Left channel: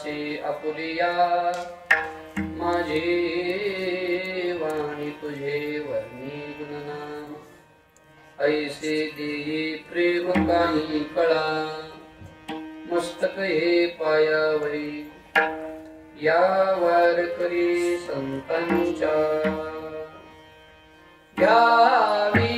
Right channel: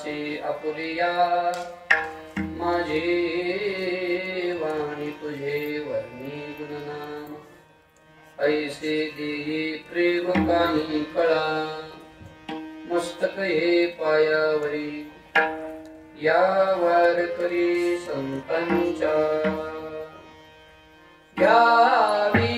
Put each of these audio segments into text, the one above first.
असे आपुलिया माझे वाणी तुझे वर्णी गुणनाम ऐसे देही प्रेम काही कळा मस्तक हे पायावरी या वारकरी संतांच्या घ्यावी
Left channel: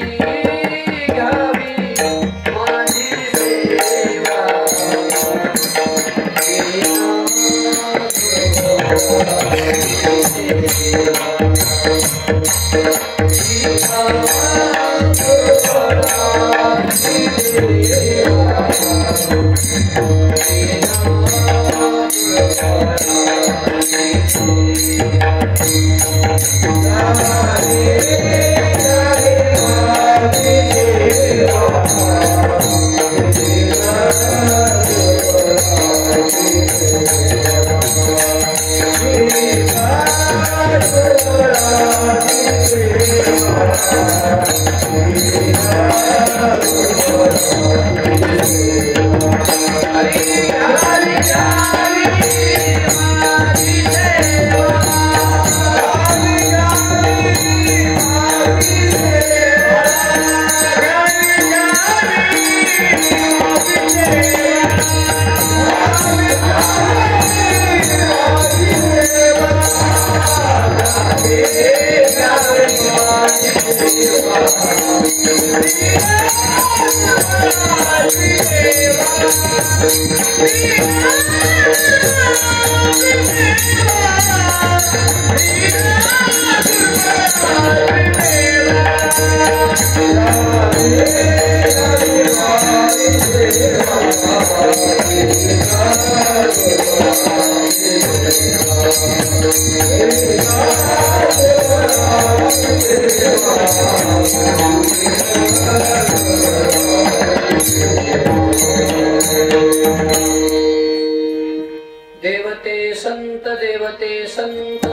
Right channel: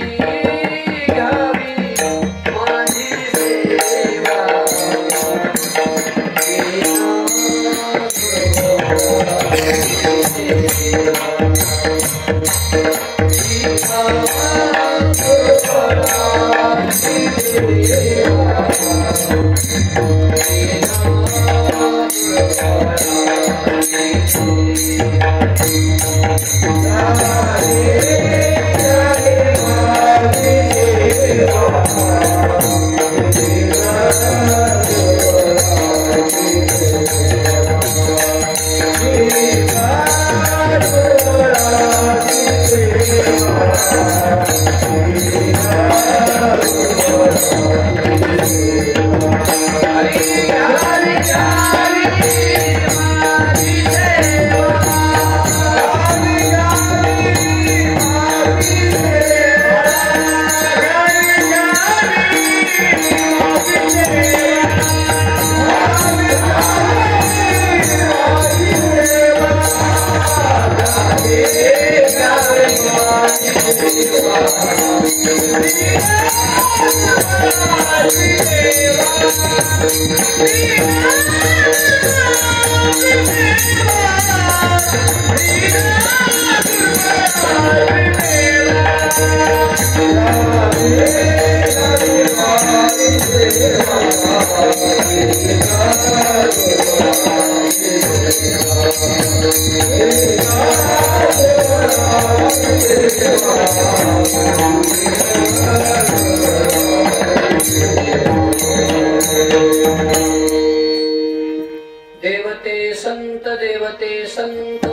माझी सेवा देवते संत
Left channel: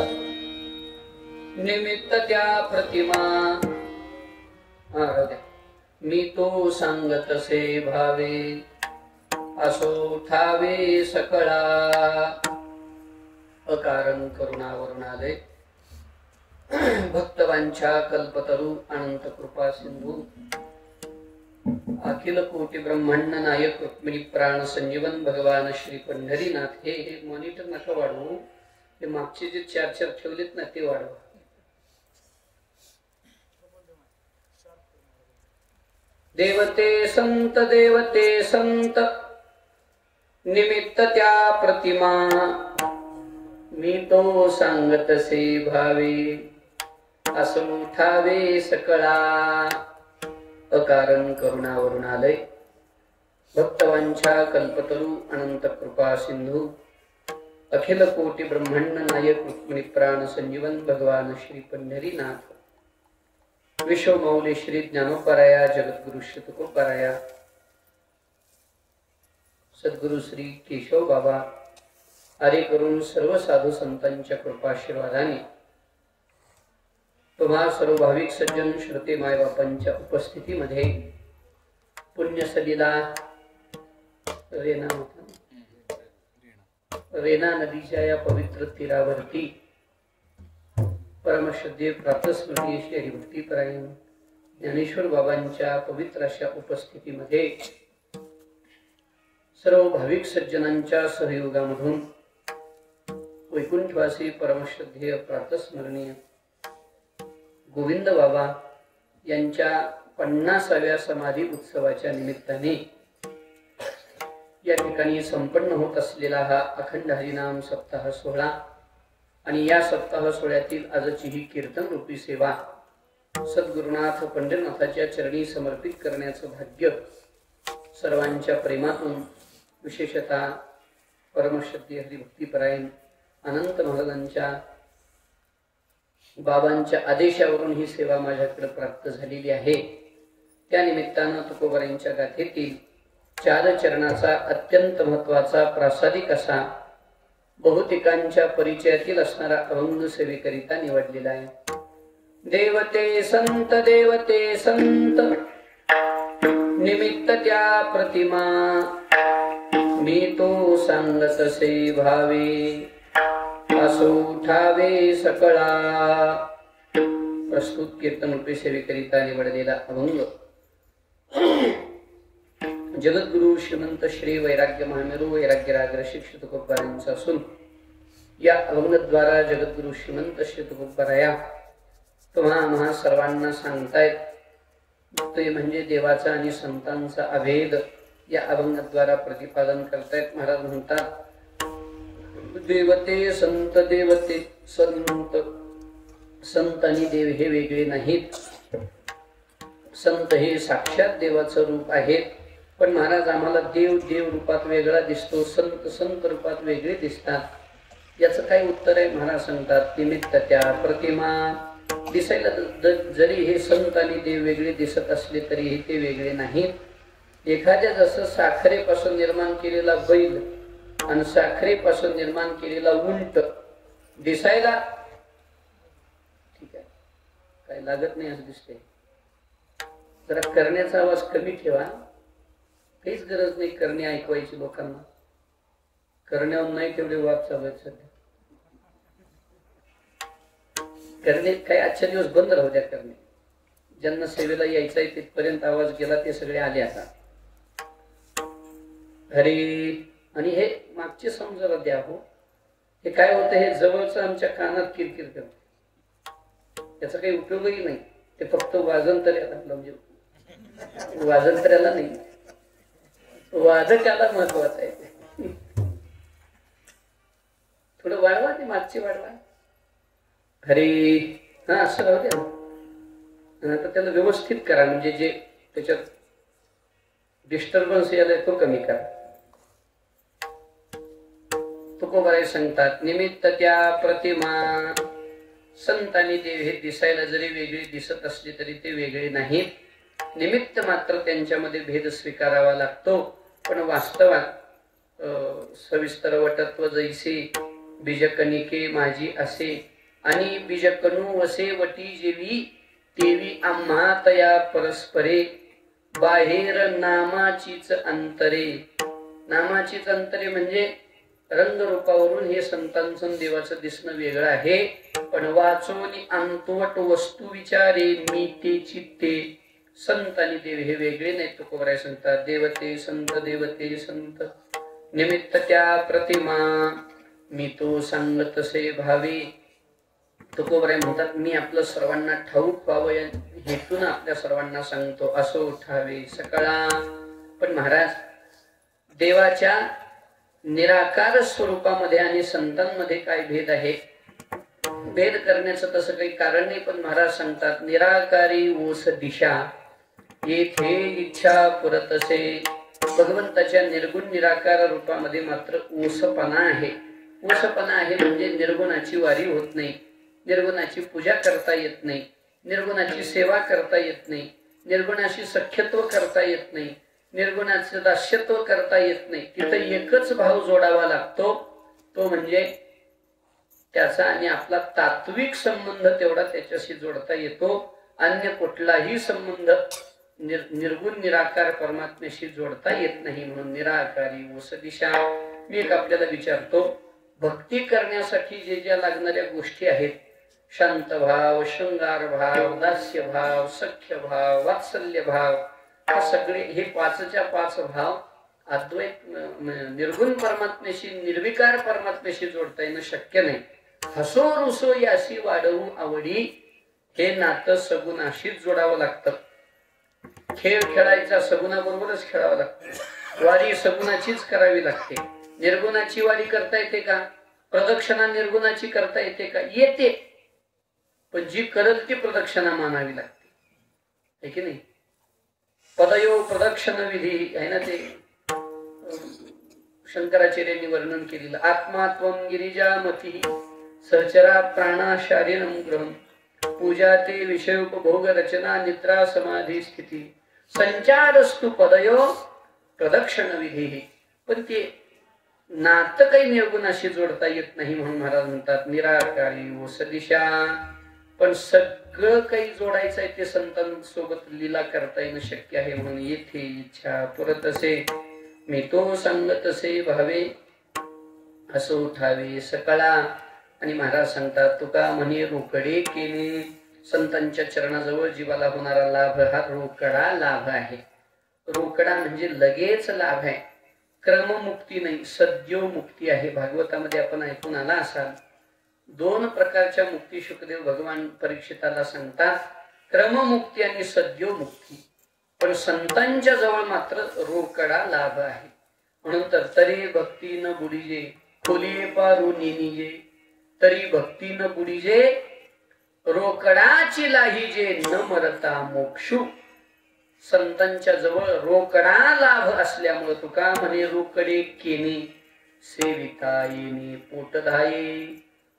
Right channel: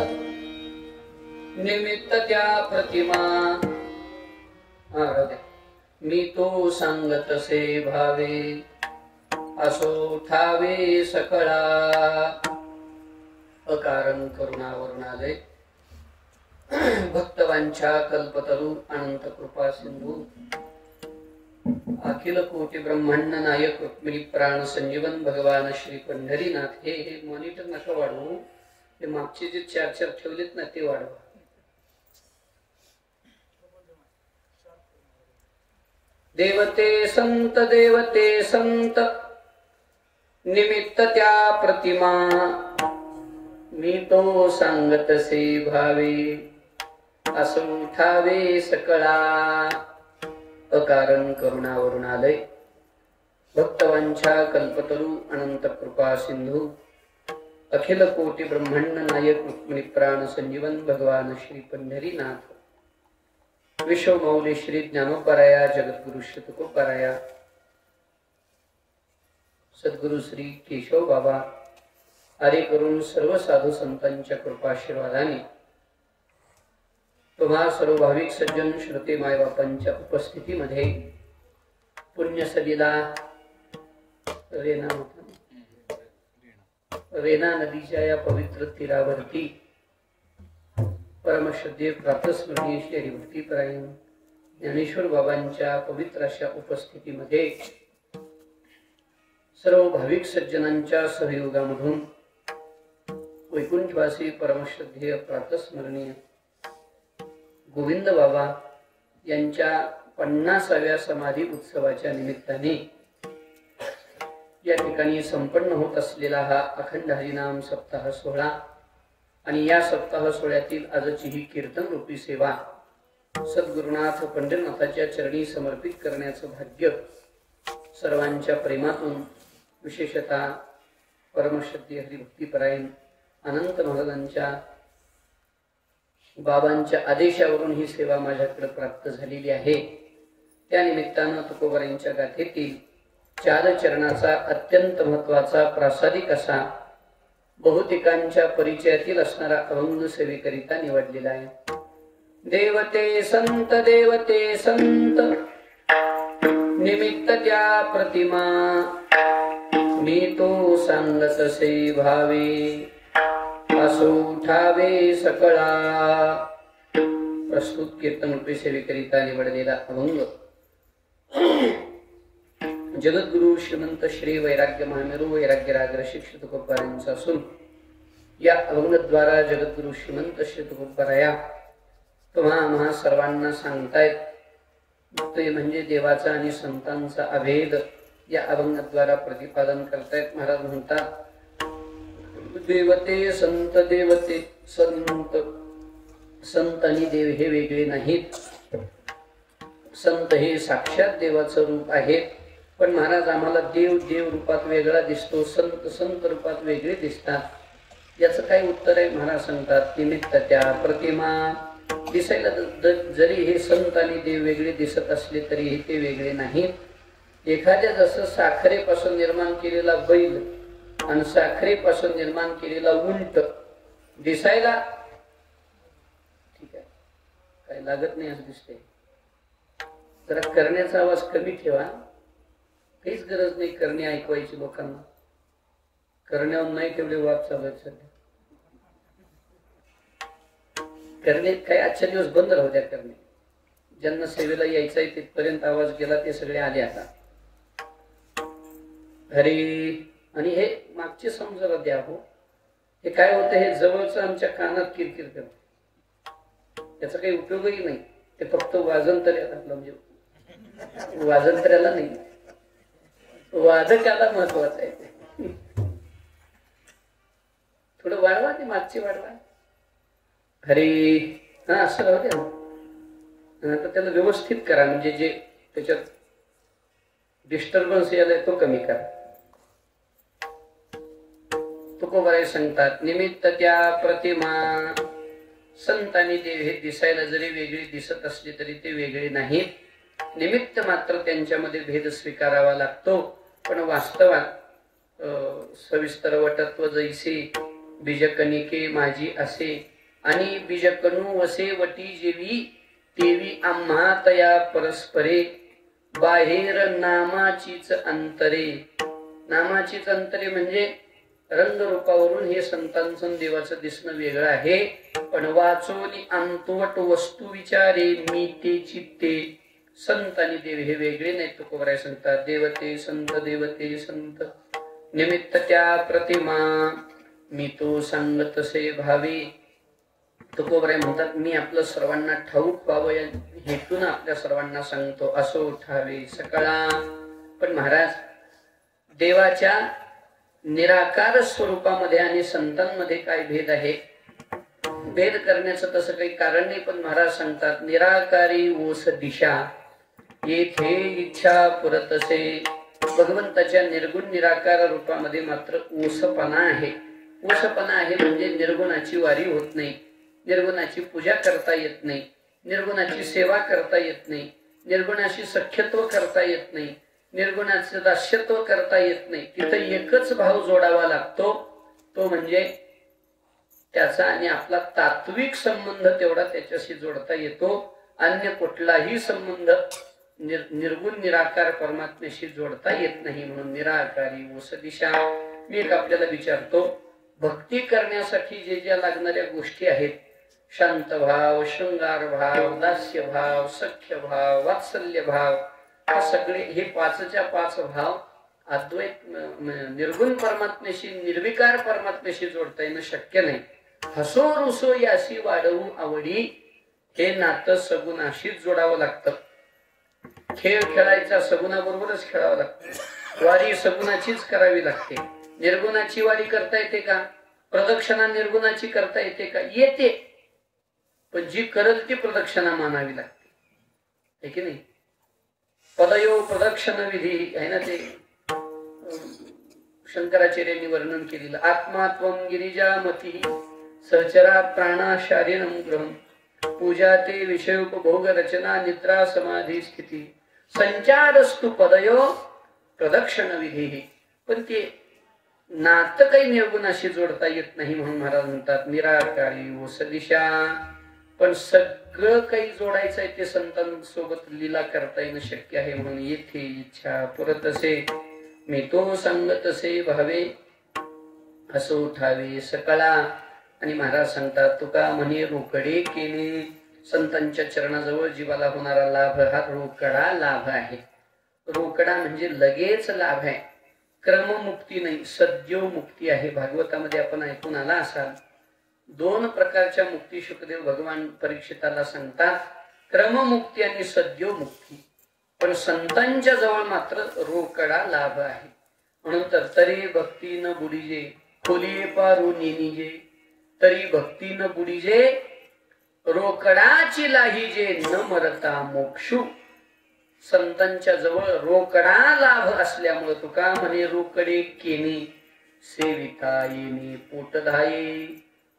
निमित्त त्या प्रतिमा मी तो सांगतसे भावे असो ठावे सकळा अकारण करुणावरून आले भक्तवांच्या कल्पतरू अनंत कृपा सिंधू अखिल कोटी ब्रह्मांड नायक रुक्मिणी प्राण संजीवन भगवान श्री पंढरीनाथ हे मॉनिटर नका वाढवू ते मागचे जे चार ठेवलेत ना ते वाढवा देवते संत निमित्त त्या प्रतिमा मी तो सांगतसे भावे असो उठावे सकळा अकारण करुणावरून आले भक्तवांच्या कल्पतरू अनंत कृपा सिंधू अखिल कोटी ब्रह्मांड नायक रुक्मिणी प्राण संजीवन भगवान श्री पंढरीनाथ विश्वमौली श्री ज्ञानोपराया जगद्गुरु शतकोपराया सद्गुरु श्री केशव बाबा आरे करून सर्व साधू संतांच्या कृपाशीर्वादाने तुम्हा सर्व भाविक सज्जन श्रुती माय बापांच्या उपस्थितीमध्ये पुण्यसलिला रेणा नदीच्या या पवित्र तीरावरती परमश्रद्धेय प्रातस्मरणीय श्री हरिभक्तीपरायण ज्ञानेश्वर बाबांच्या पवित्र अशा उपस्थितीमध्ये सर्व भाविक सज्जनांच्या सहयोगामधून वैकुंठवासी परमश्रद्धेय प्रातस्मरणीय गोविंद बाबा यांच्या 50व्या समाधी उत्सवाच्या निमित्ताने या ठिकाणी संपन्न होत असलेला हा अखंड हरिनाम सप्ताह सोहळा आणि या सप्ताह सोहळ्यातील आजची ही कीर्तन रूपी सेवा सद्गुरुनाथ पंढरनाथाच्या चरणी समर्पित करण्याचं भाग्य सर्वांच्या प्रेमातून विशेषतः परमश्रद्धेय हरिभक्तीपरायण अनंत महाराजांच्या बाबांच्या आदेशावरून ही सेवा माझ्याकडे प्राप्त झालेली आहे। त्या निमित्तानं तुकोबारांच्या गाथेतील 4 चरणाचा अत्यंत महत्वाचा प्रासादिक असा बहुतेकांच्या परिचयातील असणारा अभंग सेवेकरिता निवडलेला आहे। देवते संत निमित्त त्या प्रतिमा मी तो सांगतसे भावे असो उठावे सकळा. प्रस्तुत कीर्तन रूपी सेवेकरिता निवडलेला अभंग जगद्गुरु श्रीमंत श्री वैराग्य महामेरू वैराग्य राग शिक्षित तुकोबारायांचा असून या अभंगद्वारा जगद्गुरु श्रीमंत श्री तुकोबाराया तुम्हा सर्वांना सांगतायत ते म्हणजे देवाचा आणि संतांचा अभेद या अभंगद्वारा प्रतिपादन करतायत. महाराज म्हणतात देवते संत देवते संत संत आणि देव हे वेगळे नाहीत. संत हे साक्षात देवाचं रूप आहे. पण महाराज आम्हाला देव देव रूपात वेगळा दिसतो, संत संत रूपात वेगळे दिसतात. याचं काय उत्तर आहे? महाराज सांगतात निमित्त त्या प्रतिमा दिसायला जरी हे संत आणि देव वेगळे दिसत असले तरी ते वेगळे नाहीत. एखाद्या जसं साखरेपासून निर्माण केलेला बैल आणि साखरेपासून निर्माण केलेला उंट दिसायला ठीक आहे काय लागत नाही असं दिसते. जरा करण्याचा आवाज कमी ठेवा. काहीच गरज नाही करणे ऐकवायची लोकांना. करण्यावर नाही तेवढे वाद चालू आहेत सध्या. करणे काही आजच्या दिवस बंद राहू द्या. करणे ज्यांना सेवेला यायचं आहे तिथपर्यंत आवाज गेला ते सगळे आले आता. अरे आणि हे मागचे समजायला द्या हो. हे काय होतं हे जवळचं आमच्या कानात किरकिर करते. त्याचा काही उपयोगही नाही. ते फक्त वाजंत्र्याला म्हणजे वाजंत्र्याला नाही वादकाला महत्वाचं आहे. थोडं वाढवा ते मागचे वाढवा. अरे हा असं राहू द्या. तर त्याला व्यवस्थित करा म्हणजे जे त्याच्यात डिस्टर्बन्स यायला तो कमी करा. तुकोबाराय सांगतात निमित्त त्या प्रतिमा संत आणि देव हे दिसायला जरी वेगळे दिसत असले तरी ते वेगळे नाहीत. निमित्त मात्र त्यांच्यामध्ये भेद स्वीकारावा लागतो. पण वास्तवात सविस्तर वटत्व जैसे बीजकणिके माझी असे आणि बीजकणू वसे वटी जेवी तेवी आम्हा तया परस्परे बाहेर नामाचीच अंतरे. नामाचीच अंतरे म्हणजे रंगरूपावरून हे संतांचं देवाचं दिसणं वेगळं आहे. पण वाचोली अंतवट वस्तू विचारे मी ते चित्ते. संत आणि देव हे वेगळे नाही. तुकोबाराय सांगतात देवते संत देवते संत निमित्त त्या प्रतिमा मी तो सांगतसे भावे. तुकोबाराय म्हणतात मी आपलं सर्वांना ठाऊक व्हावं या हेतून आपल्या सर्वांना सांगतो असो उठावे सकळा. पण महाराज देवाच्या निराकार स्वरूपामध्ये आणि संतांमध्ये काय भेद आहे? भेद करण्याचं तसं काही कारण नाही. पण महाराज सांगतात निराकारी ओस दिशा येथे इच्छा पुरतसे. भगवंताच्या निर्गुण निराकार रूपामध्ये मात्र ओसपणा आहे. ओसपणा आहे म्हणजे निर्गुणाची वारी होत नाही, निर्गुणाची पूजा करता येत नाही, निर्गुणाची सेवा करता येत नाही, निर्गुणाशी सख्यत्व करता येत नाही, निर्गुणाचे दास्यत्व करता येत नाही. तिथं एकच भाव जोडावा लागतो. तो म्हणजे त्याचा आणि आपला तात्विक संबंध तेवढा त्याच्याशी जोडता येतो. अन्य कुठलाही संबंध निर्गुण निराकार परमात्म्याशी जोडता येत नाही. म्हणून निराकारी ओस दिशा. मी एक आपल्याला विचारतो भक्ती करण्यासाठी जे ज्या लागणाऱ्या गोष्टी आहेत शांत भाव, शृंगार भाव, दास्य भाव, सख्य भाव, वात्सल्य भाव हे सगळे हे पाचच्या पाच भाव अद्वैत निर्गुण परमात्म्याशी निर्विकार परमात्म्याशी जोडता येणं शक्य नाही. हसो रुसो याशी वाढवू आवडी हे नातं सगुणाशीच जोडावं लागतं. खेळ खेळायचा सगुणाबरोबरच खेळावं लागतं. वारी सगुणाचीच करावी लागते. निर्गुणाची वारी करता येते का? प्रदक्षिणा निर्गुणाची करता येते का? येते. पण जी करल ती प्रदक्षिणा मानावी लागते है की नाही? पदयो प्रदक्षिण विधी आहे ना ते शंकराचार्यांनी वर्णन केलेलं. आत्मात्वम गिरिजामती सहचरा प्राणा शारीरम ग्रहम पूजा ते विषयोपभोग रचना निद्रा समाधी स्थिती संचारस्तु पदयो प्रदक्षिण विधी. पण ते नातं काही निर्गुणाशी जोडता येत नाही. म्हणून महाराज म्हणतात निराकारी ओस दिशा. पण सगळं काही जोडायचं आहे ते संतांसोबत लीला करता येणं शक्य आहे. म्हणून येथे इच्छा परत असे मी तो सांग तसे भावे असो उठावे सकळा. आणि महाराज सांगतात तुका म्हणे रोकडे केले. संतांच्या चरणाजवळ जीवाला होणारा लाभ हा रोकडा लाभ आहे. रोकडा म्हणजे लगेच लाभ आहे, क्रममुक्ती नाही, सद्यो मुक्ती आहे. भागवतामध्ये आपण ऐकून आला असाल, दोन प्रकारच्या मुक्ती शुकदेव भगवान परीक्षिताला सांगतात, क्रममुक्ती आणि सद्यो मुक्ती. पण संतांच्या जवळ मात्र रोकडा लाभ आहे. म्हणून तर तरी भक्ती न बुडीजे खोली पारू नेनिजे, तरी भक्ती न बुडीजे रोकडाची लाहीजे न मरता मोक्षू. संतांच्या जवळ रोकडा लाभ असल्यामुळे तुका म्हणे रोकडे केने सेविता येणे पोट धाये.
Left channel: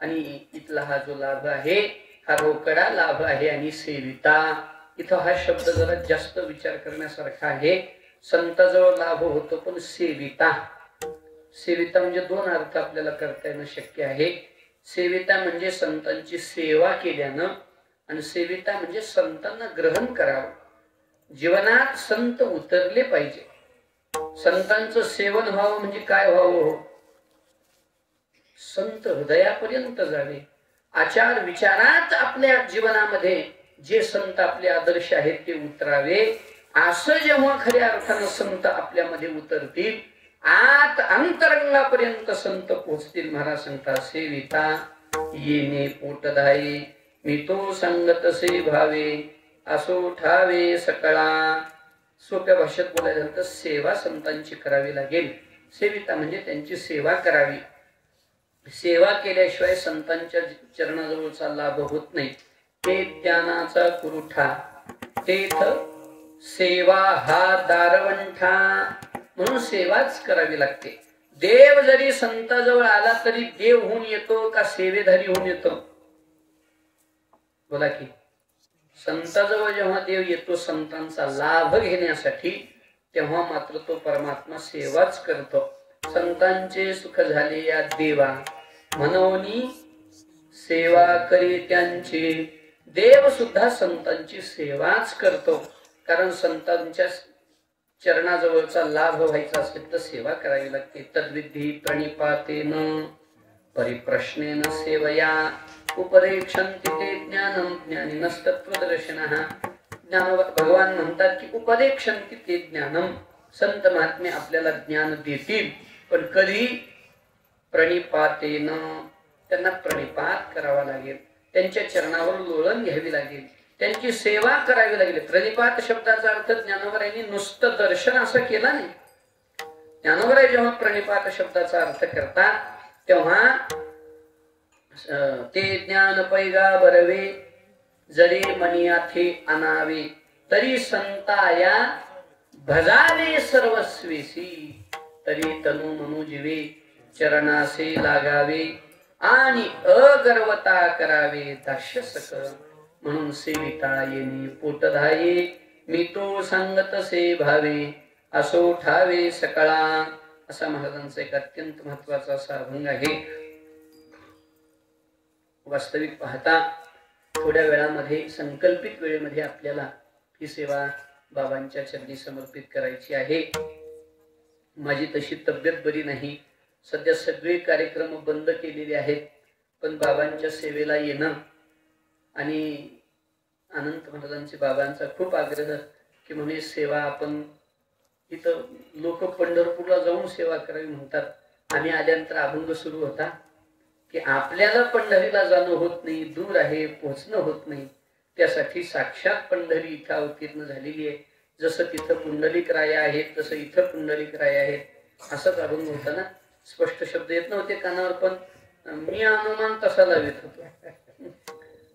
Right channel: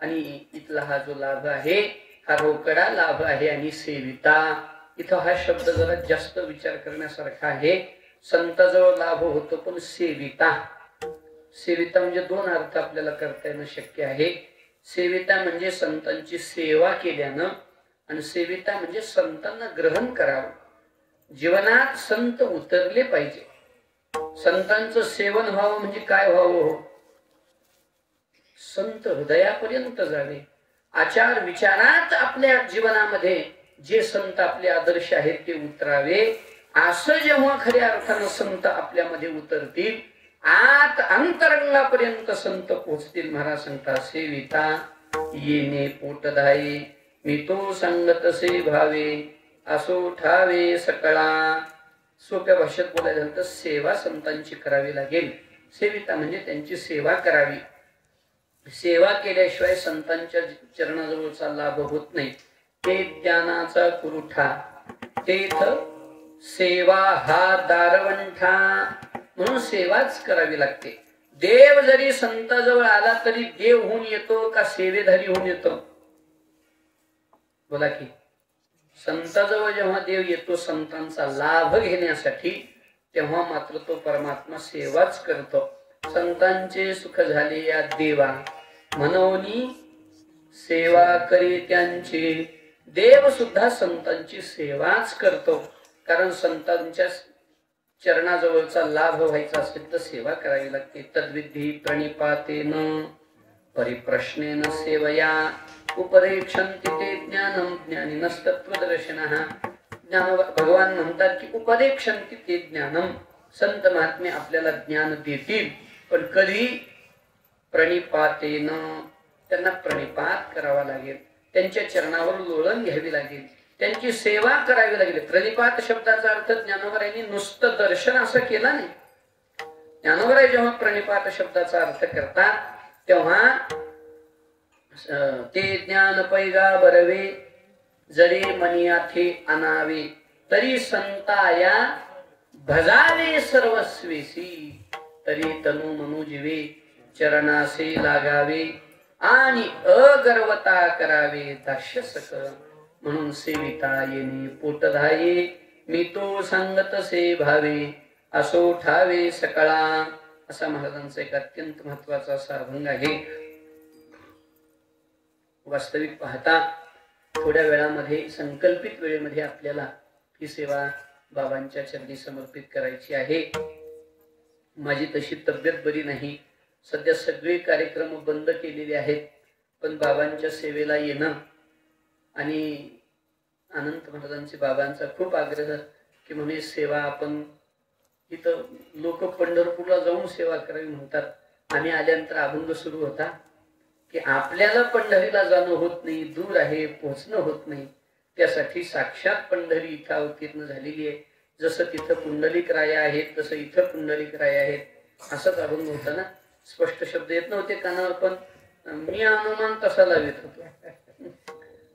आणि इथला हा जो लाभ आहे हा रोकडा लाभ आहे. आणि सेविता इथं हा शब्द जरा जास्त विचार करण्यासारखा आहे. संताजवळ लाभ होतो पण सेविता, सेविता म्हणजे दोन अर्थ आपल्याला करता येणं शक्य आहे. सेविता म्हणजे संतांची सेवा केल्यानं, आणि सेविता म्हणजे संतांना ग्रहण करावं. जीवनात संत उतरले पाहिजे. संतांचं सेवन व्हावं म्हणजे काय व्हावं? संत हृदयापर्यंत जावे. आचार विचारात आपल्या जीवनामध्ये जे संत आपले आदर्श आहेत ते उतरावे. असं जेव्हा खऱ्या अर्थानं संत आपल्यामध्ये उतरतील, आत अंतरंगापर्यंत संत पोहोचतील. महाराज सांगतात सेविता येणे पोट धाये, मी तो सांगत से भावे असो ठावे सकळा. सोप्या भाषेत बोलायला तर सेवा संतांची करावी लागेल. सेविता म्हणजे त्यांची सेवा करावी. सेवा केल्याशिवाय संतांच्या चरणाजवळचा लाभ होत नाही. ते ज्ञानाचा कुरुठा तेथ सेवा हा दारवंठा. म्हणून सेवाच करावी लागते. देव जरी संताजवळ आला तरी देव होऊन येतो का सेवेधारी होऊन येतो? बोला की. संताजवळ जेव्हा देव येतो संतांचा लाभ घेण्यासाठी, तेव्हा मात्र तो परमात्मा सेवाच करतो. संतांचे सुख झाले या देवा मनोनी सेवा करी त्यांचे. देव सुद्धा संतांची सेवाच करतो. कारण संतांच्या चरणाजवळचा लाभ व्हायचा असेल तर सेवा करावी लागते. तद्विधी प्रणिपातेन परिप्रश्नेन सेवया उपदेक्षन्ति ते ज्ञानम ज्ञानिनस्तत्वदर्शिनः. भगवान म्हणतात की उपदेक्षन्ति ते ज्ञानम, संत महात्मे आपल्याला ज्ञान देतील. पण कधी? प्रणिपातेन, त्यांना प्रणिपात करावा लागेल, त्यांच्या चरणावर लोळण घ्यावी लागेल, त्यांची सेवा करावी लागेल. प्रणिपात शब्दाचा अर्थ ज्ञानोबरायांनी नुसतं दर्शन असं केला नाही. ज्ञानोबराय जेव्हा प्रणिपात शब्दाचा अर्थ करतात तेव्हा ते ज्ञान पैगा बरवे जरी मनियाथे आणावे, तरी संताया भजावे सर्वस्वेसी. तरी तनु मनु जीवे चरणासे लागावे आणि अगर्वता करावे दास्य सकळ. म्हणून सेविता येणे पोट धाये, मी तो सांगत से भावे असो ठावे सकळा. असा महाराजांचा एक अत्यंत महत्वाचा असा अभंग आहे. वास्तविक पाहता थोड्या वेळामध्ये, संकल्पित वेळेमध्ये आपल्याला ही सेवा बाबांच्या चरणी समर्पित करायची आहे. माझी तशी तब्येत बरी नाही, सध्या सगळे कार्यक्रम बंद केलेले आहेत. पण बाबांच्या सेवेला येणं आणि अनंत महाराजांचे बाबांचा खूप आग्रह की म्हणजे सेवा आपण इथं, लोक पंढरपूरला जाऊन सेवा करावी म्हणतात. आम्ही आल्यात तर अभंग सुरू होता की आपल्याला पंढरीला जाणं होत नाही, दूर आहे, पोहोचणं होत नाही. त्यासाठी साक्षात पंढरी इथं अवतीर्ण झालेली आहे. जसं तिथं पुंडलिक राया आहेत तसं इथं पुंडलिक राया आहेत. असंच अभंग होता ना. स्पष्ट शब्द येत नव्हते कानावर, पण मी अनुमान तसा लावत होतो.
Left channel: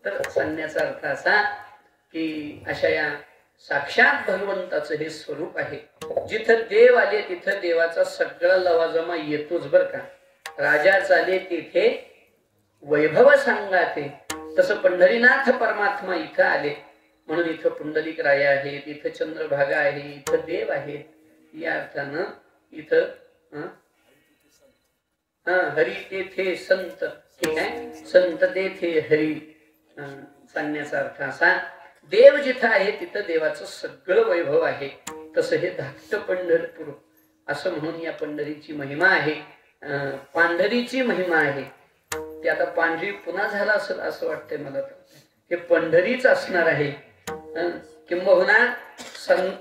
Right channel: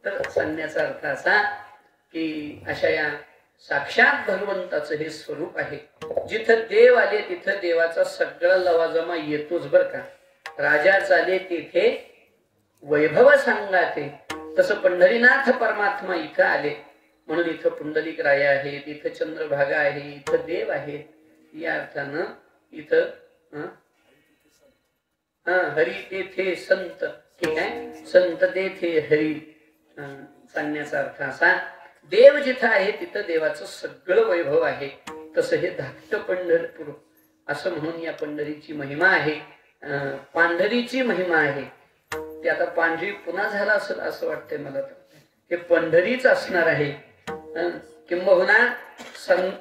तर सांगण्याचा अर्थ असा की अशा या साक्षात भगवंताचं हे स्वरूप आहे. जिथं देव आले तिथं देवाचा सगळा लवाजमा येतोच बर का. राजा चाले तिथे वैभव सांगाते, तसं पंढरीनाथ परमात्मा इथं आले म्हणून इथं पुंडलिक राया आहेत, इथं चंद्रभागा आहे, इथं देव आहेत. या अर्थानं इथं हरी तेथे संत, ठीक आहे, संत तेथे हरी. सांगण्याचा अर्थ असा, देव जिथं आहे तिथं देवाचं सगळं वैभव आहे. तसं हे धाकट पंढरपूर असं म्हणून या पंढरीची महिमा आहे, पांढरीची महिमा आहे. ते आता पांढरी पुन्हा झाला असेल असं वाटतंय मला, हे पंढरीच असणार आहे. किंबहुना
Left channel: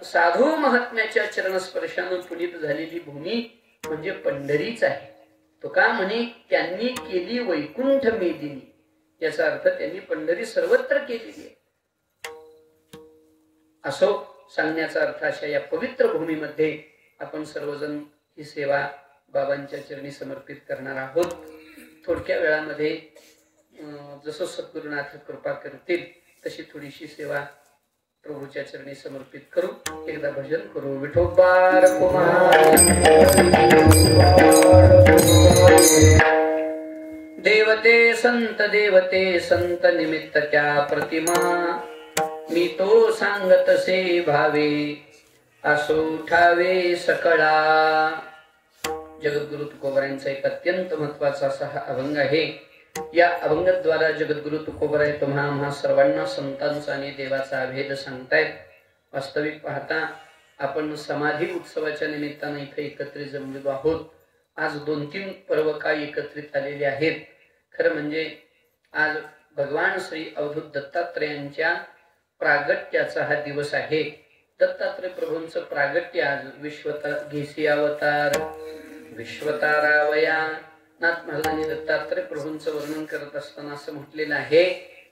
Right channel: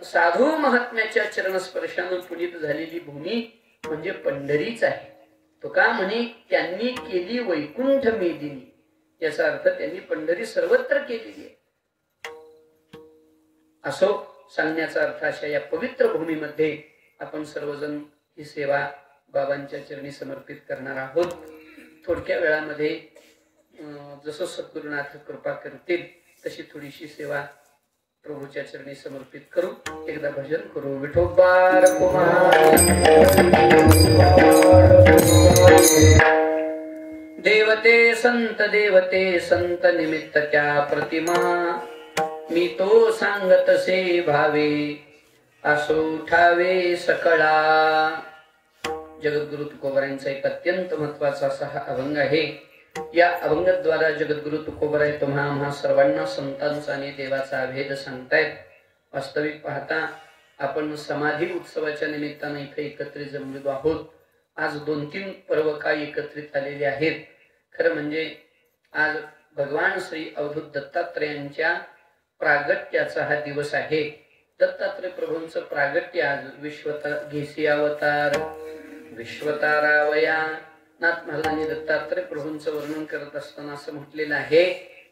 साधू महात्म्याच्या चरणस्पर्शानं पुनीत झालेली भूमी म्हणजे पंढरीच आहे. तो का म्हणे त्यांनी केली वैकुंठ मेदिनी, याचा अर्थ त्यांनी पंढरी सर्वत्र केलेली आहे असो सांगण्याचा अर्थ. अशा या पवित्र भूमीमध्ये आपण सर्वजण ही सेवा बाबांच्या चरणी समर्पित करणार आहोत. थोडक्या वेळामध्ये जसं सद्गुरुनाथ कृपा करतील तशी थोडीशी सेवा प्रभूच्या चरणी समर्पित करू. एकदा भजन करू. विठोबा देवते संत निमित्त त्या प्रतिमा, मी तो सांगतसे भावे असो उठावे सकळा. जगद्गुरु तुकोबारायांचा एक अत्यंत महत्वाचा असा हा अभंग आहे. या अभंगाद्वारे जगद्गुरु तुकोबाराय तुम्हा सर्वांना संतांचा आणि देवाचा भेद सांगतायत. वास्तविक पाहता आपण समाधी उत्सवाच्या निमित्ताने इथे एकत्रित जमलेलो आहोत. आज 2-3 पर्व काय एकत्रित आलेले आहेत. खरं म्हणजे आज भगवान श्री अवधूत दत्तात्रेयांच्या प्रागट्याचा हा दिवस आहे. दत्तात्रय प्रभूंचं प्रागट्य आज घेसी अवतार विश्वतारावया. नाथ महाराजांनी दत्तात्रय प्रभूंचं वर्णन करत असताना असं म्हटलेलं आहे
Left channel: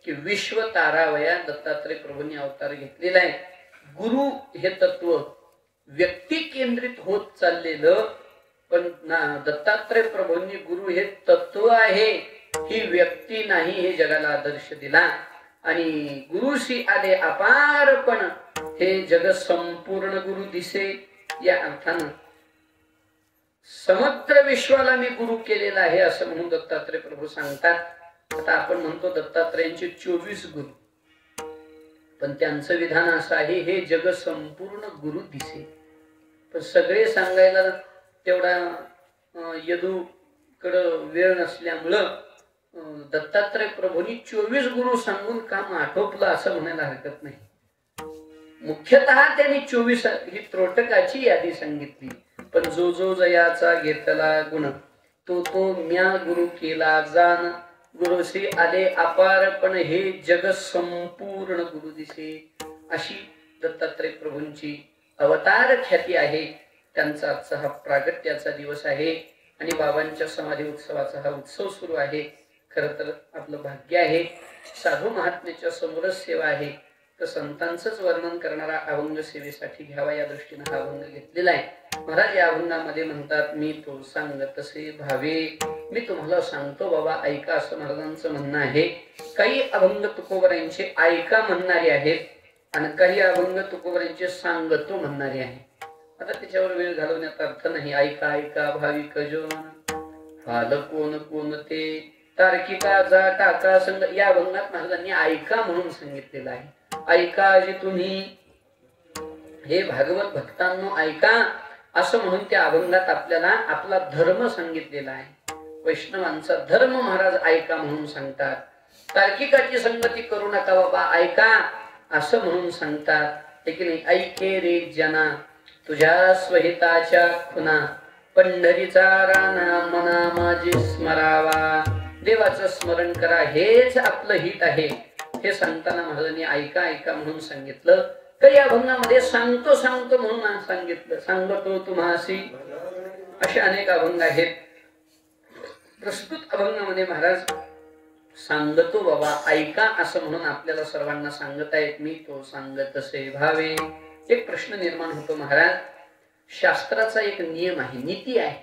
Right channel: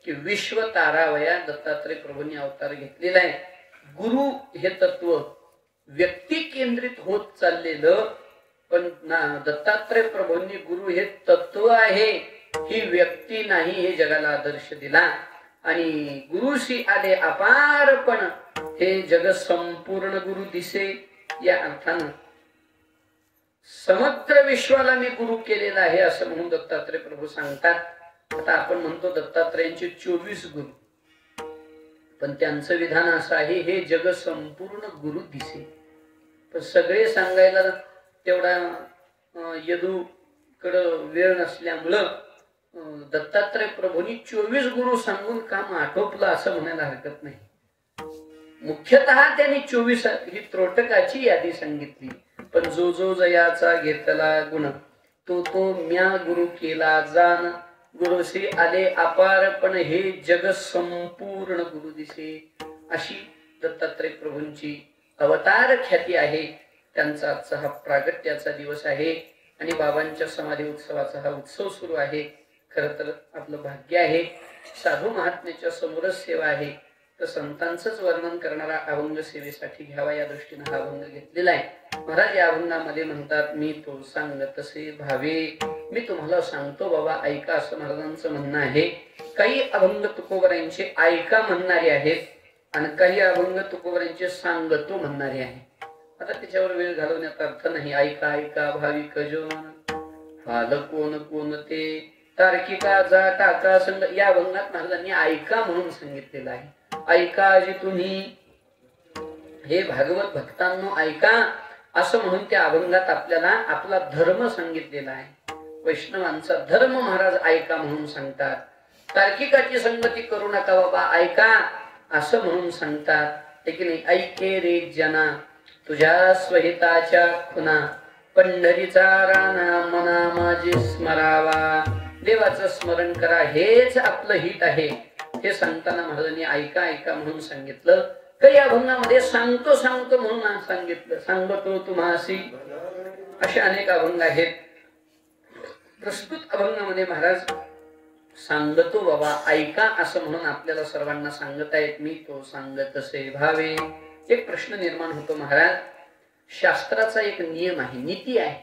की विश्वतारावया दत्तात्रय प्रभूंनी अवतार घेतलेला आहे. गुरु हे तत्व व्यक्ती केंद्रित होत चाललेलं, पण दत्तात्रय प्रभूंनी गुरु हे तत्व आहे, ही व्यक्ती नाही, हे जगाला आदर्श दिला. आणि गुरुशी आले अपारपण, हे जग संपूर्ण गुरु दिसे. या अर्थानं समग्र विश्वाला मी गुरु केलेला आहे असं म्हणून दत्तात्रय प्रभू सांगतात. आता आपण म्हणतो दत्तात्रयांचे 24 गुरु, पण त्यांचं विधान असं आहे, हे जग संपूर्ण गुरु दिसे. पण सगळे सांगायला तेवढा यदूकडं वेळ नसल्यामुळं दत्तात्रय प्रभूंनी 24 गुरु सांगून काम आटोपलं असं म्हणायला हरकत नाही. मुख्यतः त्यांनी 24 ही त्रोटकाची यादी सांगितली. पण जो जो जयाचा घेतला गुण, तो म्या गुरु केला जाण. गुरुशी आले अपारपण, हे जग संपूर्ण गुरु दिसे. अशी दत्तात्रय प्रभूंची अवतार ख्याती आहे. त्यांचा आजचा हा प्रागट्याचा दिवस आहे आणि बाबांच्या समाधी उत्सवाचा हा उत्सव सुरू आहे. खर तर आपलं भाग्य आहे, साधू महात्म्याच्या समोरच सेवा आहे, तर संतांचंच वर्णन करणारा अभंग सेवेसाठी घ्यावा या दृष्टीने हा अभंग घेतलेला आहे. महाराज या अभंगामध्ये म्हणतात, मी तो सांगतसे भावे, मी तुम्हाला सांगतो बाबा ऐका, असं महाराजांचं म्हणणं आहे. काही अभंग तुकोबारायांचे ऐका म्हणणारे आहेत आणि काही अभंग तुकोबारायांचे सांगतो म्हणणारे आहेत. आता त्याच्यावर वेळ घालवण्याचा अर्थ नाही. ऐका ऐका भाविक जो हाल कोण कोण ते तार्किका जा टाका संग, या अभंगात महाराजांनी ऐका म्हणून सांगितलेलं आहे. ऐका जे तुम्ही, हे भागवत भक्तांनो ऐका, असं म्हणून त्या अभंगात आपल्याला आपला धर्म सांगितलेला आहे. वैष्णवांचा धर्म महाराज ऐका म्हणून सांगतात. तार्किकाची संगती करू नका बाबा, ऐका असं म्हणून सांगतात. नाही ऐके रे जना तुझ्या स्वहिताच्या खुना, पंढरीचा राणा मना माझे स्मरावा. देवाचं स्मरण करा, हेच आपलं हित आहे. हे सांगताना महाराजांनी ऐका ऐका म्हणून सांगितलं. तर या अभंगामध्ये सांगतो सांगतो म्हणून सांगितलं. सांगतो तुम्हासी, असे अनेक अभंग आहेत. प्रस्तुत अभंगामध्ये महाराज सांगतो बाबा ऐका असं म्हणून आपल्याला सर्वांना सांगत आहेत. मी तो सांगतसे भावे. एक प्रश्न निर्माण होतो महाराज, शास्त्राचा एक नियम आहे, नीती आहे,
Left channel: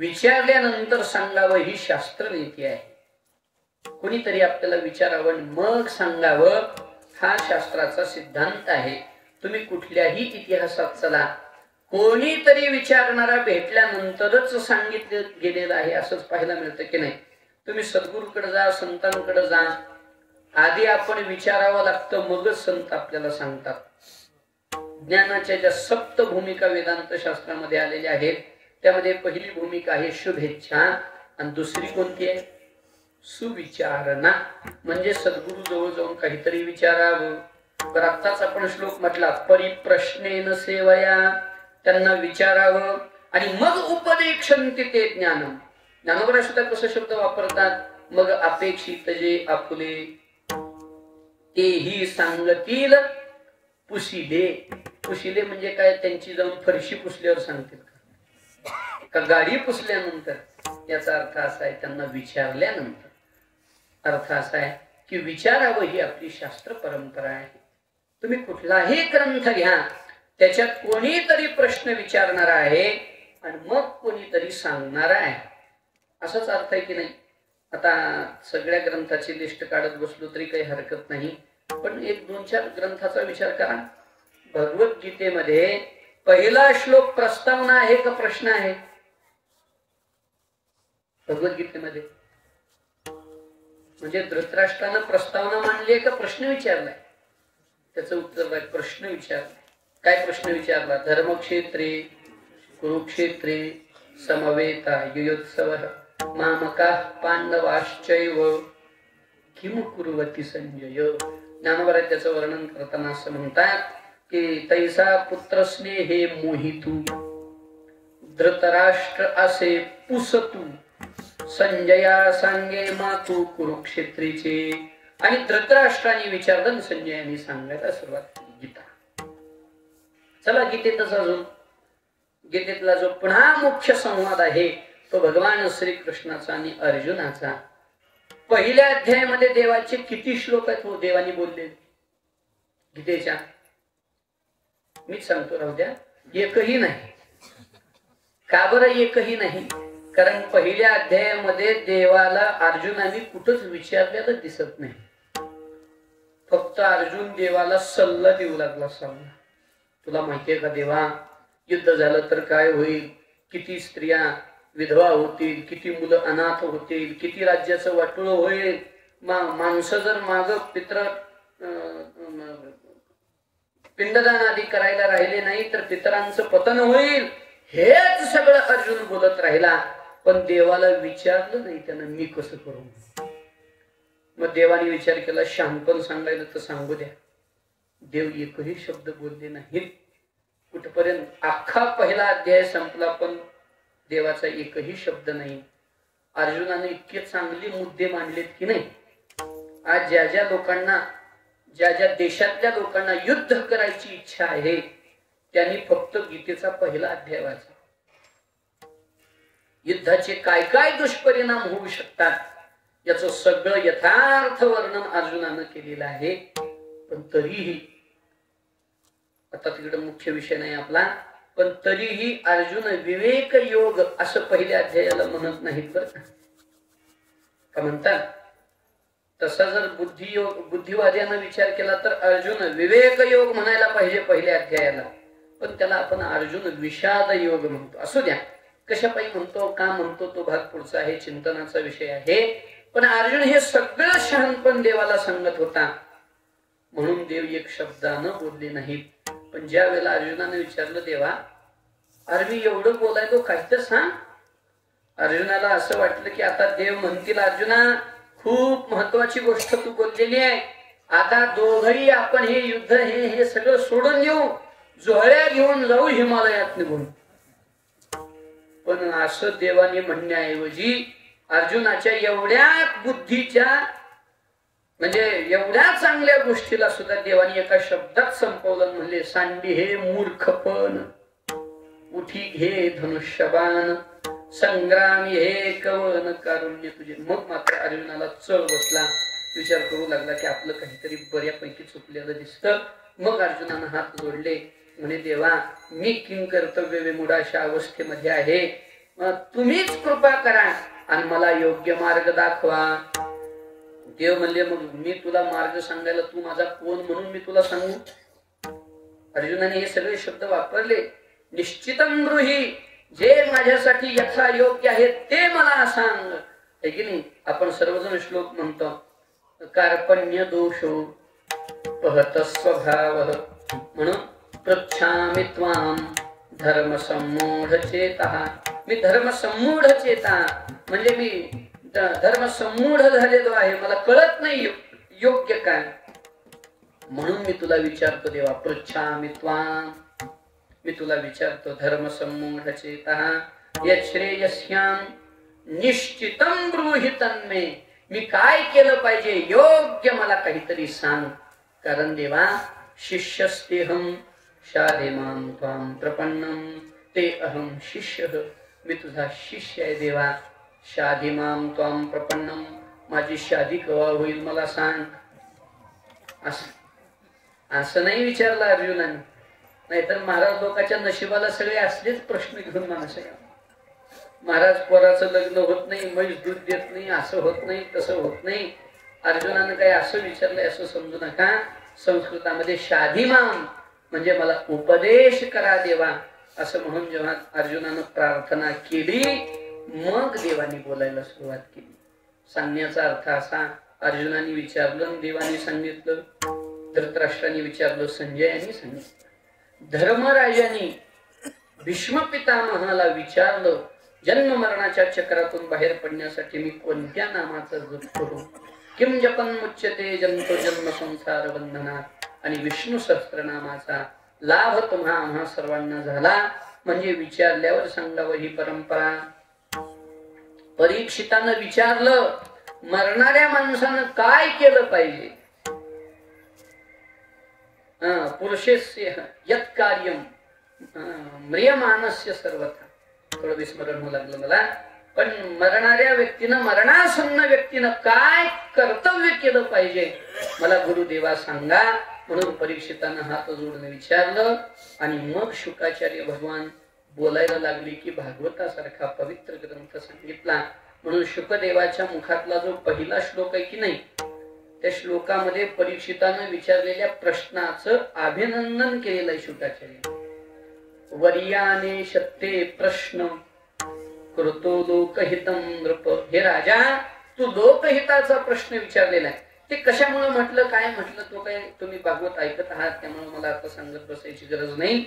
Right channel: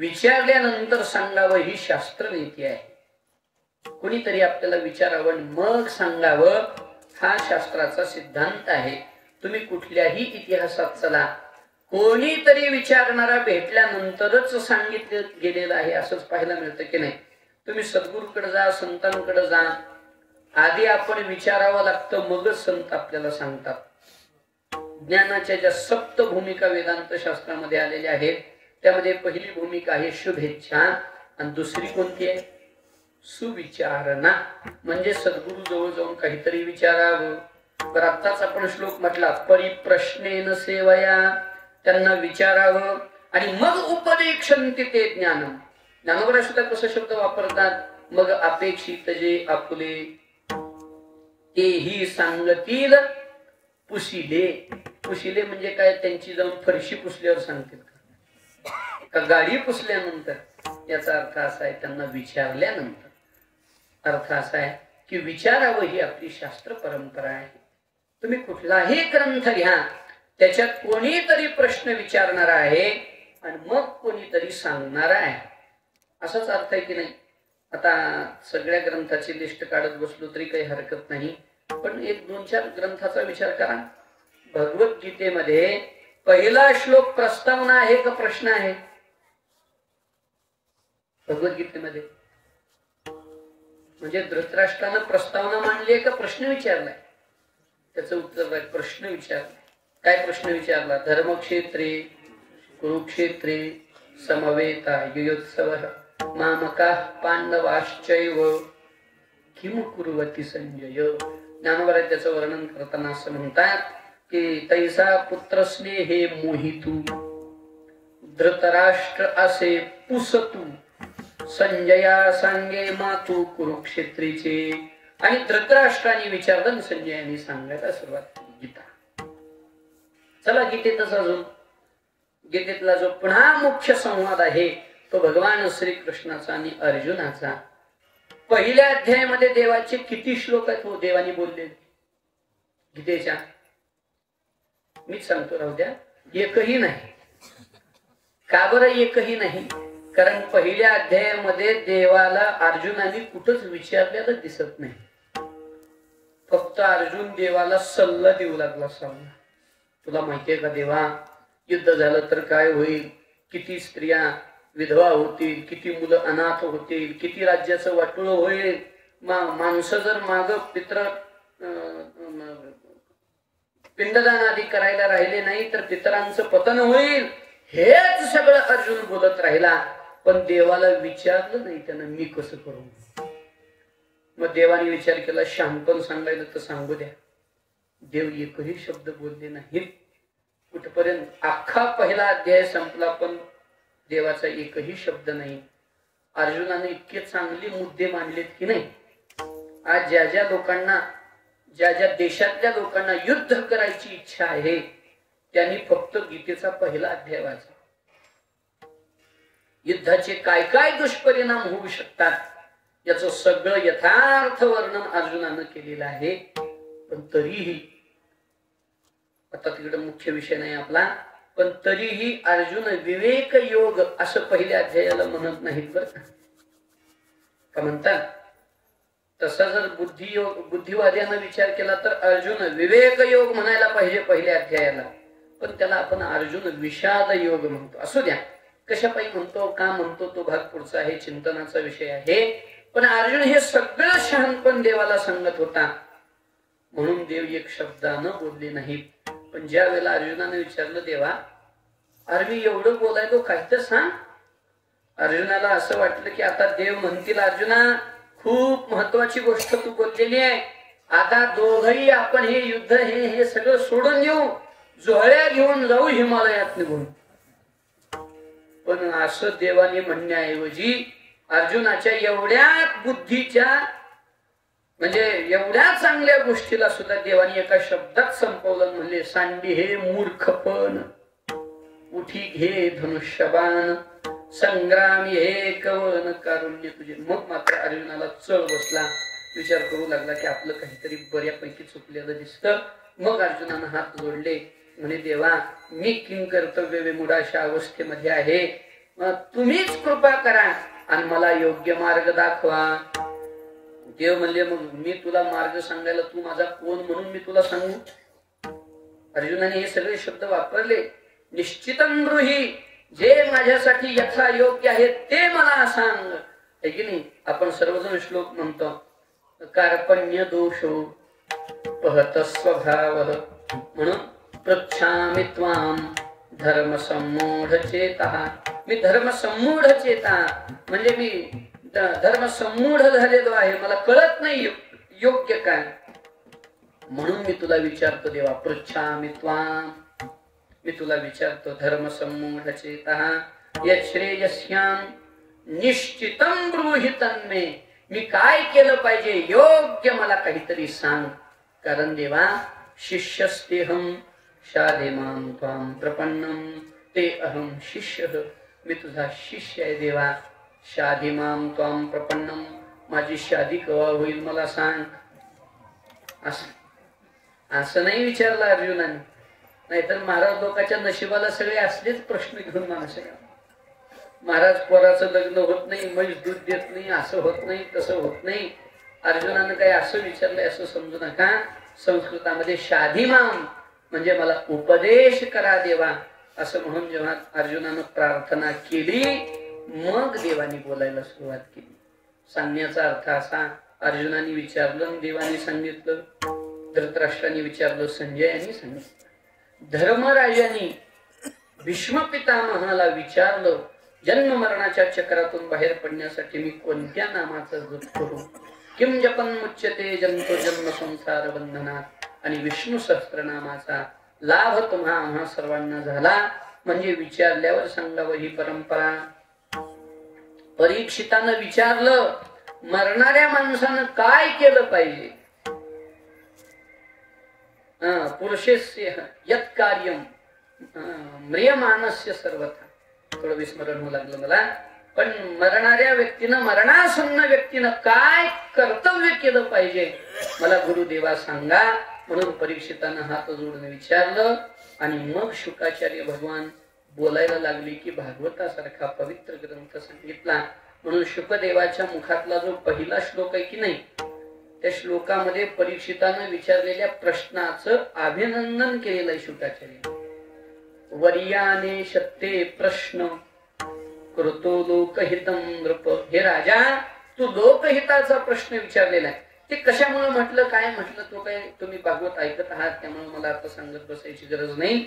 विचारल्यानंतर सांगावं ही शास्त्र नीती आहे. कुणीतरी आपल्याला विचारावं मग सांगावं, हा शास्त्राचा सिद्धांत आहे. तुम्ही कुठल्याही इतिहासात चला, कोणीतरी विचारणारा भेटल्यानंतरच सांगितलं गेलेलं आहे असंच पाहायला मिळतं की नाही. तुम्ही सद्गुरूकडे जा, संतांकडे जा, आधी आपण विचारावं लागतं, मगच संत आपल्याला सांगतात. ज्ञानाच्या ज्या 7 भूमिका वेदांत शास्त्रामध्ये आलेल्या आहेत, त्यामध्ये पहिली भूमिका आहे शुभेच्छा आणि दुसरी कोणती आहे? सुविचारणा. म्हणजे सद्गुरु जवळ जाऊन काहीतरी विचारावं. तर आताच आपण श्लोक म्हटला, परिप्रश्नेन सेवया, त्यांना विचारावं आणि मग उपदेक्षन्ति ते ज्ञान. ज्ञानोबरा सुद्धा कसं शब्द वापरतात, मग अपेक्षित जे आपुले तेही सांगतील पुशिले. पुशिले म्हणजे काय, त्यांची जाऊन फरशी पुसल्यावर सांगतील का गाडी पुसल्यानंतर. याचा अर्थ असा आहे त्यांना विचारल्यानंतर. अर्थ असा आहे की विचारावं ही आपली शास्त्र परंपरा आहे. तुम्ही कुठलाही ग्रंथ घ्या, त्याच्यात कोणीतरी प्रश्न विचारणार आहे आणि मग कोणीतरी सांगणार आहे, असाच अर्थ आहे की नाही. आता सगळ्या ग्रंथाची लिस्ट काढत बसलो तरी काही हरकत नाही, पण एक 2-4 ग्रंथाचा विचार करा. भगवद्गीतेमध्ये पहिला श्लोक प्रस्तावना आहे का प्रश्न आहे? भगवद्गीतेमध्ये म्हणजे धृतराष्ट्रानं प्रस्तावना मांडली आहे का प्रश्न विचारलाय? त्याचं उत्तर आहे प्रश्न विचारलाय. काय प्रश्न विचारला? धर्मक्षेत्रे कुरुक्षेत्रे समवेता युयोत्सवः मामका पांडवाश्चैव किम कुर्वती संजय. ज्ञानोबा त्याचं वर्णन करताना असं म्हणतात की तैसा पुत्र स्नेहे मोहितू धृतराष्ट्र असे पुसतू संजया सांगे मातू कुरुक्षेत्रीचे. आणि धृतराष्ट्राने विचारलं, संजयाने सांगायला सुरुवात केली गीता. चला गीतेतच अजून गीतेतला जो पुन्हा मुख्य संवाद आहे तो भगवान श्रीकृष्णाचा आणि अर्जुनाचा. पहिल्या अध्यायामध्ये देवाचे किती श्लोक आहेत हो देवानी बोलले गीतेच्या? मीच सांगतो राहू द्या, एकही नाही. का बरं एकही नाही? कारण पहिल्या अध्यायामध्ये देवाला अर्जुनाने कुठंच विचारलेलं दिसत नाही. फक्त अर्जुन देवाला सल्ला देऊ लागला. सल्ला, तुला माहितीये का देवा, युद्ध झालं तर काय होईल, किती स्त्रिया विधवा होतील, किती मुलं अनाथ होतील, किती राज्याचं वाटोळं होईल, माणसं जर माग पित्र पिंडदान आदी करायला राहिले नाही तर पितरांचं पतन होईल. हेच सगळं अर्जुन बोलत राहिला, पण देवाला विचारलं नाही त्यानं मी कसं करू. मग देवाने विचार केला, शांतपण सांगायचं तर सांगू द्या. देव एकही शब्द बोलले नाहीत. कुठपर्यंत अख्खा पहिला अध्याय संपला पण देवाचा एकही शब्द नाही. अर्जुनाने इतके चांगले मुद्दे मांडलेत की नाही. आज ज्या ज्या लोकांना, ज्या ज्या देशातल्या लोकांना युद्ध करायची इच्छा आहे त्यांनी फक्त गीतेचा पहिला अध्याय वाचा. युद्धाचे काय काय दुष्परिणाम होऊ शकतात याचं सगळं यथार्थ वर्णन अर्जुनानं केलेलं आहे. पण तरीही, आता तिकडे मुख्य विषय नाही आपला, पण तरीही अर्जुन विवेक योग असं पहिल्या अध्यायाला म्हणत नाहीत बरं का म्हणतात. तसा जर बुद्धिवाद्यानं विचार केला तर अर्जुन विवेक योग म्हणायला पाहिजे पहिल्या अध्यायाला, पण त्याला आपण अर्जुन विषाद योग म्हणतो. असू द्या, कशापायी म्हणतो, का म्हणतो तो भाग पुढचा आहे, चिंतनाचा विषय आहे. पण अर्जुन हे सगळं शहाणपण देवाला सांगत होता म्हणून देव एक शब्दानं बोलले नाहीत. पण ज्या वेळेला अर्जुनाने विचारलं, देवा अरे मी एवढं बोलायलो काय तर सांग. अर्जुनाला असं वाटलं की आता देव म्हणतील, अर्जुना खूप महत्वाची गोष्ट तू बोललेली आहे, आता दोघही आपण हे युद्ध हे सगळं सोडून येऊ, जोहळ्या घेऊन जाऊ हिमालयात निघून. पण असं देवाने म्हणण्याऐवजी अर्जुनाच्या एवढ्या बुद्धीच्या म्हणजे एवढ्या चांगल्या गोष्टीला सुद्धा देवाने एका शब्दात संपवलं. म्हणले, सांडी हे मूर्खपण, उठी घे धनुष्यबाण, संग्रामी हे कवन कारुण्य तुझे. मग मात्र अर्जुनाला चढ बसला, विचार करू लागला की आपलं काहीतरी बऱ्यापैकी चुकलेलं दिसतं. मग अर्जुनानं हात जोडले, म्हणे देवा मी किंकर्तव्य विमूढाशा अवस्थेमध्ये आहे, मग तुम्हीच कृपा करा आणि मला योग्य मार्ग दाखवा. देव म्हणले, मग मी तुला मार्ग सांगायला तू माझा कोण म्हणून मी तुला सांगू. अर्जुनाने हे सगळे शब्द वापरले. निश्चितम ब्रूहि, जे माझ्यासाठी यथा योग्य आहे ते मला सांग. है की नाही. आपण सर्वजण श्लोक म्हणतो, कार्पण्य दोषो पहत स्वभाव म्हणून पृच्छामि त्वाम धर्म सम्मूढ चेता. मी धर्म सम्मूढ चेता म्हणजे मी धर्म सम्मूढ झालेलो आहे, मला कळत नाही योग्य काय, म्हणून मी तुला विचारतो देवा. पृच्छामि त्वाम, मी तुला विचारतो, धर्म सम्मूढ चेता यश्रेयस्याम निश्चितम ब्रूहितन मे, मी काय केलं पाहिजे योग्य मला काहीतरी सांग. कारण देवा शिष्यस्तेहम शालेमां त्वां प्रपन्नम ते अहम शिष्य, मी तुझा शिष्य आहे देवा. शालेमां त्वां प्रपन्नम, माझी शादी केव्हा होईल मला सांग. असं नाही विचारलं अर्जुनाने, नाहीतर महाराज लोकांच्या नशिबाला सगळे असलेच प्रश्न घेऊन माणसं. महाराज पोराचं लग्न होत नाही, म्हैस दूध देत नाही, असं होत नाही, तसं होत नाही. अर्जुनानं काय असं विचारलंय असं समजू नका. संस्कृतामध्ये शाधीमाम म्हणजे मला उपदेश करा देवा, असं म्हणून जेव्हा अर्जुनानं प्रार्थना केली मग देवाने बोलायला सुरुवात केली. सांगण्याचा अर्थ असा, अर्जुनाने विचारलं, देवाने सांगितलं, धृतराष्ट्राने विचारलं, संजयाने सांगितलं. धर्मराजाने भीष्म पितामहाला विचारलं, जन्म मरणाच्या चक्रातून बाहेर पडण्यासाठी मी कोणत्या नामाचा जप करू. किम जपन मुच्यते जंतो जन्म संसार बंधनात, आणि विष्णू सहस्त्रनामाचा लाभ तुम्हा सर्वांना झाला म्हणजे विचारल्यावर सांगावं ही परंपरा. परीक्षितानं विचारलं, मरणाऱ्या माणसानं काय केलं पाहिजे. पुरुषस्य यत् कार्यम म्रियमाणस्य सर्वथा, थोडं विस्मरण होऊ लागलं मला. पण मरणाऱ्या व्यक्तीनं, मरणासन्न व्यक्तीनं काय कर्तव्य केलं पाहिजे मला गुरुदेवा सांगा. म्हणून परीक्षितानं हात जोडून विचारलं. आणि मग शुकाचार्य भगवान बोलायला लागले की भागवतासारखा पवित्र ग्रंथ सांगितला. म्हणून शुकदेवाच्या मुखातला जो पहिला श्लोक आहे की नाही, त्या श्लोकामध्ये परीक्षितानं विचारलेल्या प्रश्नाचं अभिनंदन केलेलं आहे शुकाचार्य. वर्याने शत्ते प्रश्न करतो लोकहितम नृप, हे राजा तू लोकहिताचा प्रश्न विचारलेला आहे. ते कशामुळे म्हटलं, काय म्हटलं, तो काही तुम्ही भागवत ऐकत आहात त्यामुळे मला आता सांगत बसायची गरज नाही.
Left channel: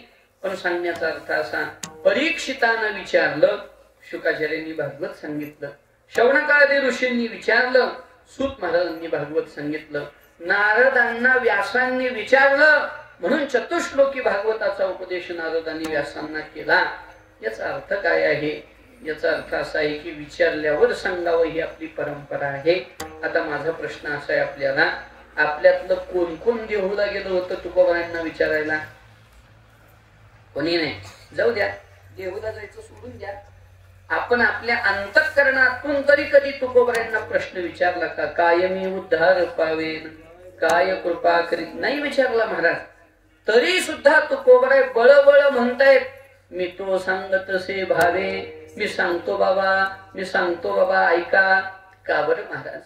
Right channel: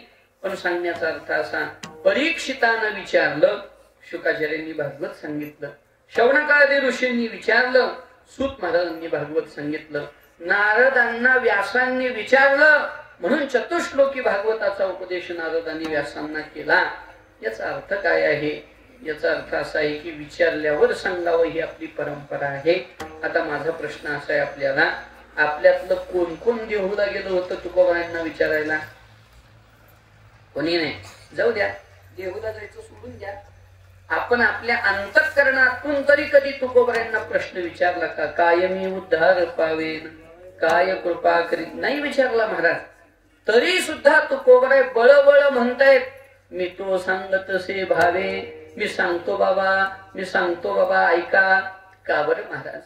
पण सांगण्याचा अर्थ असा, परीक्षितानं विचारलं, शुकाचार्यांनी भागवत सांगितलं. शौनकादी ऋषींनी विचारलं, सूत महाराजांनी भागवत सांगितलं. नारदांना व्यासांनी विचारलं, म्हणून चतुश्लोकी भागवताचा उपदेश नारदांनी व्यासांना केला. याचा अर्थ काय आहे? याचा अर्थ असा आहे की विचारल्यावर सांगावं ही आपली परंपरा आहे. आता माझा प्रश्न असा आहे आपल्याला, आपल्यातलं कोण कोण देहूला गेलं होतं तुकोबारांना विचारायला? कोणी नाही. जाऊ द्या, देहूला जायचं सोडून द्या. आपण आपल्या अंतःकरणातून तरी कधी तुकोबारांना प्रश्न विचारला का? कायमी उद्धार पावेन, काय कृपा करीत, नाही विचारला महाराज. तरी सुद्धा तुकोबाराय बळबळ म्हणतायत, मी तो सांगत तसे भावे, मी सांगतो बाबा, मी सांगतो बाबा ऐका. का बरं महाराज?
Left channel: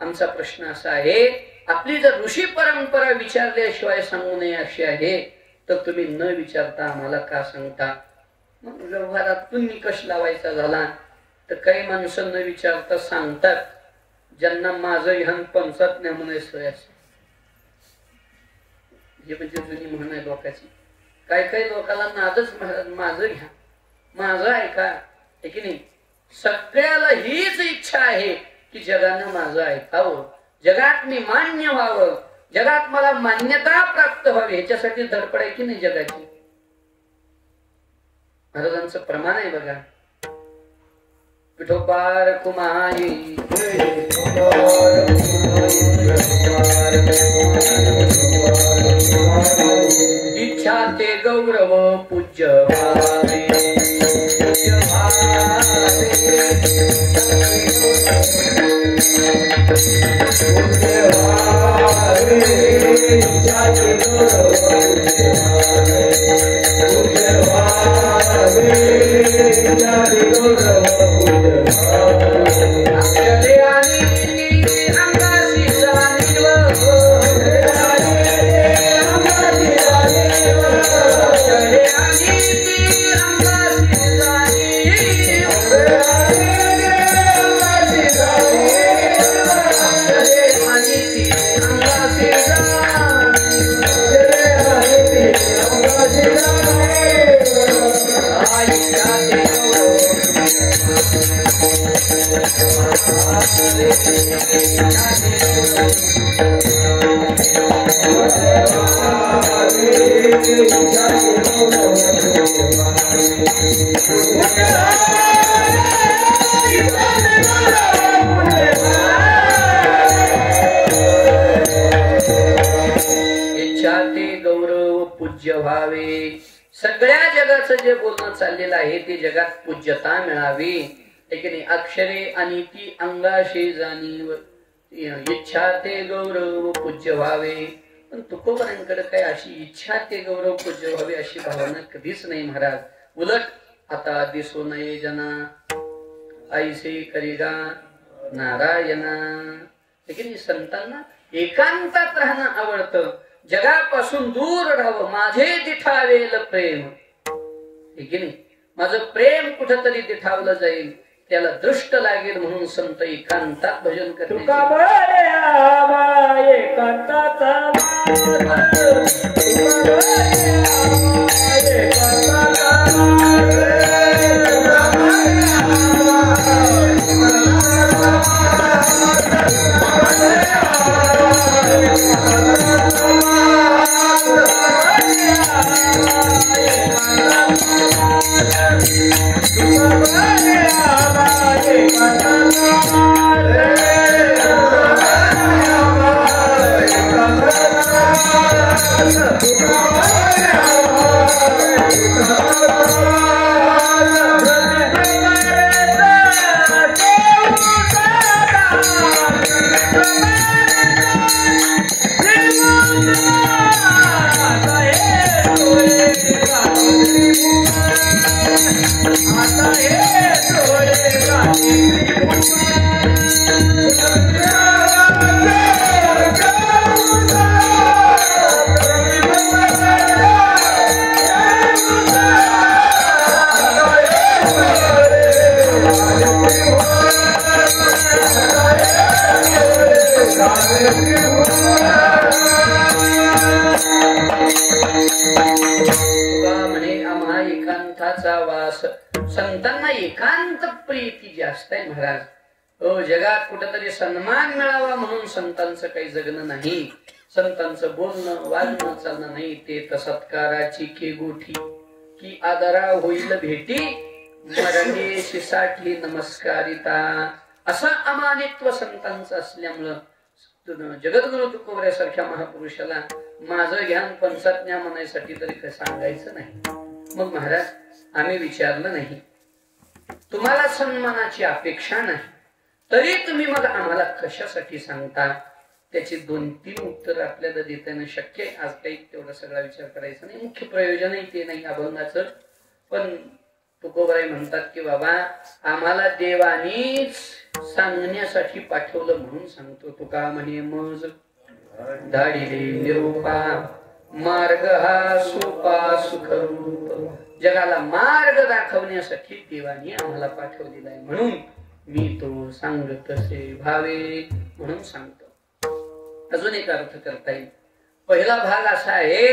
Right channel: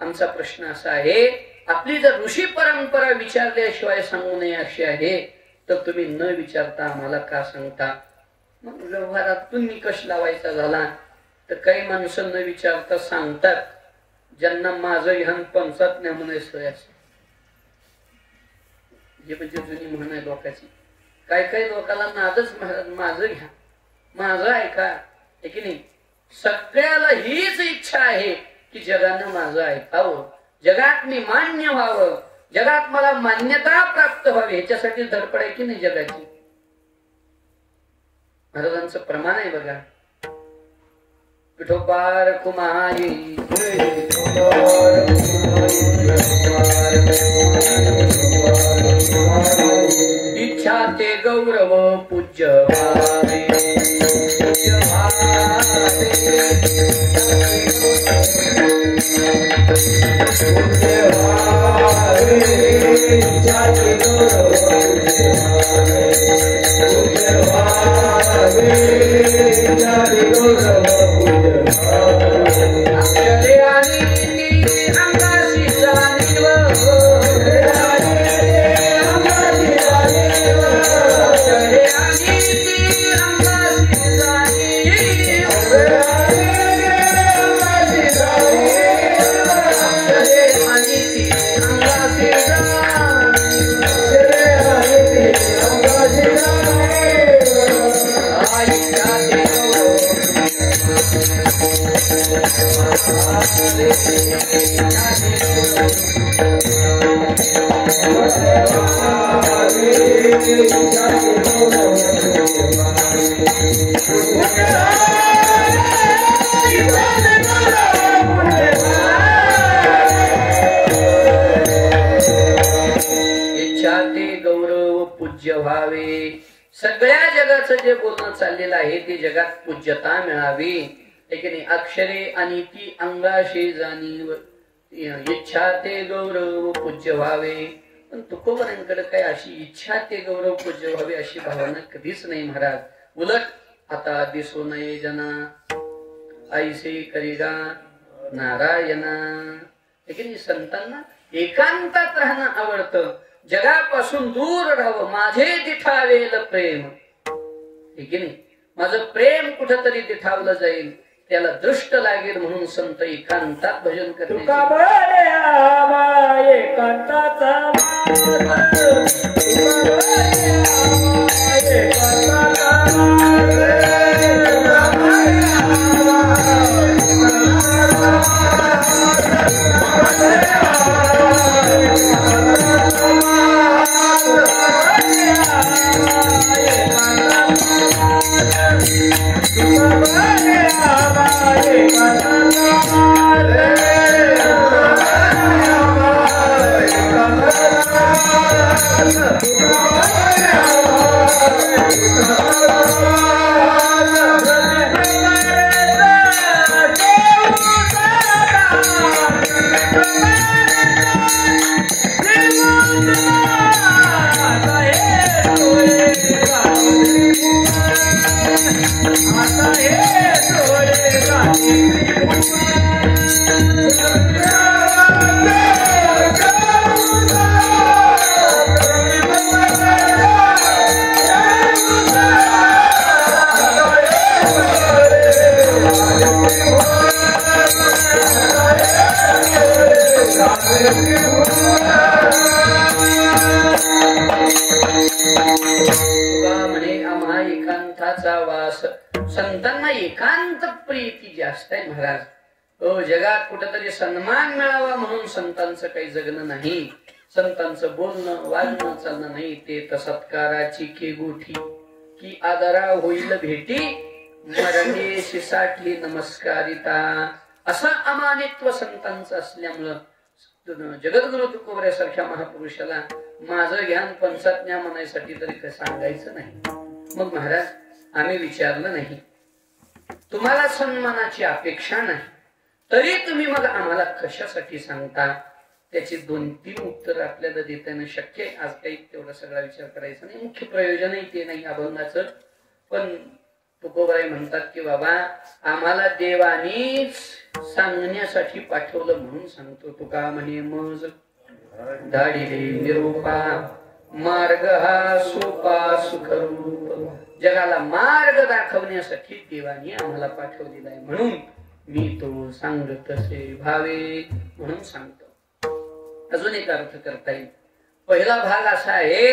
आमचा प्रश्न असा आहे, आपली जर ऋषी परंपरा विचारल्याशिवाय सांगू नये अशी आहे, तर तुम्ही न विचारता आम्हाला का सांगता? व्यवहारात तुम्ही कश लावायचा झाला? तर काही माणसं न विचारता सांगतात, ज्यांना माझं ह्यान पंचात न्यामध्ये सोय असते. म्हणजे जुनी म्हण आहे लोकांची. काही काही लोकांना नादच महाराज, माझं घ्या, माझं ऐका, आहे की नाही? सगळ्याला हीच इच्छा आहे की जगानं माझं ऐकावं, जगात मी मान्य व्हावं, जगात मला मान्यता प्राप्त व्हावी, ह्याच्यासाठी धडपड आहे की नाही जगाची? महाराजांचं प्रमाण आहे बघा. विठोबार कुमारी इच्छा ते गौरव पूज्य सगळ्या जगाचं जे बोलणं चाललेलं आहे ते जगात पूज्यता मिळावी, अक्षरे आणि ती अंगाशी जाणीव, इच्छा ते गौरव पूज्य व्हावे. पण तुकोबरांकडे काय अशी इच्छा ते गौरव पूज्य व्हावे अशी भावना कधीच नाही महाराज. उलट आता दिसू नये जना ऐसे करिगा नारायणा. संतांना एकांतात राहणं आवडतं, जगापासून दूर राहावं. माझे तिठावेल प्रेम, माझं प्रेम कुठेतरी तिठावलं जाईल, त्याला दृष्ट लागेल म्हणून संत एकांतात भजन करतात. संतांना एकांत प्रीती जास्त आहे महाराज. जगात कुठेतरी सन्मान मिळावा म्हणून संतांचं काही जगणं नाही, संतांचं बोलणं वागणं चालणं नाही. ते सत्काराची केगोठी की आदरा होईल भेटी, मरणे शिसाठी नमस्कारिता. असं अमानित्व संतांचं असल्यामुळं जगद्गुरु तुकोबऱ्यासारख्या महापुरुषाला माझं ज्ञान पंचाज्ञा म्हणायसाठी तरी काय सांगायचं नाही. मग महाराज आम्ही विचारलं नाही, तुम्हाला सन्मानाची अपेक्षा नाही, तरी तुम्ही मग आम्हाला कशासाठी सांगता? त्याची 2-3 उत्तर आपल्याला देताना शक्य आहे. आज काही तेवढा सगळा विचार करायचा नाही, मुख्य प्रयोजनही ते नाही अभंगाचं. पण तुकोबाई म्हणतात की बाबा आम्हाला देवानीच सांगण्यासाठी पाठवलं म्हणून सांगतो. तुका म्हणे मज धाडिले निरोपा, मार्ग हा सोपा सुखरूप. जगाला मार्ग दाखवण्यासाठी देवानी आम्हाला पाठवलेला आहे, म्हणून मी तो सांगत तसे भावे म्हणून सांगतो. अजून एक अर्थ करता येईल. पहिला भाग असा आहे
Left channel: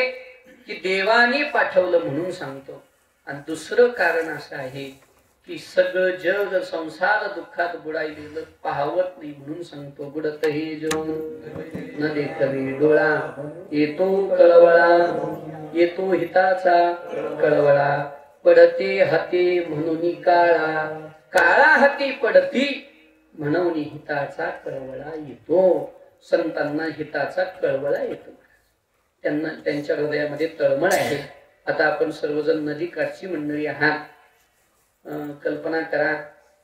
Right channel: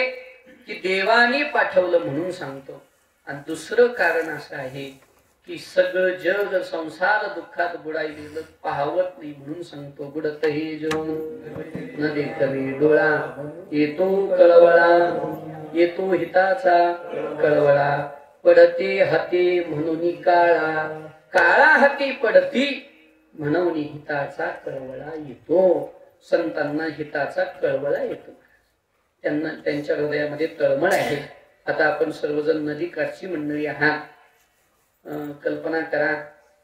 की देवानी पाठवलं म्हणून सांगतो, आणि दुसरं कारण असं आहे की सगळं जग संसार दुःखात बुडायले पाहवत नाही म्हणून सांगतो. बुडत हे जग न देखवे डोळा, येतो कळवळा, येतो हिताचा कळवळा. पडते हाती म्हणून काळा, काळा हाती पडती म्हणून हिताचा कळवळा येतो. संतांना हिताचा कळवळा येतो, त्यांना त्यांच्या हृदयामध्ये तळमळ आहे. आता आपण सर्वजण नदी काठची मंडळी आहात. कल्पना करा,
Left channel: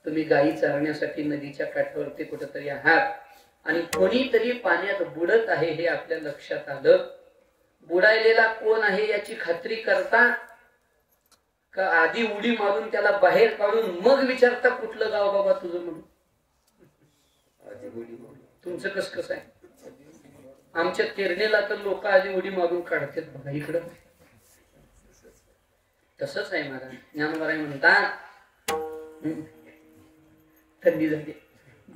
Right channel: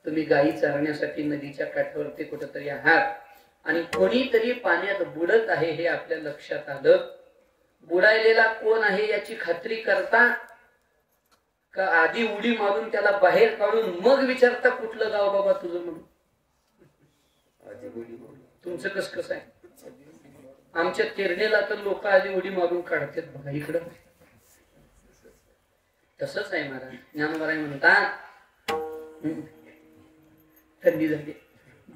तुम्ही गायी चरण्यासाठी नदीच्या काठावरती कुठेतरी आहात आणि कोणीतरी पाण्यात बुडत आहे हे आपल्या लक्षात आलं. बुडायलेला कोण आहे याची खात्री करता का आधी उडी मारून त्याला बाहेर काढून मग विचारता कुठलं गाव बाबा तुझं म्हणून? तुमचं कसं आहे? आमच्या तेरडेला तर लोक आधी उडी मारून काढतात बघा इकडं. तसंच आहे महाराज. ज्ञानोबा म्हणतात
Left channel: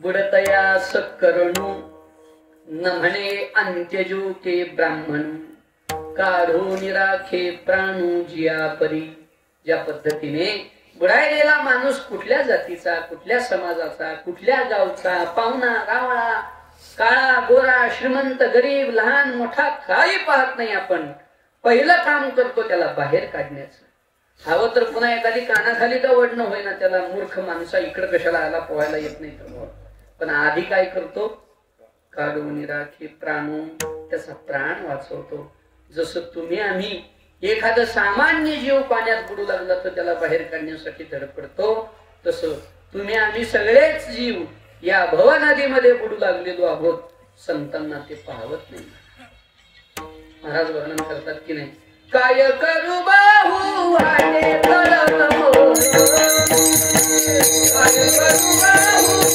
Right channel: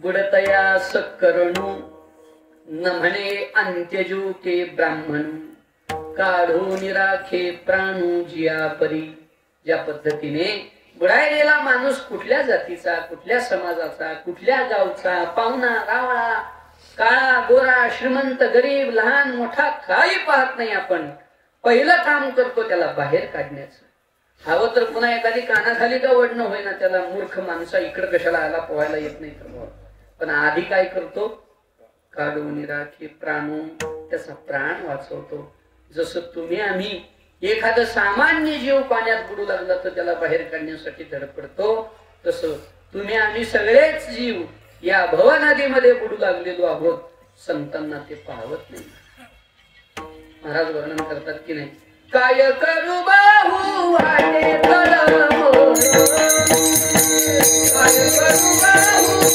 बुडतया सकरणू न म्हणे अंत्यजू के ब्राह्मण, काढो निराखे प्राणू जिया परी. ज्या पद्धतीने बुडायलेला माणूस कुठल्या जातीचा, कुठल्या समाजाचा, कुठल्या गावचा, पाहुणा गावळा, काळा गोरा, श्रीमंत गरीब, लहान मोठा काही पाहत नाही. आपण पहिलं काम करतो त्याला बाहेर काढण्याचं. हवं तर पुन्हा एखादी कानाखाली का वडणं होईना त्याला, मूर्ख माणसा इकडे कशाला आला पोहायला येत नाही तर, पण आधी काय करतो, काढून राखी प्राणून त्याचा प्राण वाचवतो. जसं तुम्ही आम्ही एखादं सामान्य जीव पाण्यात बुडू लागला तर त्याला बाहेर काढण्यासाठी धडपडतो, तसं तुम्ही आम्ही सगळेच जीव या भवनदीमध्ये बुडू लागलेलो आहोत. संतांना ते पाहत नाही. महाराज वर्णन करतात की नाही, काय करू बाहू वाटे तळमळ, काय करू बाहू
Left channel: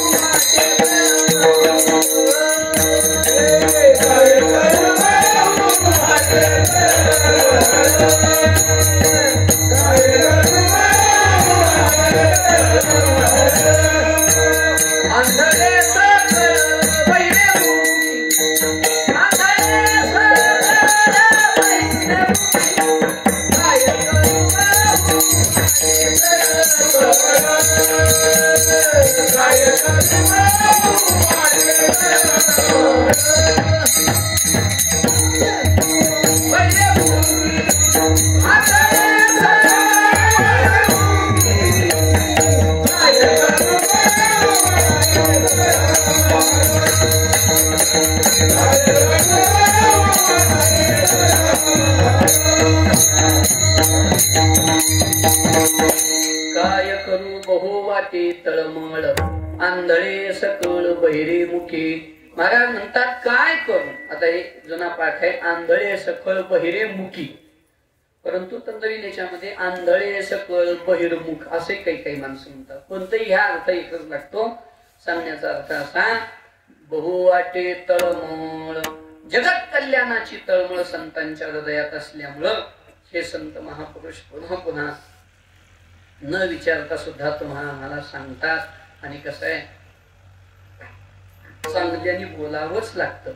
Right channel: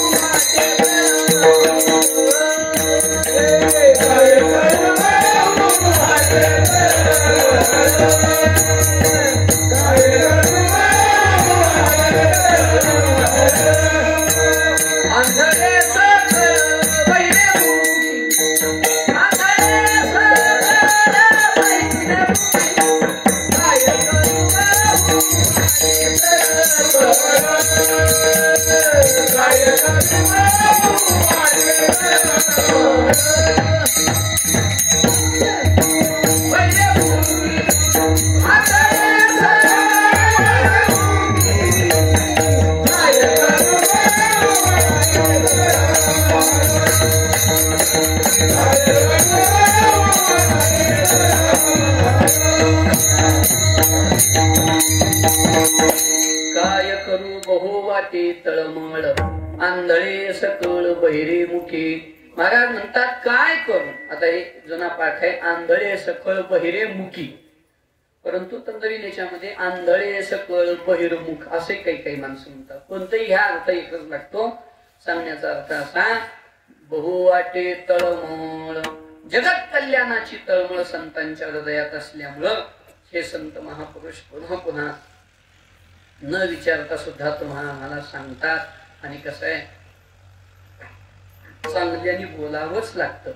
आंधळे सकळ बहिरे मुखे. महाराज म्हणतात काय करू. आता हे जुना पाठ आहे, आंधळे सकळ बहिरे मुखी. परंतु तंत्रीनेच्यामध्ये आंधळे सकळ बहिर्मुख असे काही काही माणसं म्हणतात. कोणतेही ह्या अर्थ एकच लागतो. सांगण्याचा अर्थ असा, बहुवाटे तळमळ, जगत कल्याणाची तळमळ संतांच्या हृदयात असल्यामुळं हे संत महापुरुष पुन्हा पुन्हा न विचारता सुद्धा तुम्हाला मला सांगतात. आणि कसं आहे, चांगल्याने बोलावंच लागतं.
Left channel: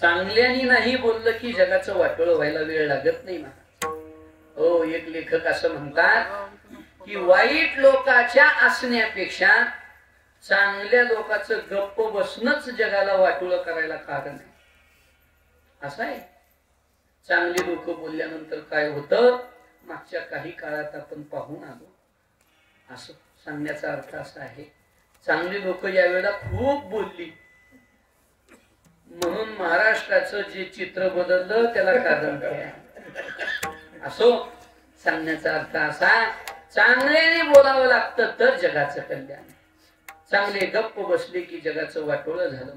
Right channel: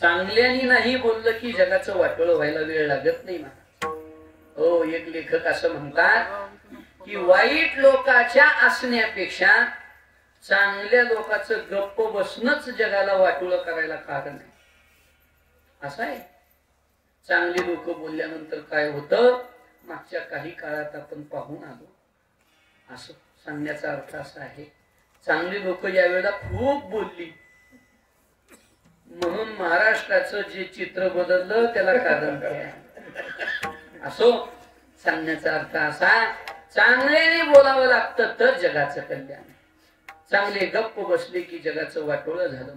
चांगल्याने नाही बोललं की जगाचं वाटोळं व्हायला वेळ लागत नाही. हो, एक लेखक असं म्हणतात की वाईट लोकांच्या असण्यापेक्षा चांगल्या लोकांचं गप्प बसणंच जगाला वाटोळं करायला कारण आहे. असं आहे. चांगली लोक बोलल्यानंतर काय होतं, मागच्या काही काळात आपण पाहून आलो. असं सांगण्याचा अर्थ असा आहे, चांगली लोक ज्या वेळेला खूप बोलली म्हणून महाराष्ट्राचं जे चित्र बदललं त्याला कारण आहे. असो, सांगण्याचा अर्थ असा, चांगल्याने बोलावं लागतं तर जगाचं कल्याण. चांगले गप्प बसले की जगाचं वाटोळं झालं.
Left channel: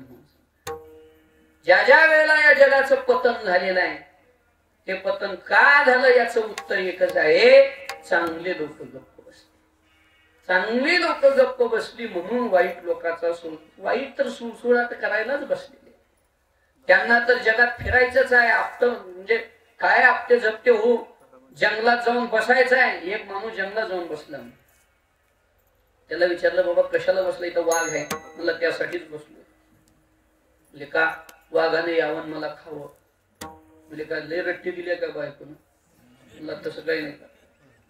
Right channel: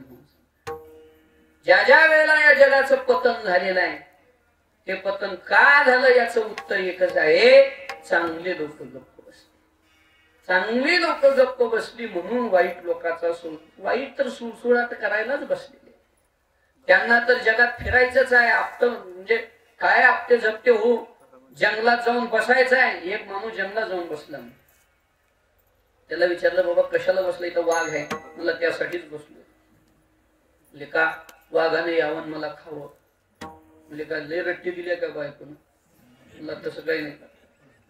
ज्या ज्या वेळेला या जगाचं पतन झालेलं आहे, ते पतन का झालं याचं उत्तर एकच आहे, चांगले लोक गप्प बसले. चांगली लोक गप्प बसली म्हणून वाईट लोकांचा वाईट तर सुळसुळाट करायलाच बसलेले. त्यांना तर जगात फिरायचंच आहे. आपट म्हणजे काय आपटे झपटे हो, जंगलात जाऊन बसायचं आहे. एक माणूस जंगलात जाऊन बसला. त्याला विचारलं, बाबा कशाला बसलाय? तर वाघ आहे. मला त्यासाठीच बसलो. का वाघाने यावं मला खावं? म्हणजे काय लय रट्टी दिल्या का बायकोन? मला तसं काही नाही.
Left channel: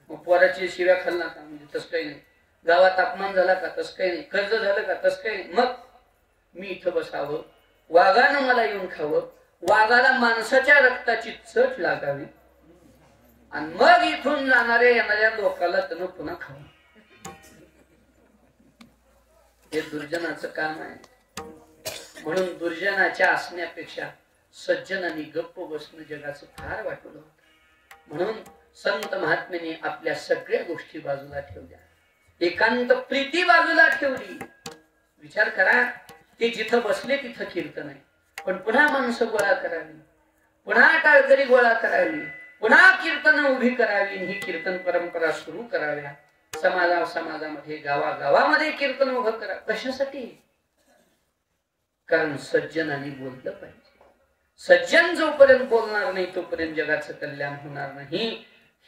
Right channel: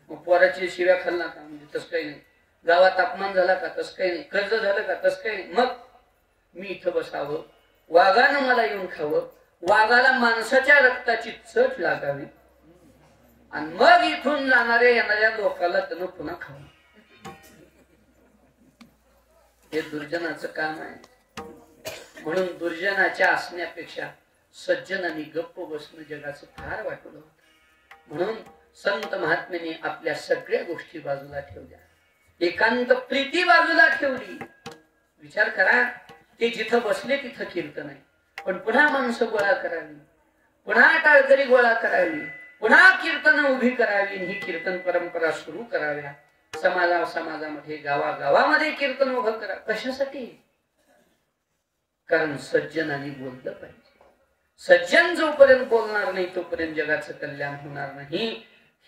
मग पोराची शिव्या खाल्ला का? म्हणजे तसं काही नाही. गावात अपमान झाला का? तसं काही नाही. कर्ज झालं का? तसं काही नाही. मग मी इथं बसावं, वाघानं मला येऊन खावं, वाघाला माणसाच्या रक्ताची चट लागावी आणि मग इथून येणाऱ्या लोकांना त्यानं पुन्हा खावं. हे दुर्जनाचं काम आहे. म्हणून दुर्जनाच्या असण्यापेक्षा सज्जनांनी गप्प बसणं जगाचं फार वाटलं होतं. म्हणून संत महात्म्याने आपल्या सगळ्या गोष्टी बाजूला ठेवल्या, एकांत प्रीती बाजूला ठेवली. विचार करा, ते जिथं बसले तिथं कीर्तन आहे, पण पुन्हा माणसं गोळा करावी, पुन्हा टाळकरी गोळा करावी, पुन्हा कीर्तन उभी करावी. ही कीर्तन परंपरा सुरू कराव्या. समाजामध्ये गावागावामध्ये कीर्तन उभं करा. कशासाठी? कारण सज्जनाने बोललं पाहिजे. सज्जन जोपर्यंत बोलणार नाही तोपर्यंत जगाचं कल्याण होणार नाही.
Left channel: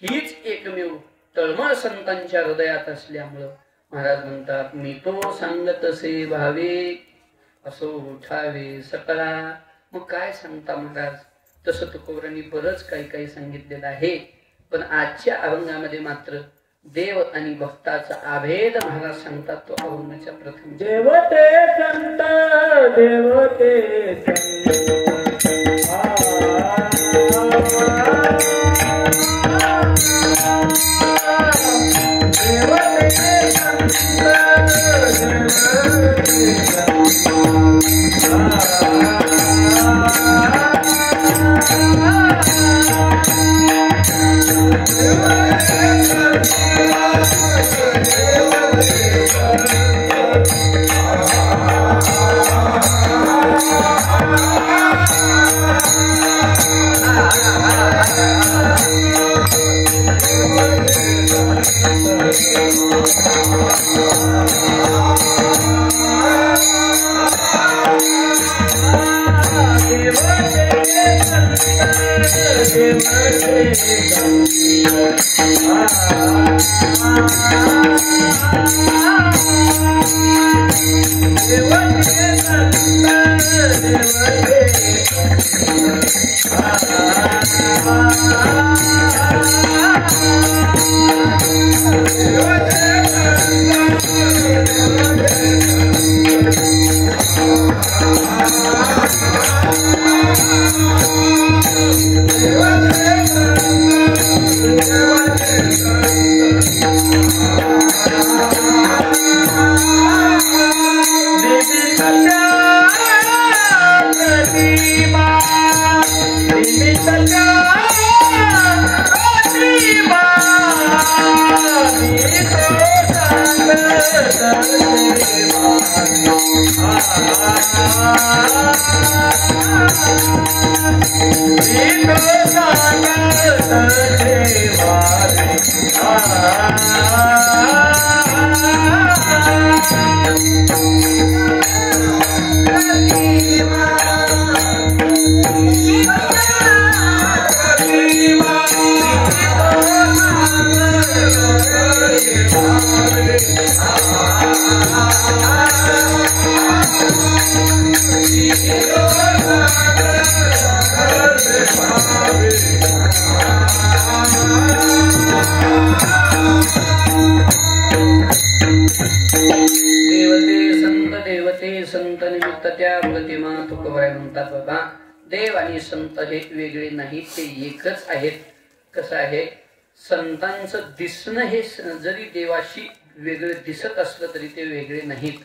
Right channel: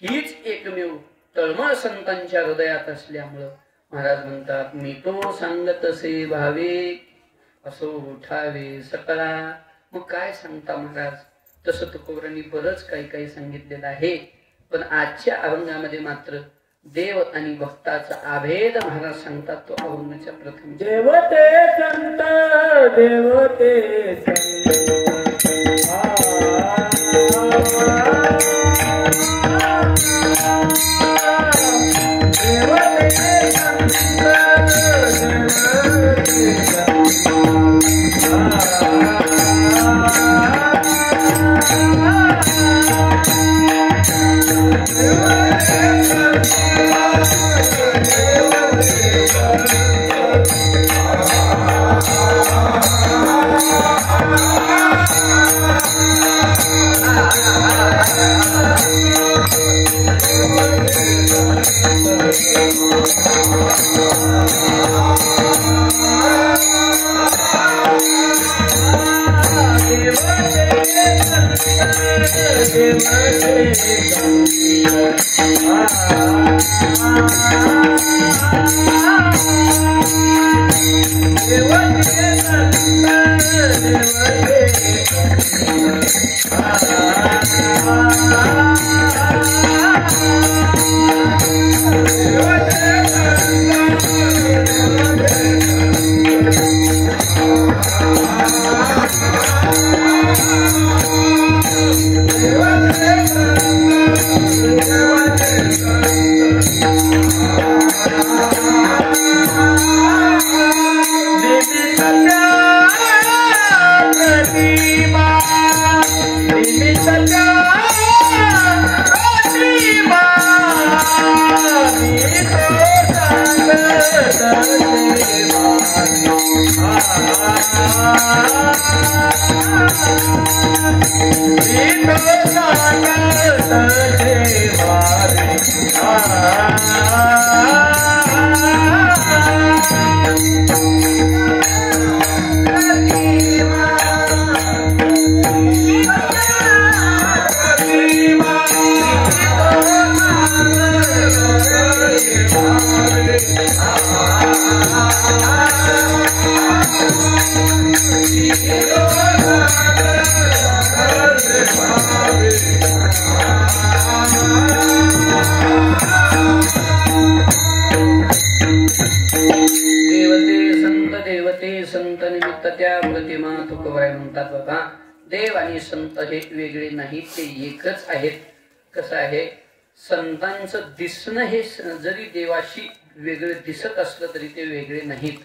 हीच एकमेव तळमळ संतांच्या हृदयात असल्यामुळं महाराज म्हणतात, मी तो सांगतसे भावे असो उठावे सकळा. मग काय सांगता महाराज? तसं तुकोबांनी बरंच काही काही सांगितलेलं आहे, पण आजच्या अभंगामध्ये मात्र देव आणि भक्ताचा अभेद महाराज सांगतात तो अभंगाच्या प्रथम. देवते संत देवते संत निमित्त त्या प्रतिमा तुकोबाई म्हणतात बाबा देव आणि संत हे वेगळे नाहीत, ते एकच आहेत. कसं आहे, संतांचं दिसणं हे जरी देवाशी वेगळे दिसत असलं तरी ते वेगळे नाहीत.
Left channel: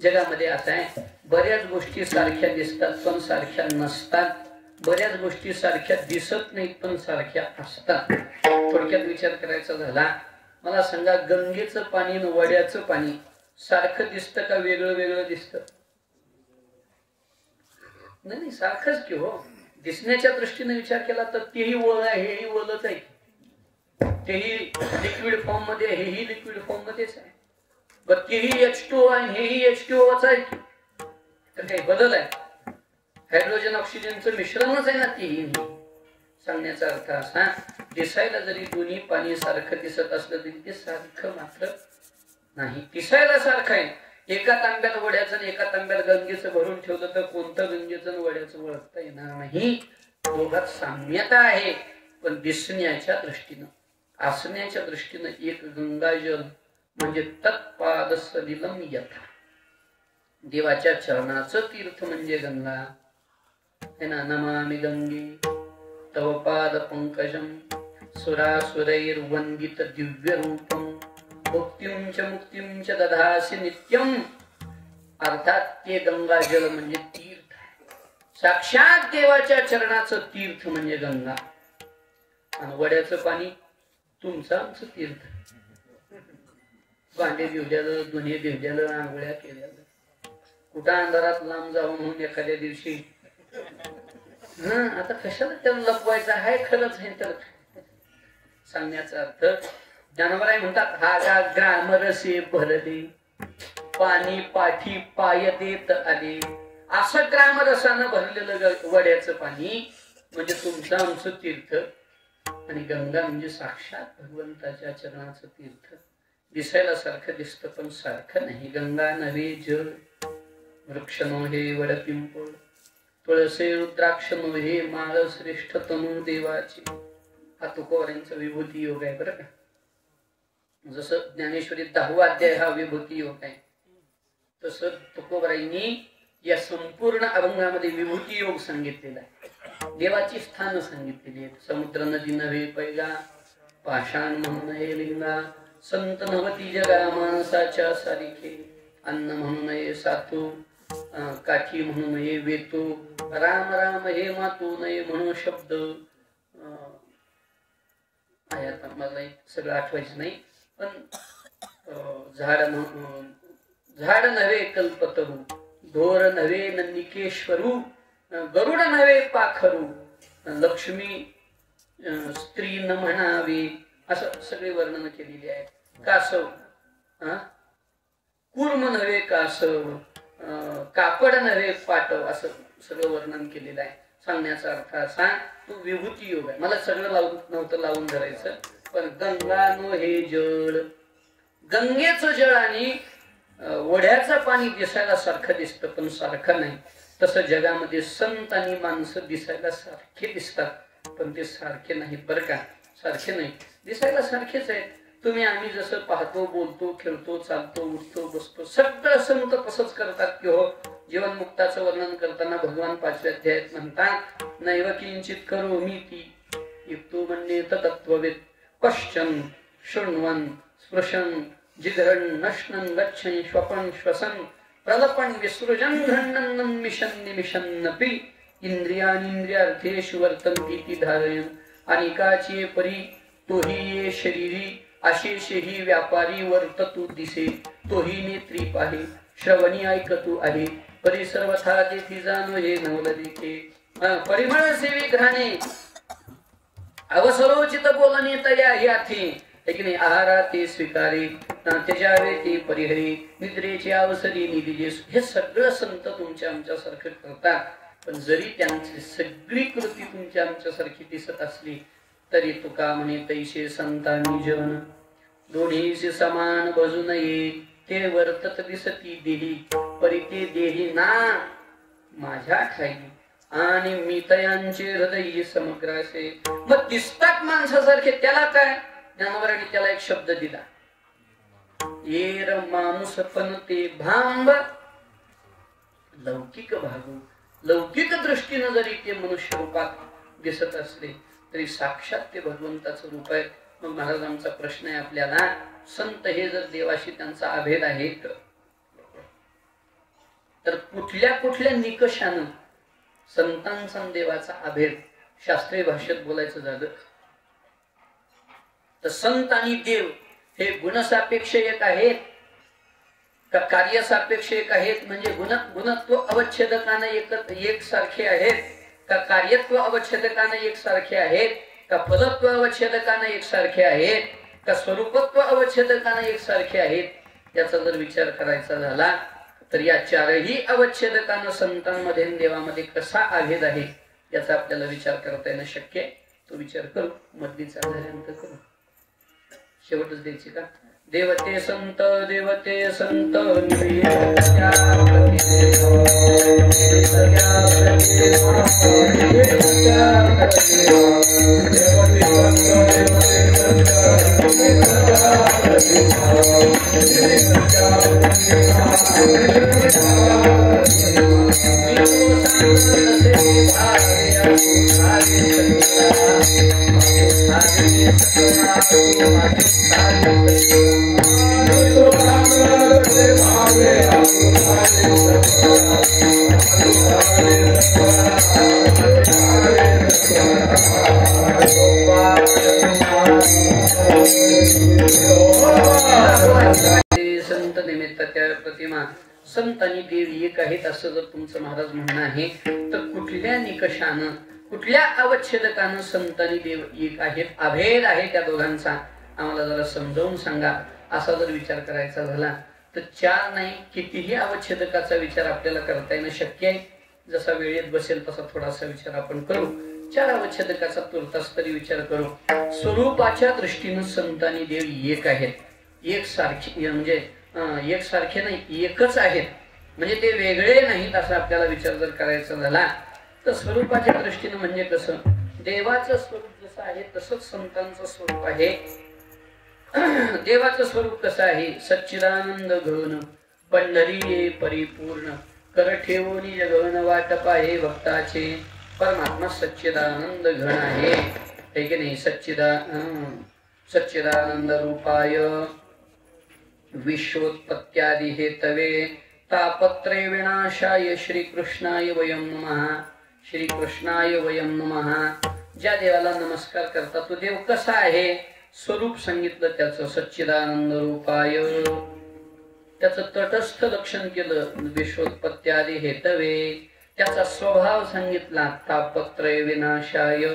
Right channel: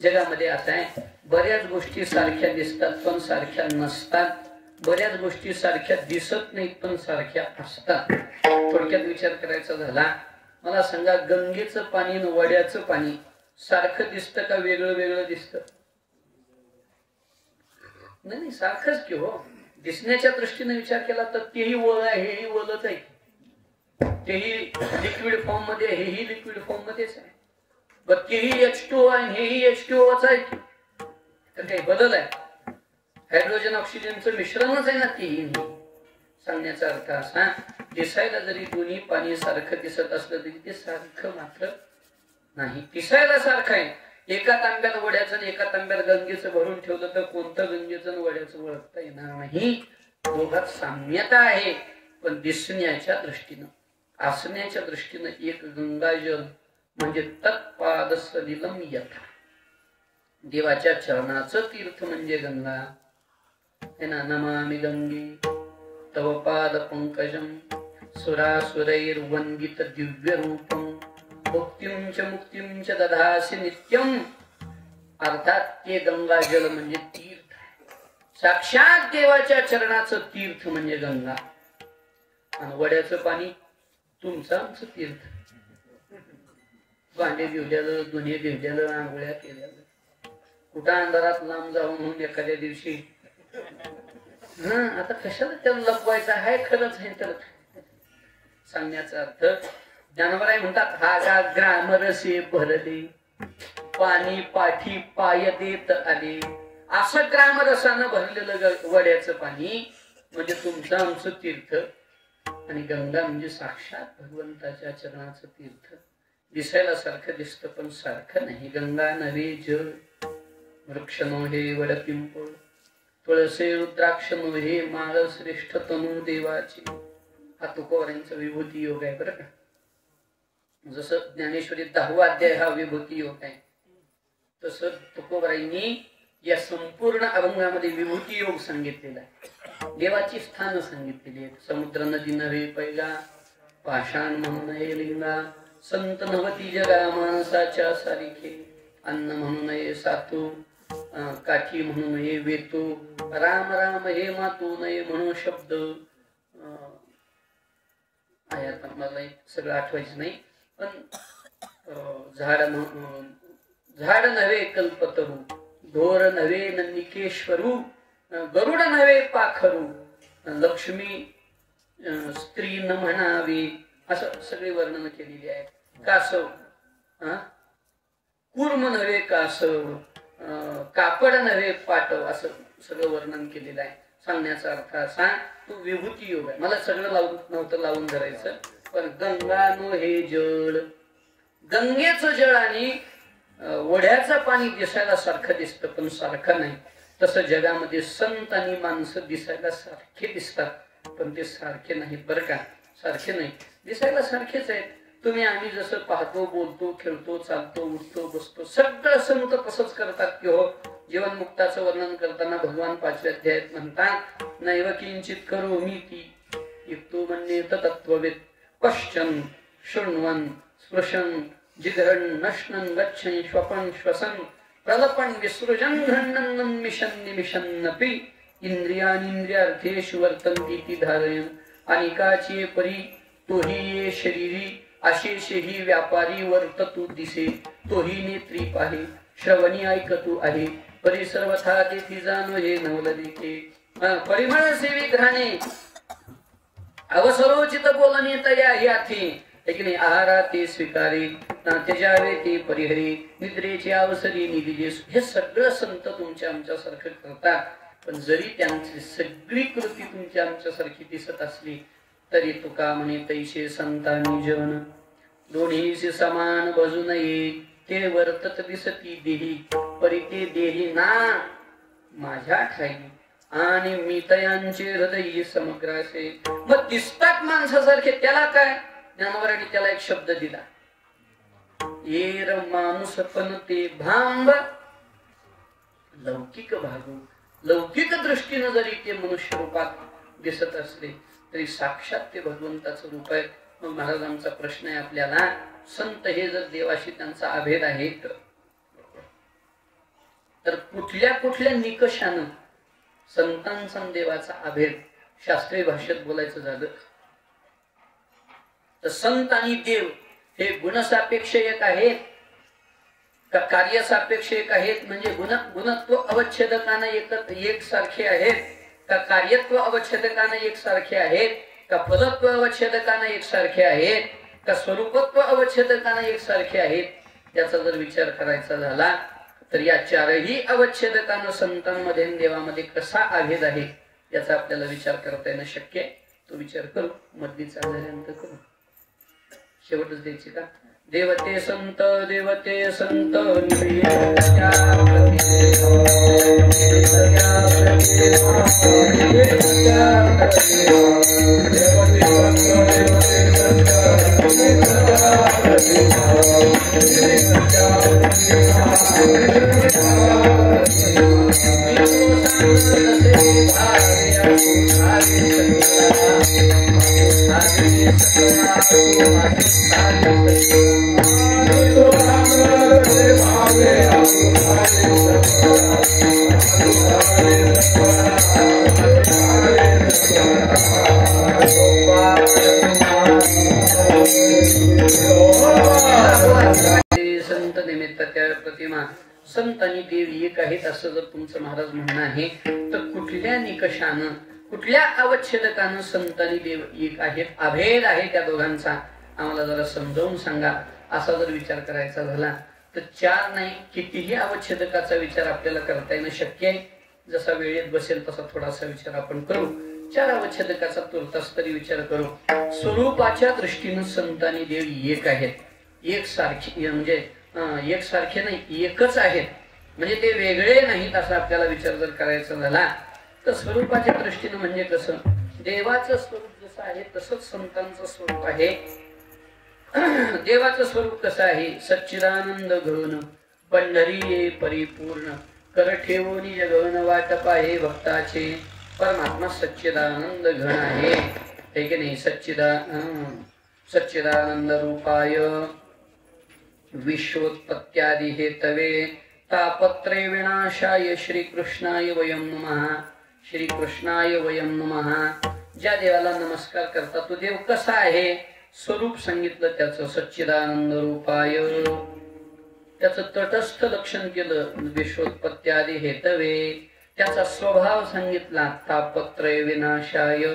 जगामध्ये असं आहे, बऱ्याच गोष्टी सारख्या दिसतात पण सारख्या नसतात, बऱ्याच गोष्टी सारख्या दिसत नाहीत पण सारख्या असतात. थोडक्यात विचार करायचा झाला, मला सांगा, गंगेचं पाणी आणि वड्याचं पाणी सारखं दिसतं का वेगळं वेगळं दिसतं? नाही, सारखंच की हो. दिसण्याच्या दृष्टीने विचार केला तर तेही वळ आहे, हेही वळच आहे, तेही लिक्विड फॉर्म मध्ये, हेही लिक्विड फॉर्म मध्येच आहे, पण तेही H2O आहे, हेही H2O आहे. तर काही बदल आहे? हायड्रोजन ऑक्सिजनचं मिश्रणच आहे ना तेही. सांगण्याचा अर्थ असा, दिसायला जरी दोन्ही पाणी सारखं दिसत असलं तरी ते सारखं मात्र नाही. दिसायला सारखं आहे. एका तांब्यात वड्याचं आणि एका तांब्यात गंगेचं भरून ठेवलं तर कोणतं गंगेचं आणि वड्याचं ओळखता येणार नाही. दोघात साम्यता आहे, पण दिसण्याच्या दृष्टीनं, असण्याच्या दृष्टीनं एक गंगाजल म्हणजे तत्पाद सलिलम यथा, देवाच्या चरणाचं तीर्थ म्हणजे गंगा. नमामि गंगे तव पाद पंकजम सुरासुरैर्वंदित दिव्य रूपम मुक्तिं च दधासि नित्यम. अर्थात ते गंगाजल म्हणजे तीर्थ आहे, साक्षात देवाच्या चरणाचं तीर्थ म्हणजे गंगा. आणि वड्याचं पाणी तुमचं आमचं तीर्थ. भांडे ठेवलेलं, धुणे ठेवलेलं, आंघोळ्या केलेलं, कुठं अंधारात लांब जाऊन म्हणून एखाद्या दिवशी आता कशाला त्याला लपवायचं आहे, खरंच आहे. तर सांगण्याचा अर्थ, ज्ञानोबराय म्हणतात, हा का ग्रामरसे भरले पाणी पाठी पाय देत आले. असं ग्रामरसानं भरलेलं वड्याचं पाणी म्हणजे तुमचं आमचं तीर्थ. आणि गंगा म्हणजे साक्षात भगवंताच्या चरणाचं तीर्थ. दिसायला सारखं दिसतं पण सारखं नाही. गंगा नव्हे जल, वृक्ष नव्हे वड पिंपळ, तुळसे रुद्राक्ष नव्हे माळ, श्रेष्ठ तनु देवाची. हा तुकोबारांचा विभूती योग आहे बरं का. जसं ज्ञानेश्वरी 10वा अध्याय हा विभूती योग आहे, तसं तुकोबारायांनी या संपूर्ण अभंगामध्ये विभूती योग सांगितलेला आहे. देवाची स्थान सांगितलेली आहेत. समुद्र नदी नव्हे पैगा, पाषाण म्हणून लिंगा, संत नवती जगा माणसाच्या सारिखे, अन्न म्हणून नये सातू, काठी म्हणून नये वेतो, राम राम हे मातू नये म्हणून शब्द. आता मला सगळं आठवायचं नाही, पण झाड नव्हे कल्पतरू, ढोर नव्हे नंदिकेश्वरू, गरुड नव्हे पाखरू, लक्ष्मी स्त्री न म्हणावे, असं सगळे वर्णन केलेली आहे. कासव, कूर्म नव्हे कासव, कापड नव्हे पाटव, असं सगळं वर्णन केलेलं आहे. सांगण्याचा अर्थ असा, तो विभूती योग आहे. मला सगळं लावून धरायचं, पण गंगा नो हे जळ, गंगेचं जळ आणि ओढ्याचं पाणी दिसायला सारखं दिसतं, पण सारखं नाही. तसं जगामध्ये संत आणि माणसं दिसायला सारखे दिसतात, पण ते सारखे नाही बरं का, सारखे नाही. दिसायला सारखेच आहेत. तुम्ही आम्ही जसं पाहतो, बोलतो, खेळतो, चालतो, उठतो, बसतो, सगळं संत तसंच करतात की हो. जीवन मुक्ताचं वर्णन करताना भगवान 5व्या अध्यायात म्हणतात, नैव किंचित करोमि ती युक्तो मन्येत तत्त्ववेद, पश्चन शृण्वन् स्पृशन जिघ्रन् नश्नन् गच्छन् श्वपन् श्वसन् प्रलपन् विसृजन् घ्रण्णन् मिशन् निमिषन्नपि इंद्रियानिंद्रियार्थेषु वर्तन्ति इति धारयन् अनेकाची परी तोही ये शरीरी अशेषे ही व्यापारी वर्ततु दिसे, तोही नेत्री पाहे श्रवणी ऐकतू आहे, परी सर्वथा तेथी जाणो हे नवलदिके, परिमळ सेवी घ्राणे अवसरोचित बोलणे तया याथी, लेकिन आहारा ते स्वीकारे त्याच्यावे ते परिहरे, निद्रेचे अवसरी निधी. हे सगळं संत तुमच्या आमच्यासारखं करतात, पण जरी त्यांची सगळी कृती तुमच्या आमच्यासारखी दिसत असली तरी तुका म्हणे तैसे संतांनी जन दोन्हीचे समान बजू नये, ते वर्तत दिसती देही परी ते देही ना माझ्या ठाई, आणि मी तयांचे हृदय समग्र असे. मग दिसतात माणसासारखे, त्याला काय ज्ञानवरांनी त्याला एक शब्द दिला, येर माणूस पण ते भांब लौकिक भागू. लौकिक दृष्टीने जरी ते मनुष्य रूपात दिसत असले तरी साक्षात ते भगवंताचं रूप आहे. मग महाराजांचा प्रश्न आहे आपल्याला, संत हे जर देवाशी त्यांचा अभेद आहे तर कुठल्या कुठल्या निकषानं संतांचा देवाचा अभेद शास्त्रीय भाषेत बोलायचं झालं तर संत आणि देव हे गुणसापेक्ष एक आहेत का कार्यसापेक्ष एक आहेत? म्हणजे गुणत्व अवच्छेदकाने एक सारखे आहेत का कार्यत्व अवच्छेदकाने एक सारखे आहेत का फलत्व अवच्छेदकाने एक सारखे आहेत का स्वरूपत्व अवच्छेदकाने एक सारखे आहेत? याचा जर विचार करायचा झाला तर या चारही अवच्छेदकानं संतांमध्ये देवामध्ये कसा अभेद आहे याचा आपल्याला विचार करता येणं शक्य आहे. तो विचार करू, मधलीचा झाल्यानंतर करू. शेवटच द्यायची का? देवते संत देवते संत संत आणि देव एक आहेत असं जर तुमचं महाराज म्हणणं आहे तर कुठल्या निकषानं कुठल्या अवच्छेदकानं संत आणि देव एक आहेत, अभेद आहे त्या दोघांचा आम्हाला जरा समजावून सांगा. असा जर विचार करायचा झाला तर चार नाही कितीही अवच्छेदकाचा विचार आपल्याला करता येणं शक्य आहे. जसा वेळेत बसेल तसा थोडासा विचार आपण करू. चार अवच्छेदकाचा तुर्तास तरी विचार करू. स्वरूपाच्या दृष्टीनं संत आणि देव एक आहेत, एक सारखे म्हणजे एक सारखे नाही एकच आहेत, म्हणजे ते वेगळे नाहीत असा आपल्याला विचार जर करायचा झाला तर स्वरूपाच्या दृष्टीने म्हणजे कसं देवाचं स्वरूप जसं आहे तसंच संतांचं स्वरूप आहे. देवाचं स्वरूप कसं आहे? सच्चिदानंद घन पंढरी परिपूर्ण कर ठेवून जगन वाट पाहे भक्ताचे. परमात्मा सच्चिदानंद घन आहे की नाही? सच्चिदानंद रूपाय विश्वोत्पत्त्यादि हेतवे तापत्रे विनाशाय श्रीकृष्णाय वयं नमः. श्रीकृष्णाय वयं नमः. ज्या देवाला नमस्कार करता तो देव कसा आहे? स्वरूप सांगितलं त्याचं सच्चिदानंद रूपाय. त्याचं तटस्थ लक्षण केलं विश्वोत्पत्त्यादि हेतवे. त्याचा स्वभाव सांगितला तापत्रय विनाशाय.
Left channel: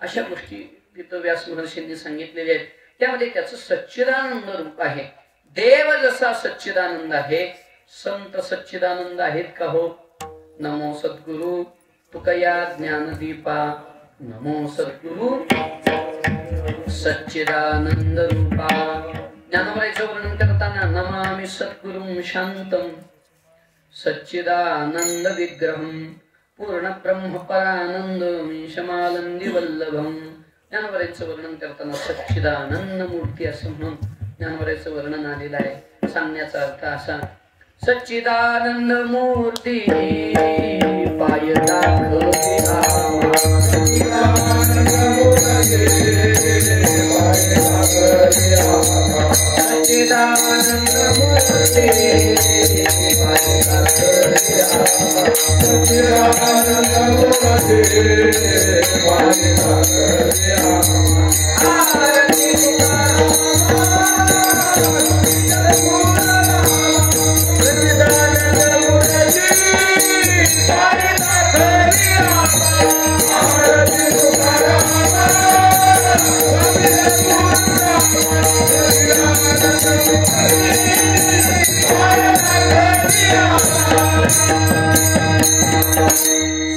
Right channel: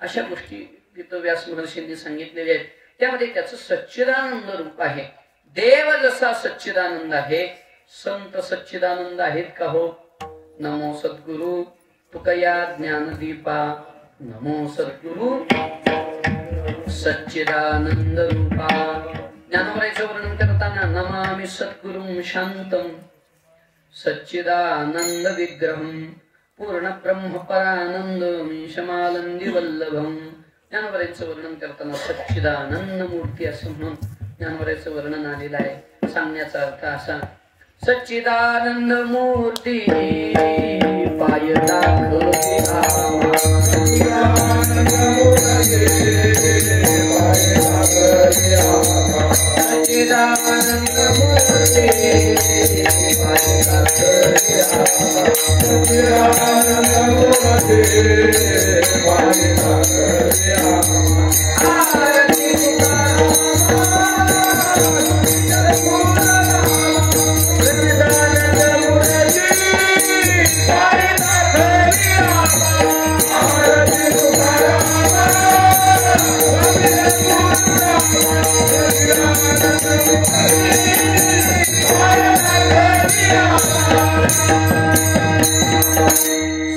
अशा गोष्टी तिथं व्यास महर्षींनी सांगितलेल्या आहेत. त्यामध्ये त्याचं सच्चिदानंद रूप आहे. देव जसा सच्चिदानंद आहे, संत सच्चिदानंद आहेत का हो? नमो सद्गुरु तुकया ज्ञानदीपा. नमो सद्गुरु सच्चिदानंद रूपा. ज्ञानोबाईचं वर्णन करताना नमामि सद्गुरुं शांतं सच्चिदानंद विग्रहं पूर्ण ब्रह्म परानंद शमानंदी वल्लभम. ज्ञानोबाईचं वर्णन करताना सच्चिदानंद मूर्ती असं म्हणून ज्ञानोबाईचं वर्णन आलेलं आहे. सांगण्याचा अर्थ असा, सच्चिदानंद मूर्ती पायता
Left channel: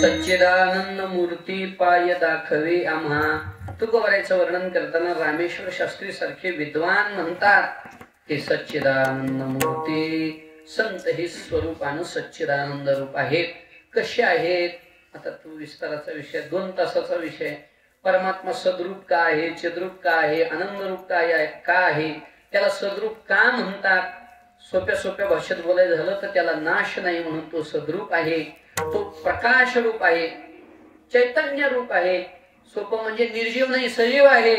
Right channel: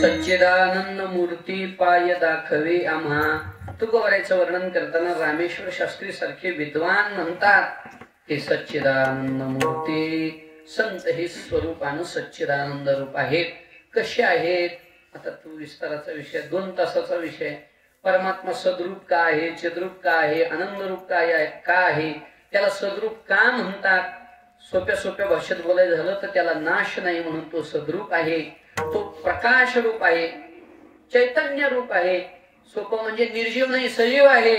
सच्चिदानंद मूर्ती पाय दाखवे आम्हा. तुकोबारायचं वर्णन करताना रामेश्वर शास्त्री सारखे विद्वान म्हणतात हे सच्चिदानंद मूर्ती. संत हे स्वरूपानं सच्चिदानंद रूप आहेत. कसे आहेत? आता तो विस्ताराचा विषय, 2 तासाचा विषय. परमात्मा सद्रूप का आहे, चिद्रूप का आहे, आनंद रूप काय आहे, का आहे, त्याला सद्रूप का म्हणतात? सोप्या भाषेत बोलायचं झालं तर त्याला नाश नाही म्हणून तो सद्रूप आहे. तो प्रकाश रूप आहे, चैतन्य रूप आहे. सोपं म्हणजे निर्जीव नाही, सजीव आहे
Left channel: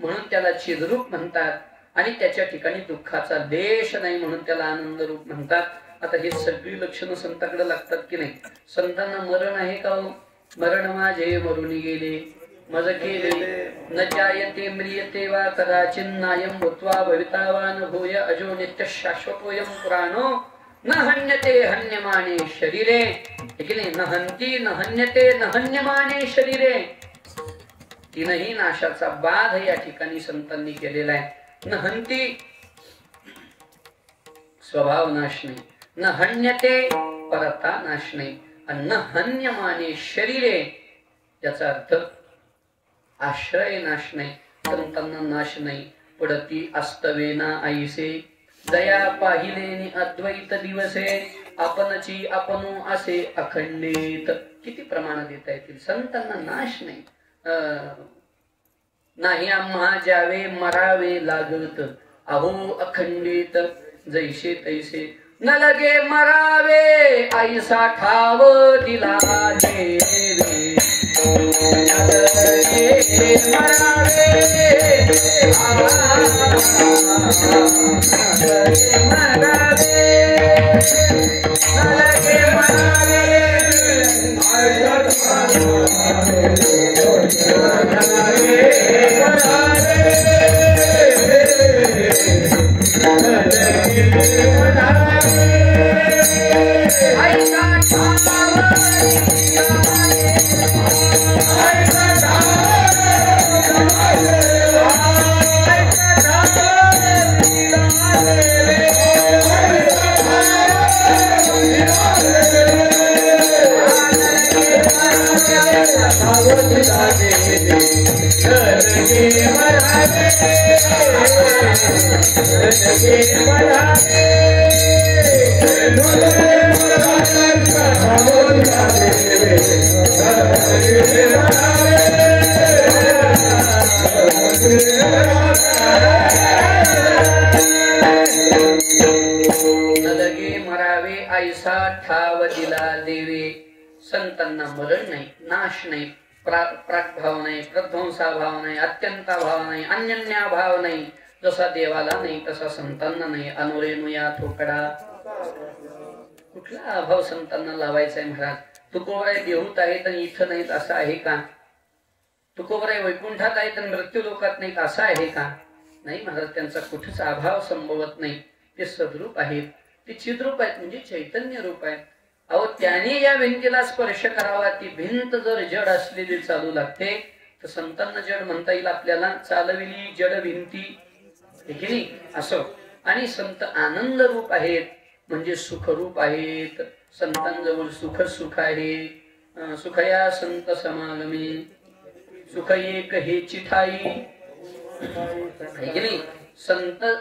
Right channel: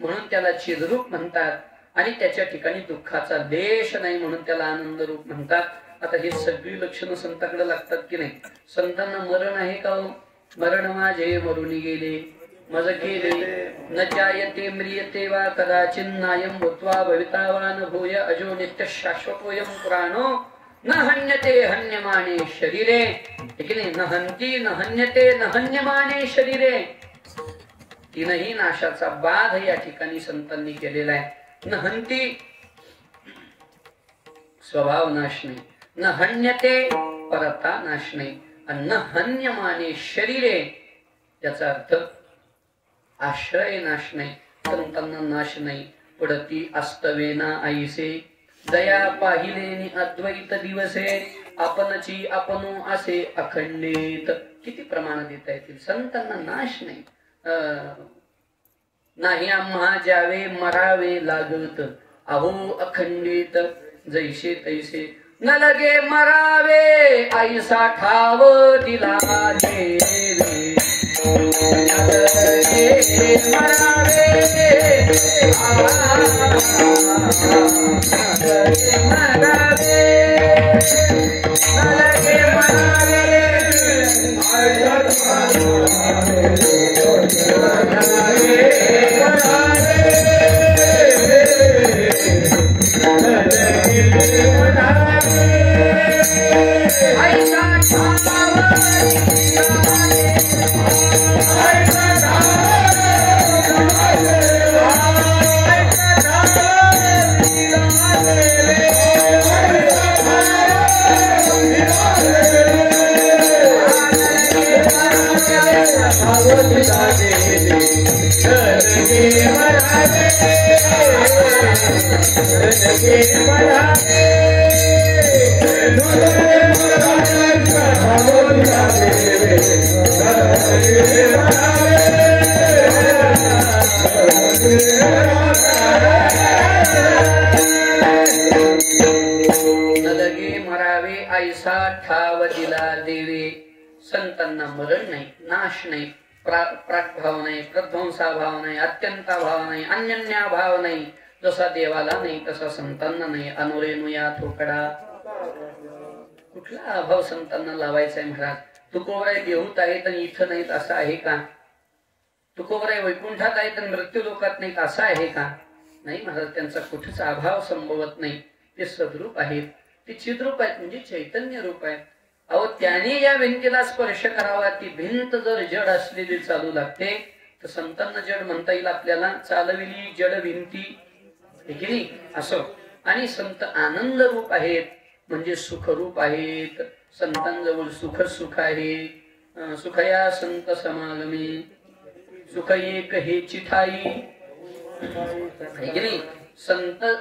म्हणून त्याला चिद्रूप म्हणतात. आणि त्याच्या ठिकाणी दुःखाचा देश नाही म्हणून त्याला आनंद रूप म्हणतात. आता ही सगळी लक्षणं संतांकडे लागतात की नाही? संतांना मरण आहे का? मरण माझे मरून गेले मज गेले न चायते म्रियते वा कदाचिन्नायं भूत्वा भवितावान भूय अजो नित्य शाश्वतोयं पुराणो न हन्यते हन्यमाने शरीरे. न हन्ति न हन्यते न हन्यमाने शरीरे. तीनही नाशाचा बाध या ठिकाणी संतांनी केलेला आहे. न हन्ति स्वभाव नाश नाही, न हन्यते परता नाश नाही, आणि न हन्यमाने शरीरे याचा अर्थ आश्रय नाश नाही, संतांना नाश नाही. पडती अस्तवेना आईसे दया पाहिले अद्वैत दिवसे आपणची आपणू असे अखंडित. किती प्रमाण देता येतील? संतांना नाश नाही. नाही आम्हा ज्यावे मरावे लागत अहो अखंडित जैसे तैसे न लगे मरावे ऐसा ठाव दिला देवे. लगे मरावे ऐसा ठाव दिला देवे. संतांना मरण नाही, नाश नाही, प्रागभाव नाही, प्रध्वंसाभाव नाही, अत्यंताभाव नाही, अन्यन्याभाव नाही. जसा देवाला नाही तसा संतांना नाही. अनुरेनुया ठोकडा. कुठला अभाव संतांना लावायचा आहे महाराज? तुकोबराय देऊत आहेत आणि इथं नाहीत असं आहे का? तुकोबराय वैकुंठात आहेत आणि मृत्यू लोकात नाहीत असं आहे का? नाही महाराज, त्यांचा कुठेच अभाव संभवत नाही. ते सद्रूप आहेत, ते चिद्रूप आहेत, म्हणजे चैतन्य रूप आहेत. अहो त्याने या भिंतीला स्पर्श करावा. ती भिंत जर जड असलेली चालू लागते तर संतांना जड म्हणता येईल आपल्याला. चालविली जड भिंती असो. आणि संत आनंद रूप आहेत, म्हणजे सुखरूप आहेत. संतांजवळ सुख सुख आहे. सुखया संत समागमे सुख एक हे चिठाई.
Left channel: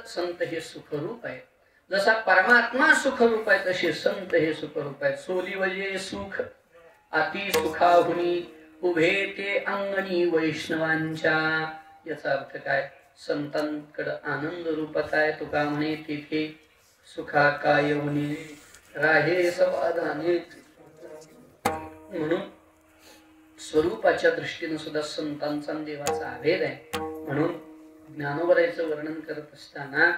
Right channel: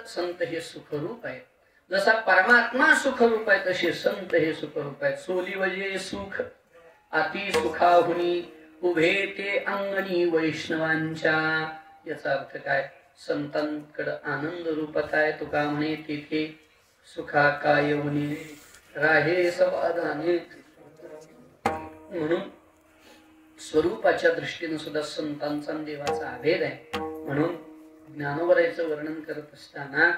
संत हे सुखरूप आहे. जसा परमात्मा सुखरूप आहे तसे संत हे सुखरूप आहेत. सोली वजे सुख अति सुखाहुनी उभे ते अंगणी वैष्णवांच्या. याचा अर्थ काय? संतांकडे आनंद रूपच आहे. तुका म्हणे तेथे सुखा काय होणे राहे समाधानी. म्हणून स्वरूपाच्या दृष्टीने सुद्धा संतांचा देवाचा अभेद आहे. म्हणून ज्ञानोबरायचं वर्णन करत असताना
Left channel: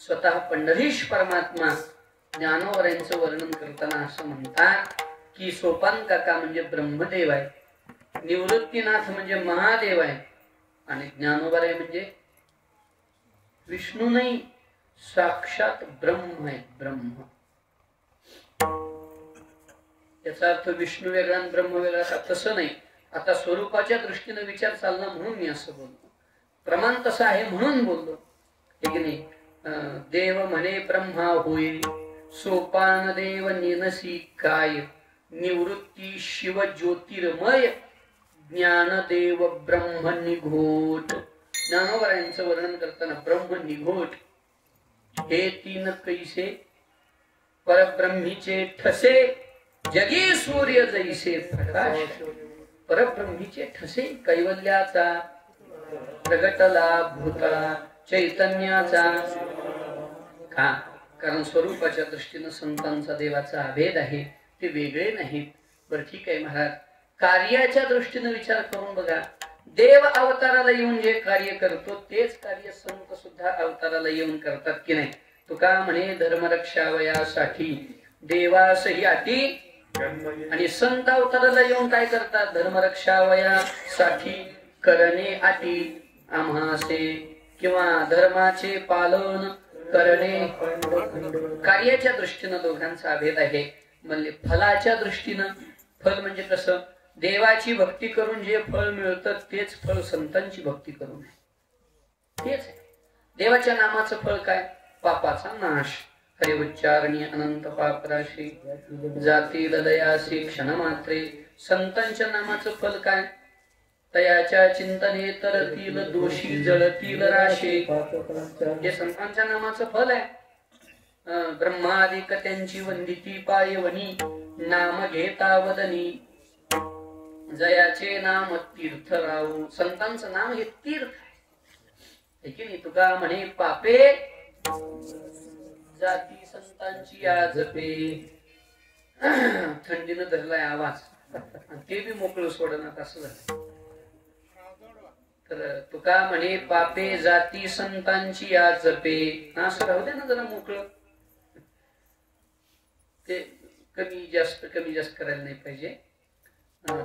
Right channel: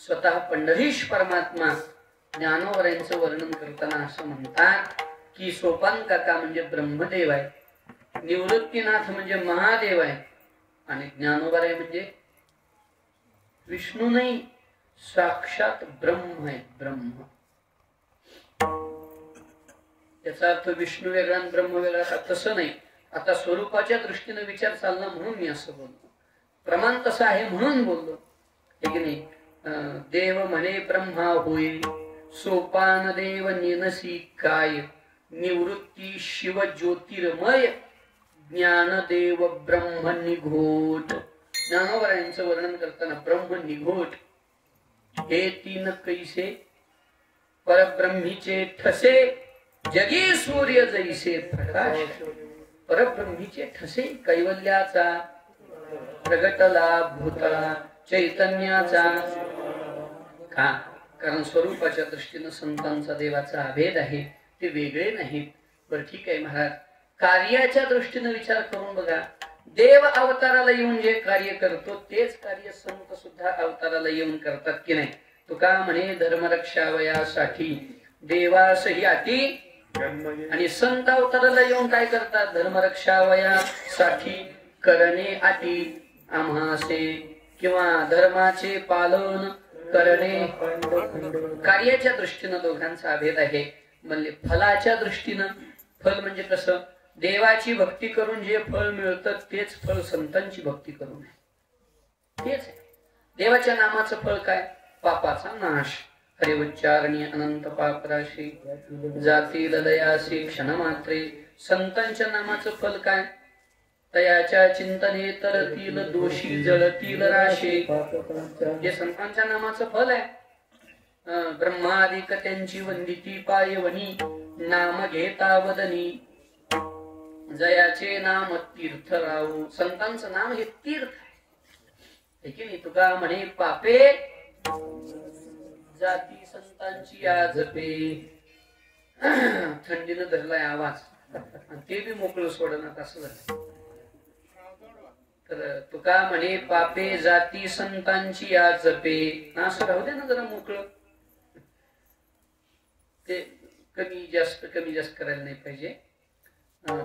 स्वतः पंढरीश परमात्मा ज्ञानोबरायचं वर्णन करताना असं म्हणतात की सोपान काका म्हणजे ब्रह्मदेव आहे, निवृत्तीनाथ म्हणजे महादेव आहे, आणि ज्ञानोबराय म्हणजे विष्णू नाही, साक्षात ब्रह्म आहे. ब्रह्म याचा अर्थ विष्णू वेगळा आणि ब्रह्म वेगळा तसं नाही. आता स्वरूपाच्या दृष्टीने विचार चालला म्हणून मी असं बोलतो. प्रमाण तसं आहे म्हणून बोलतो. देव म्हणे ब्रह्मा होईल सोपान देव निनसी काय. निवृत्ती शिव ज्योतिर्मय ज्ञानदेव ब्रह्म निघोट. ज्ञानोबरायांचं वर्णन करताना ब्रह्म निघोट हे तीन कैसे परब्रह्मीचे ठसे जगी सूर्य जैसे प्रकाश. परब्रह्मीचे ठसे कैवल्याचा प्रगटला भूतळा चैतन्याचा. का? कारण स्वरूपाच्या दृष्टीने संतांचा देवाचा अभेद आहे, ते वेगळे नाहीत. बरं ठीक आहे महाराज, कार्याच्या दृष्टीने विचार करून बघा. देव अवताराला येऊन जे कार्य करतो तेच कार्य संत सुद्धा अवताराला येऊन करतात की नाही? तुका म्हणे धर्मरक्षावयासाठी देवासही अटी. आणि संत अवताराला येऊन काय करतात? धर्मरक्षावयासाठी करणे अटी आम्हासे, किंवा धर्माचे पालन करणे. कार्याच्या दृष्टीनं दोघांचा अभेद आहे. म्हणजे फलाच्या दृष्टीनं, फल म्हणजे कसं? देवाची भक्ती करून जे फळ मिळतं तेच फळ संतांची भक्ती करून आहे. तेच देवाच्या नामाचं फळ काय? पापाचा नाश. हरिउच्चारणी अनंत पापनाशी जातील दयासी क्षण मात्रे. संतांच्या नामाचं फल काय? तयाच्या चिंतने तरतील दोषी जळतील राशे. हे संतांच्या नामाचं फल आहे. ब्रह्मादिक त्यांची वंदिती पायवणी नाम घेता वदनी. जयाचे नाम तीर्थ राव. संतांचं नाम हे तीर्थ आहे की नाही? तुका म्हणे पापे जाती संतांची आज पे. थंडीनं धरलाय आवाज, ते बी मोकळं सोडणार असं झालं. तर तुका म्हणे पापे जाती संतांची आज पे. असं राहू दे ना जरा मोकळं. ते कमी जास्त करायला नाही पाहिजे.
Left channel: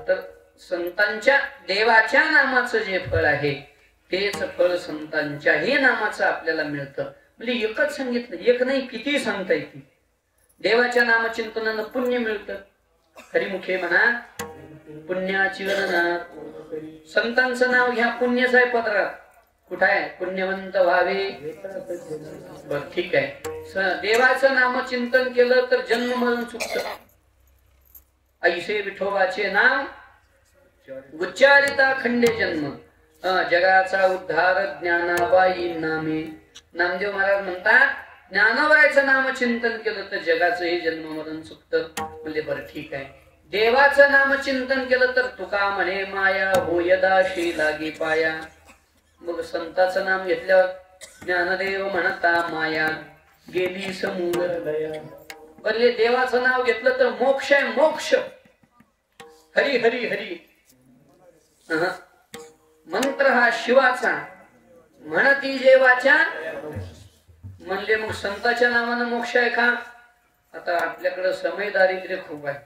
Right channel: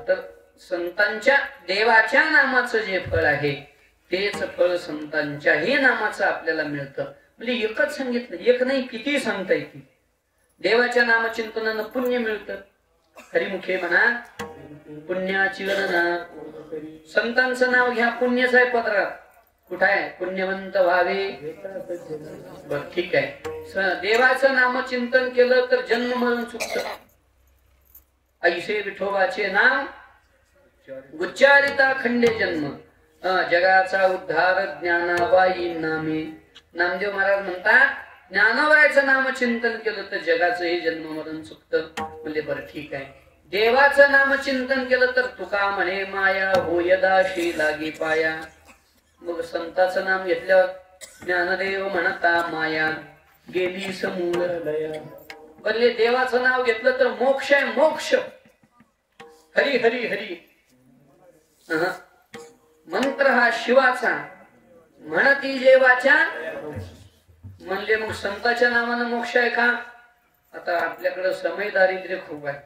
तर संतांच्या देवाच्या नामाचं जे फळ आहे तेच फळ संतांच्याही नामाचं आपल्याला मिळतं. म्हणजे एकच सांगितलं, एक नाही किती सांगता येते. देवाच्या नामचिंतनानं पुण्य मिळतं. हरिमुखे म्हणा पुण्याची म्हणा. संतांचं नाव घ्या, पुण्यच आहे पत्रात. कुठं आहे? पुण्यवंत व्हावे. बर ठीक आहे. देवाचं नामचिंतन केलं तर जन्म मरण चुकत. ऐसे विठोबाचे नाव उच्चारिता खंडे जन्म. जगाचा उद्धार ज्ञानाबाई नामे. नामदेव महाराज म्हणतात ज्ञानाबाईचं नामचिंतन केलं तर जगाचं हे जन्म मरण चुकत. म्हणजे बरं ठीक आहे. देवाचं नामचिंतन केलं तर तुका म्हणे माया होयदाशी लागे पाया. मग संताचं नाम घेतल्यावर ज्ञानदेव म्हणता माया. गेली समूळ दया. म्हणजे देवाचं नाव घेतलं तर मोक्ष आहे, मोक्ष. हरी हरी हरी मंत्र हा शिवाचा, म्हणती जेवाच्या. म्हणले मग संताच्या नावानं मोक्ष आहे का? आता आपल्याकडे समय दारिद्र्य खूप आहे,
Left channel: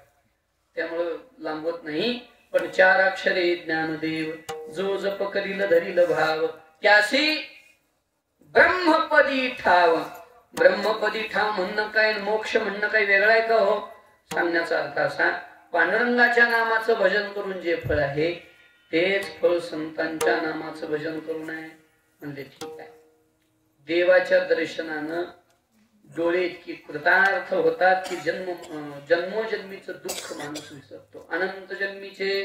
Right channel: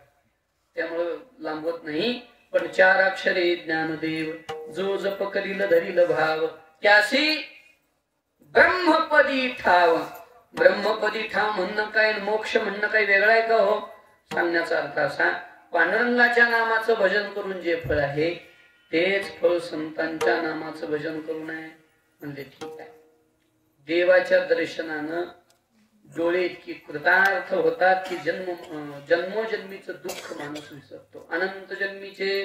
त्यामुळं लांबत नाही. पण 4 अक्षरे ज्ञानदेव, जो जप करील धरील भाव, त्यासी ब्रह्मपदी ठाव. ब्रह्मपदी ठाव म्हणणं काय, मोक्ष म्हणणं काय वेगळं आहे का? हो, सांगण्याचा अर्थ असा, पांडुरंगाच्या नामाचं भजन करून जे फळ आहे तेच फळ संतांच्या नामाचं भजन करून आहे. म्हणजे ठीक आहे. देवाच्या दर्शनानं डोळे इतकी कृतार्थ होतात की जन्मोजन्मीचं दुःख माणूस विसरतो. अनंत जन्मीचे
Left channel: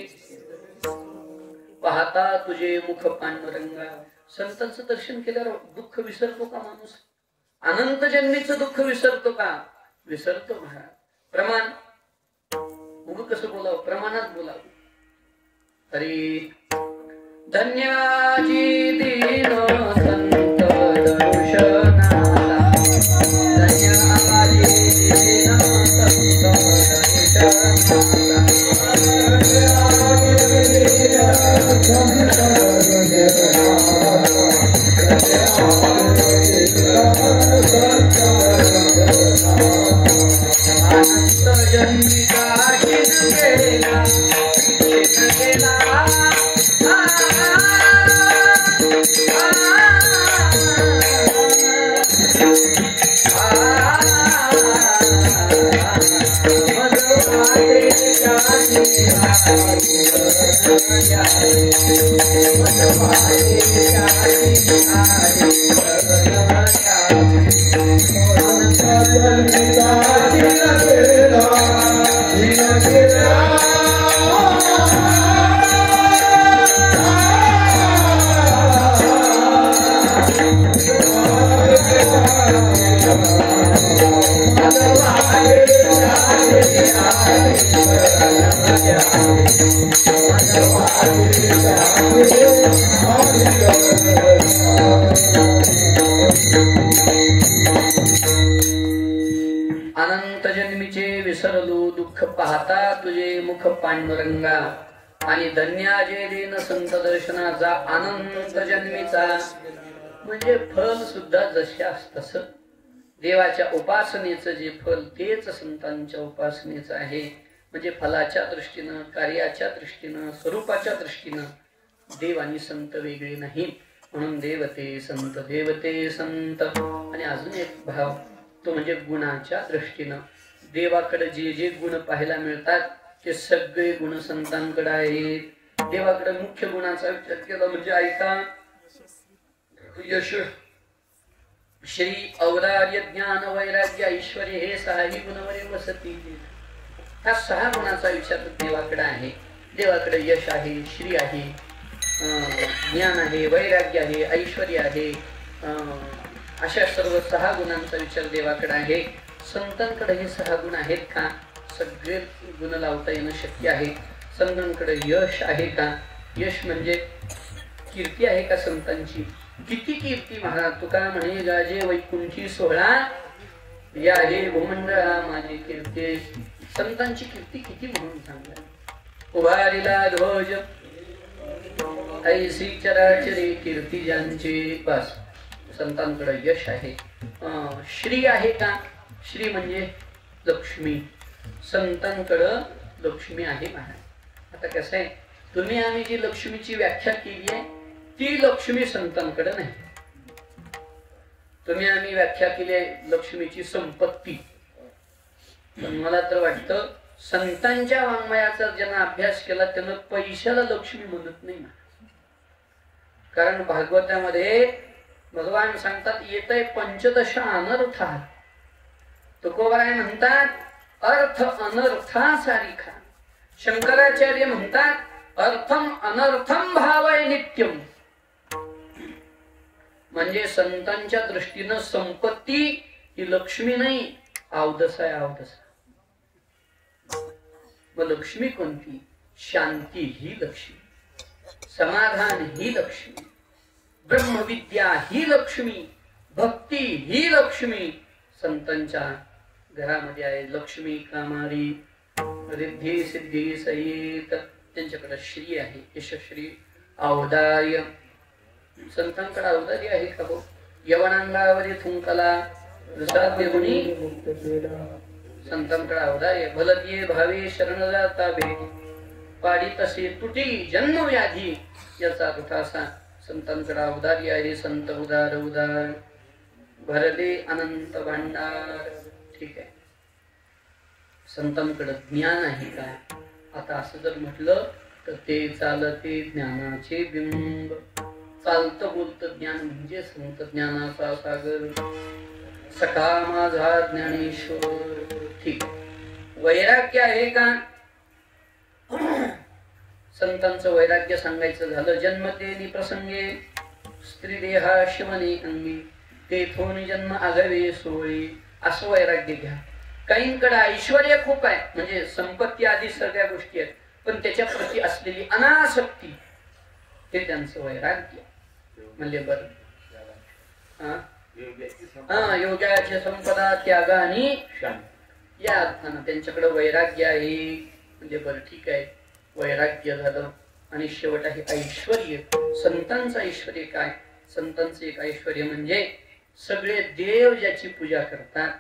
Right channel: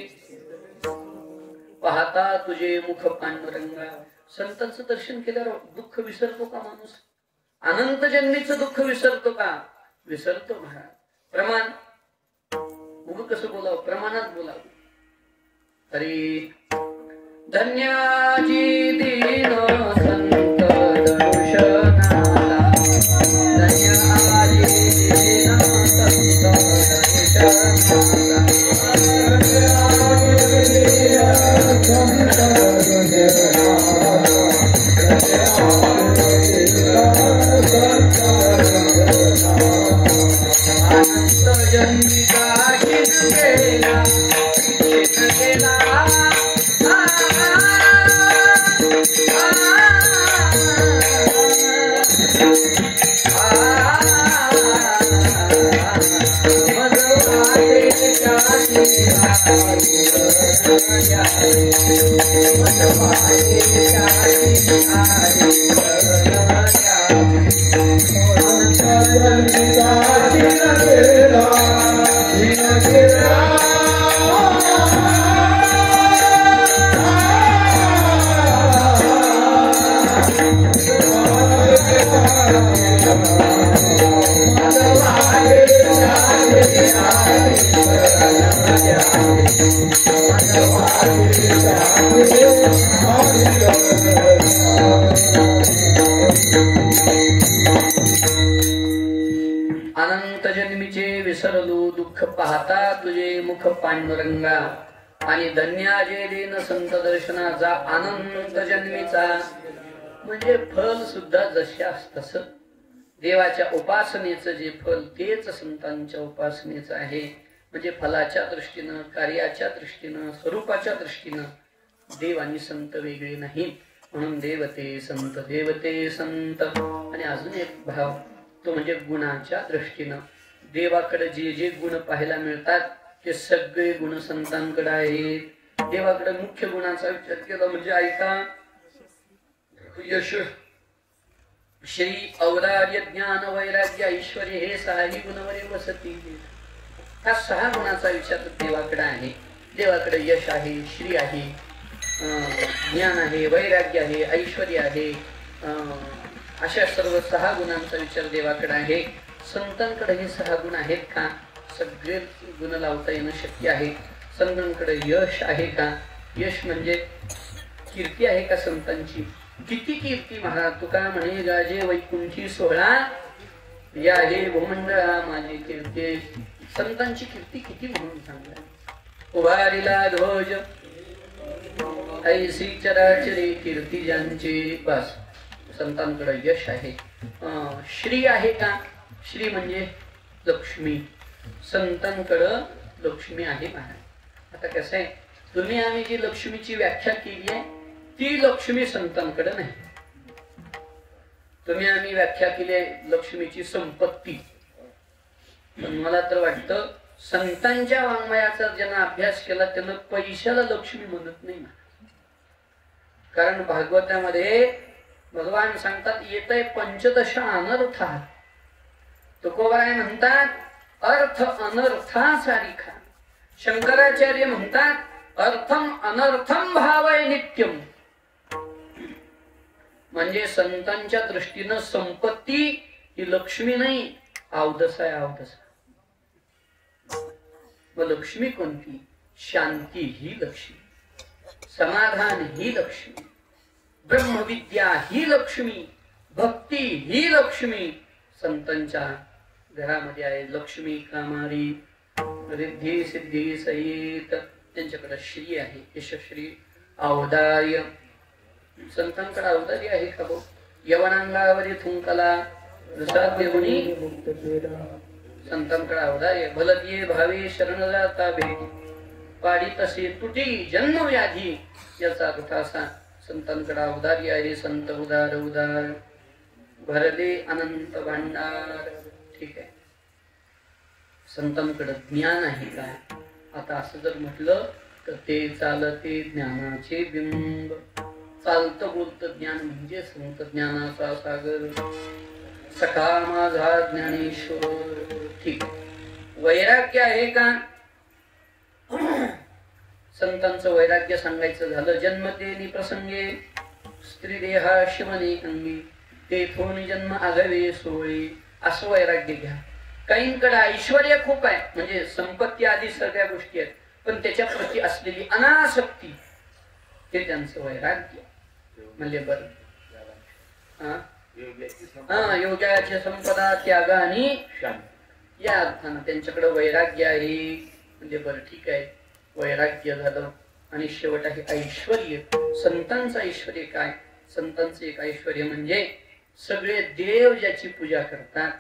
पाहता तुझे मुख पांडुरंगा. संतांचं दर्शन केल्यावर दुःख विसरतो का माणूस? अनंत जन्मीचं दुःख विसरतो का? विसरतो महाराज. प्रमाण उग कसं बोलावं, प्रमाणात बोलावं. अरे धन्याची दीन संत दर्शनाला, धन्याची दीन अनंत जन्मीचे विसरलो दुःख पाहता तुझे मुख पांडुरंगा. आणि धन्याजे दिन संत दर्शनाचा अनंत जन्मीचा. म्हणजे फल सुद्धा जशास तस देवाच्या उपासनेचं जे फल तेच संतांच्या उपासनेचं आहे. म्हणजे फलाच्या दृष्टीनं, कार्याच्या दृष्टीनं, स्वरूपाच्या दृष्टीनं देव आणि संत वेगळे नाही. म्हणून देवते संत, देवते संत. आणि अजून एक भाव तो म्हणजे गुणाच्या दृष्टीनं. देवाकडे जे जे गुण पाहायला मिळतात ते सगळे गुण संतांकडे आहेत. देवाकडे मुख्य गुणाचा विचार केला म्हणजे ऐका, यश, श्री, औदार्य, ज्ञान, वैराग्य, ऐश्वर्य हे 6 गुणवरी वसती. ह्या 6 गुणाचा विचार देवाकडे आहे. देवाकडे यश आहे, श्री आहे, ज्ञान आहे, वैराग्य आहे, ऐश्वर्य आहे. अशा सर्व 6 गुणांचा विचार देवाकडे आहे. संतांकडे हे 6 गुण आहेत का? सगळे गुण लावता येणं शक्य आहे. संतांकडे यश आहे का? यश म्हणजे कीर्ती आहे का संतांची? किती कीर्ती महाराज तुका म्हणे, गाजे वैकुंठी 16 या हे भूमंडळा माझे कीर्ती. संतांची कीर्ती किती म्हणून सांगतात. उभारिला ध्वज ऐसी चराचरी कीर्ती ज्यांची. बस संतांकडे यश आहे. श्री आहे का? श्री म्हणजे लक्ष्मी. संतांकडं लक्ष्मी आहे महाराज. आता कसं आहे, तुम्ही आम्ही जी लक्ष्मीची व्याख्या केली आहे ती लक्ष्मी संतांकडे नाही. तुम्ही आम्ही व्याख्या केली लक्ष्मीची संपत्ती. मला तर वाटतं संतांच्या वाङ्मयाचा ज्यानं अभ्यास केला त्यानं पैशाला लक्ष्मी म्हणत नाही. कारण भागवतामध्ये भगवान सांगतात येतय पंचदश अनर्थात. तुकोबाराय म्हणतात अर्थ अनर्थासारिखा. शंकराचार्य म्हणतात अर्थम अनर्थम भावय नित्यम. म्हणजे संतांच्या दृष्टीनं संपत्ती ही लक्ष्मी नाही, अवदस आहे, अवदस. मग लक्ष्मी कोणती? शांती ही लक्ष्मी, समाधान ही लक्ष्मी, ब्रह्मविद्या ही लक्ष्मी, भक्ती ही लक्ष्मी, संतांच्या घरामध्ये आहे लक्ष्मी कामारी रिद्धी सिद्धी सहित त्यांच्याकडे श्री आहे यशश्री औदार्य संतांकडे औदार्य आहे का हो यवनांगावरी थुंकला गुणी संतांकडे औदार्य भलतीये भावे शरण जाता भेट पाडी तसे तुटी जन्मव्याधी याचा दुठासा संतांकडे औदार्य आहे संत उदार उदार भरले अनंत भांडार ठीक आहे संतांकडे ज्ञान आहे काय आता असं जर म्हटलं तर ते चालते ज्ञानाचे बिंब चालत बोलत ज्ञान म्हणजे संत ज्ञानाचा सागर सखा माझा ज्ञानेश्वर ठीक वैराग्य आहे का संतांचं वैराग्य सांगायचं झालं जन्मतेनी प्रसंगे स्त्री देहा शिवने अंगी तेथून जन्म आघवे सोयी असं वैराग्य घ्या काहींकडे ऐश्वर खूप आहे म्हणजे संपत्ती आदी सगळ्या गोष्टी आहेत पण त्याच्या प्रती असलेली अनासक्ती हे त्यांचं वैराग्य म्हणजे बरं योगाची संपदा त्याग आणि या अर्थानं त्यांच्याकडे वैराग्य आहे म्हणजे बरं ठीक आहे वैराग्य झालं आणि शेवट आहे ऐश्वर्य संतांचं ऐश्वर्य काय संतांचं एक ऐश्वर्य म्हणजे सगळे देव ज्याची पूजा करतात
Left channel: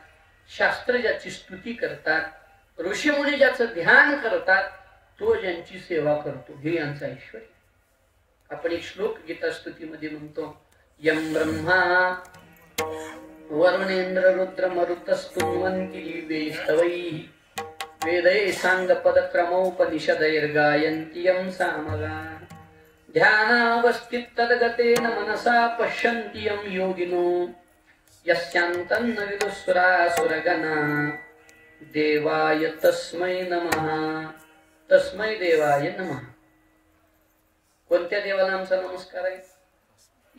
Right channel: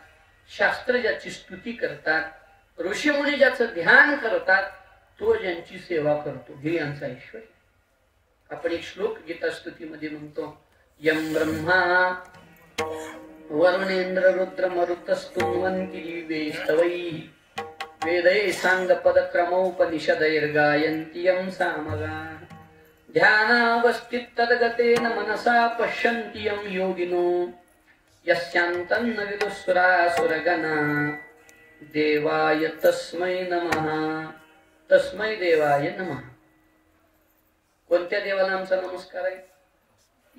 शास्त्र ज्याची स्तुती करतात ऋषीमुनी ज्याचं ध्यान करतात तो ज्यांची सेवा करतो हे यांचं ऐश्वर्य आपण एक श्लोक गीता स्तुतीमध्ये म्हणतो यं ब्रह्मा वरुणेंद्र रुद्र मरुतस्तुवन्ति वेस्तवैः वेदै सांग पदक्रमोपनिषदैर्गायन्ति यं सामगा ध्यानावस्थिततद्गतेन मनसा पश्यन्ति यं योगिनो यस्यान्तं न विदुस्सुरासुरगणा देवाय तस्मै नमः तस्मै देवाय नमः कोणत्या देवाला आमचा नमस्कार आहे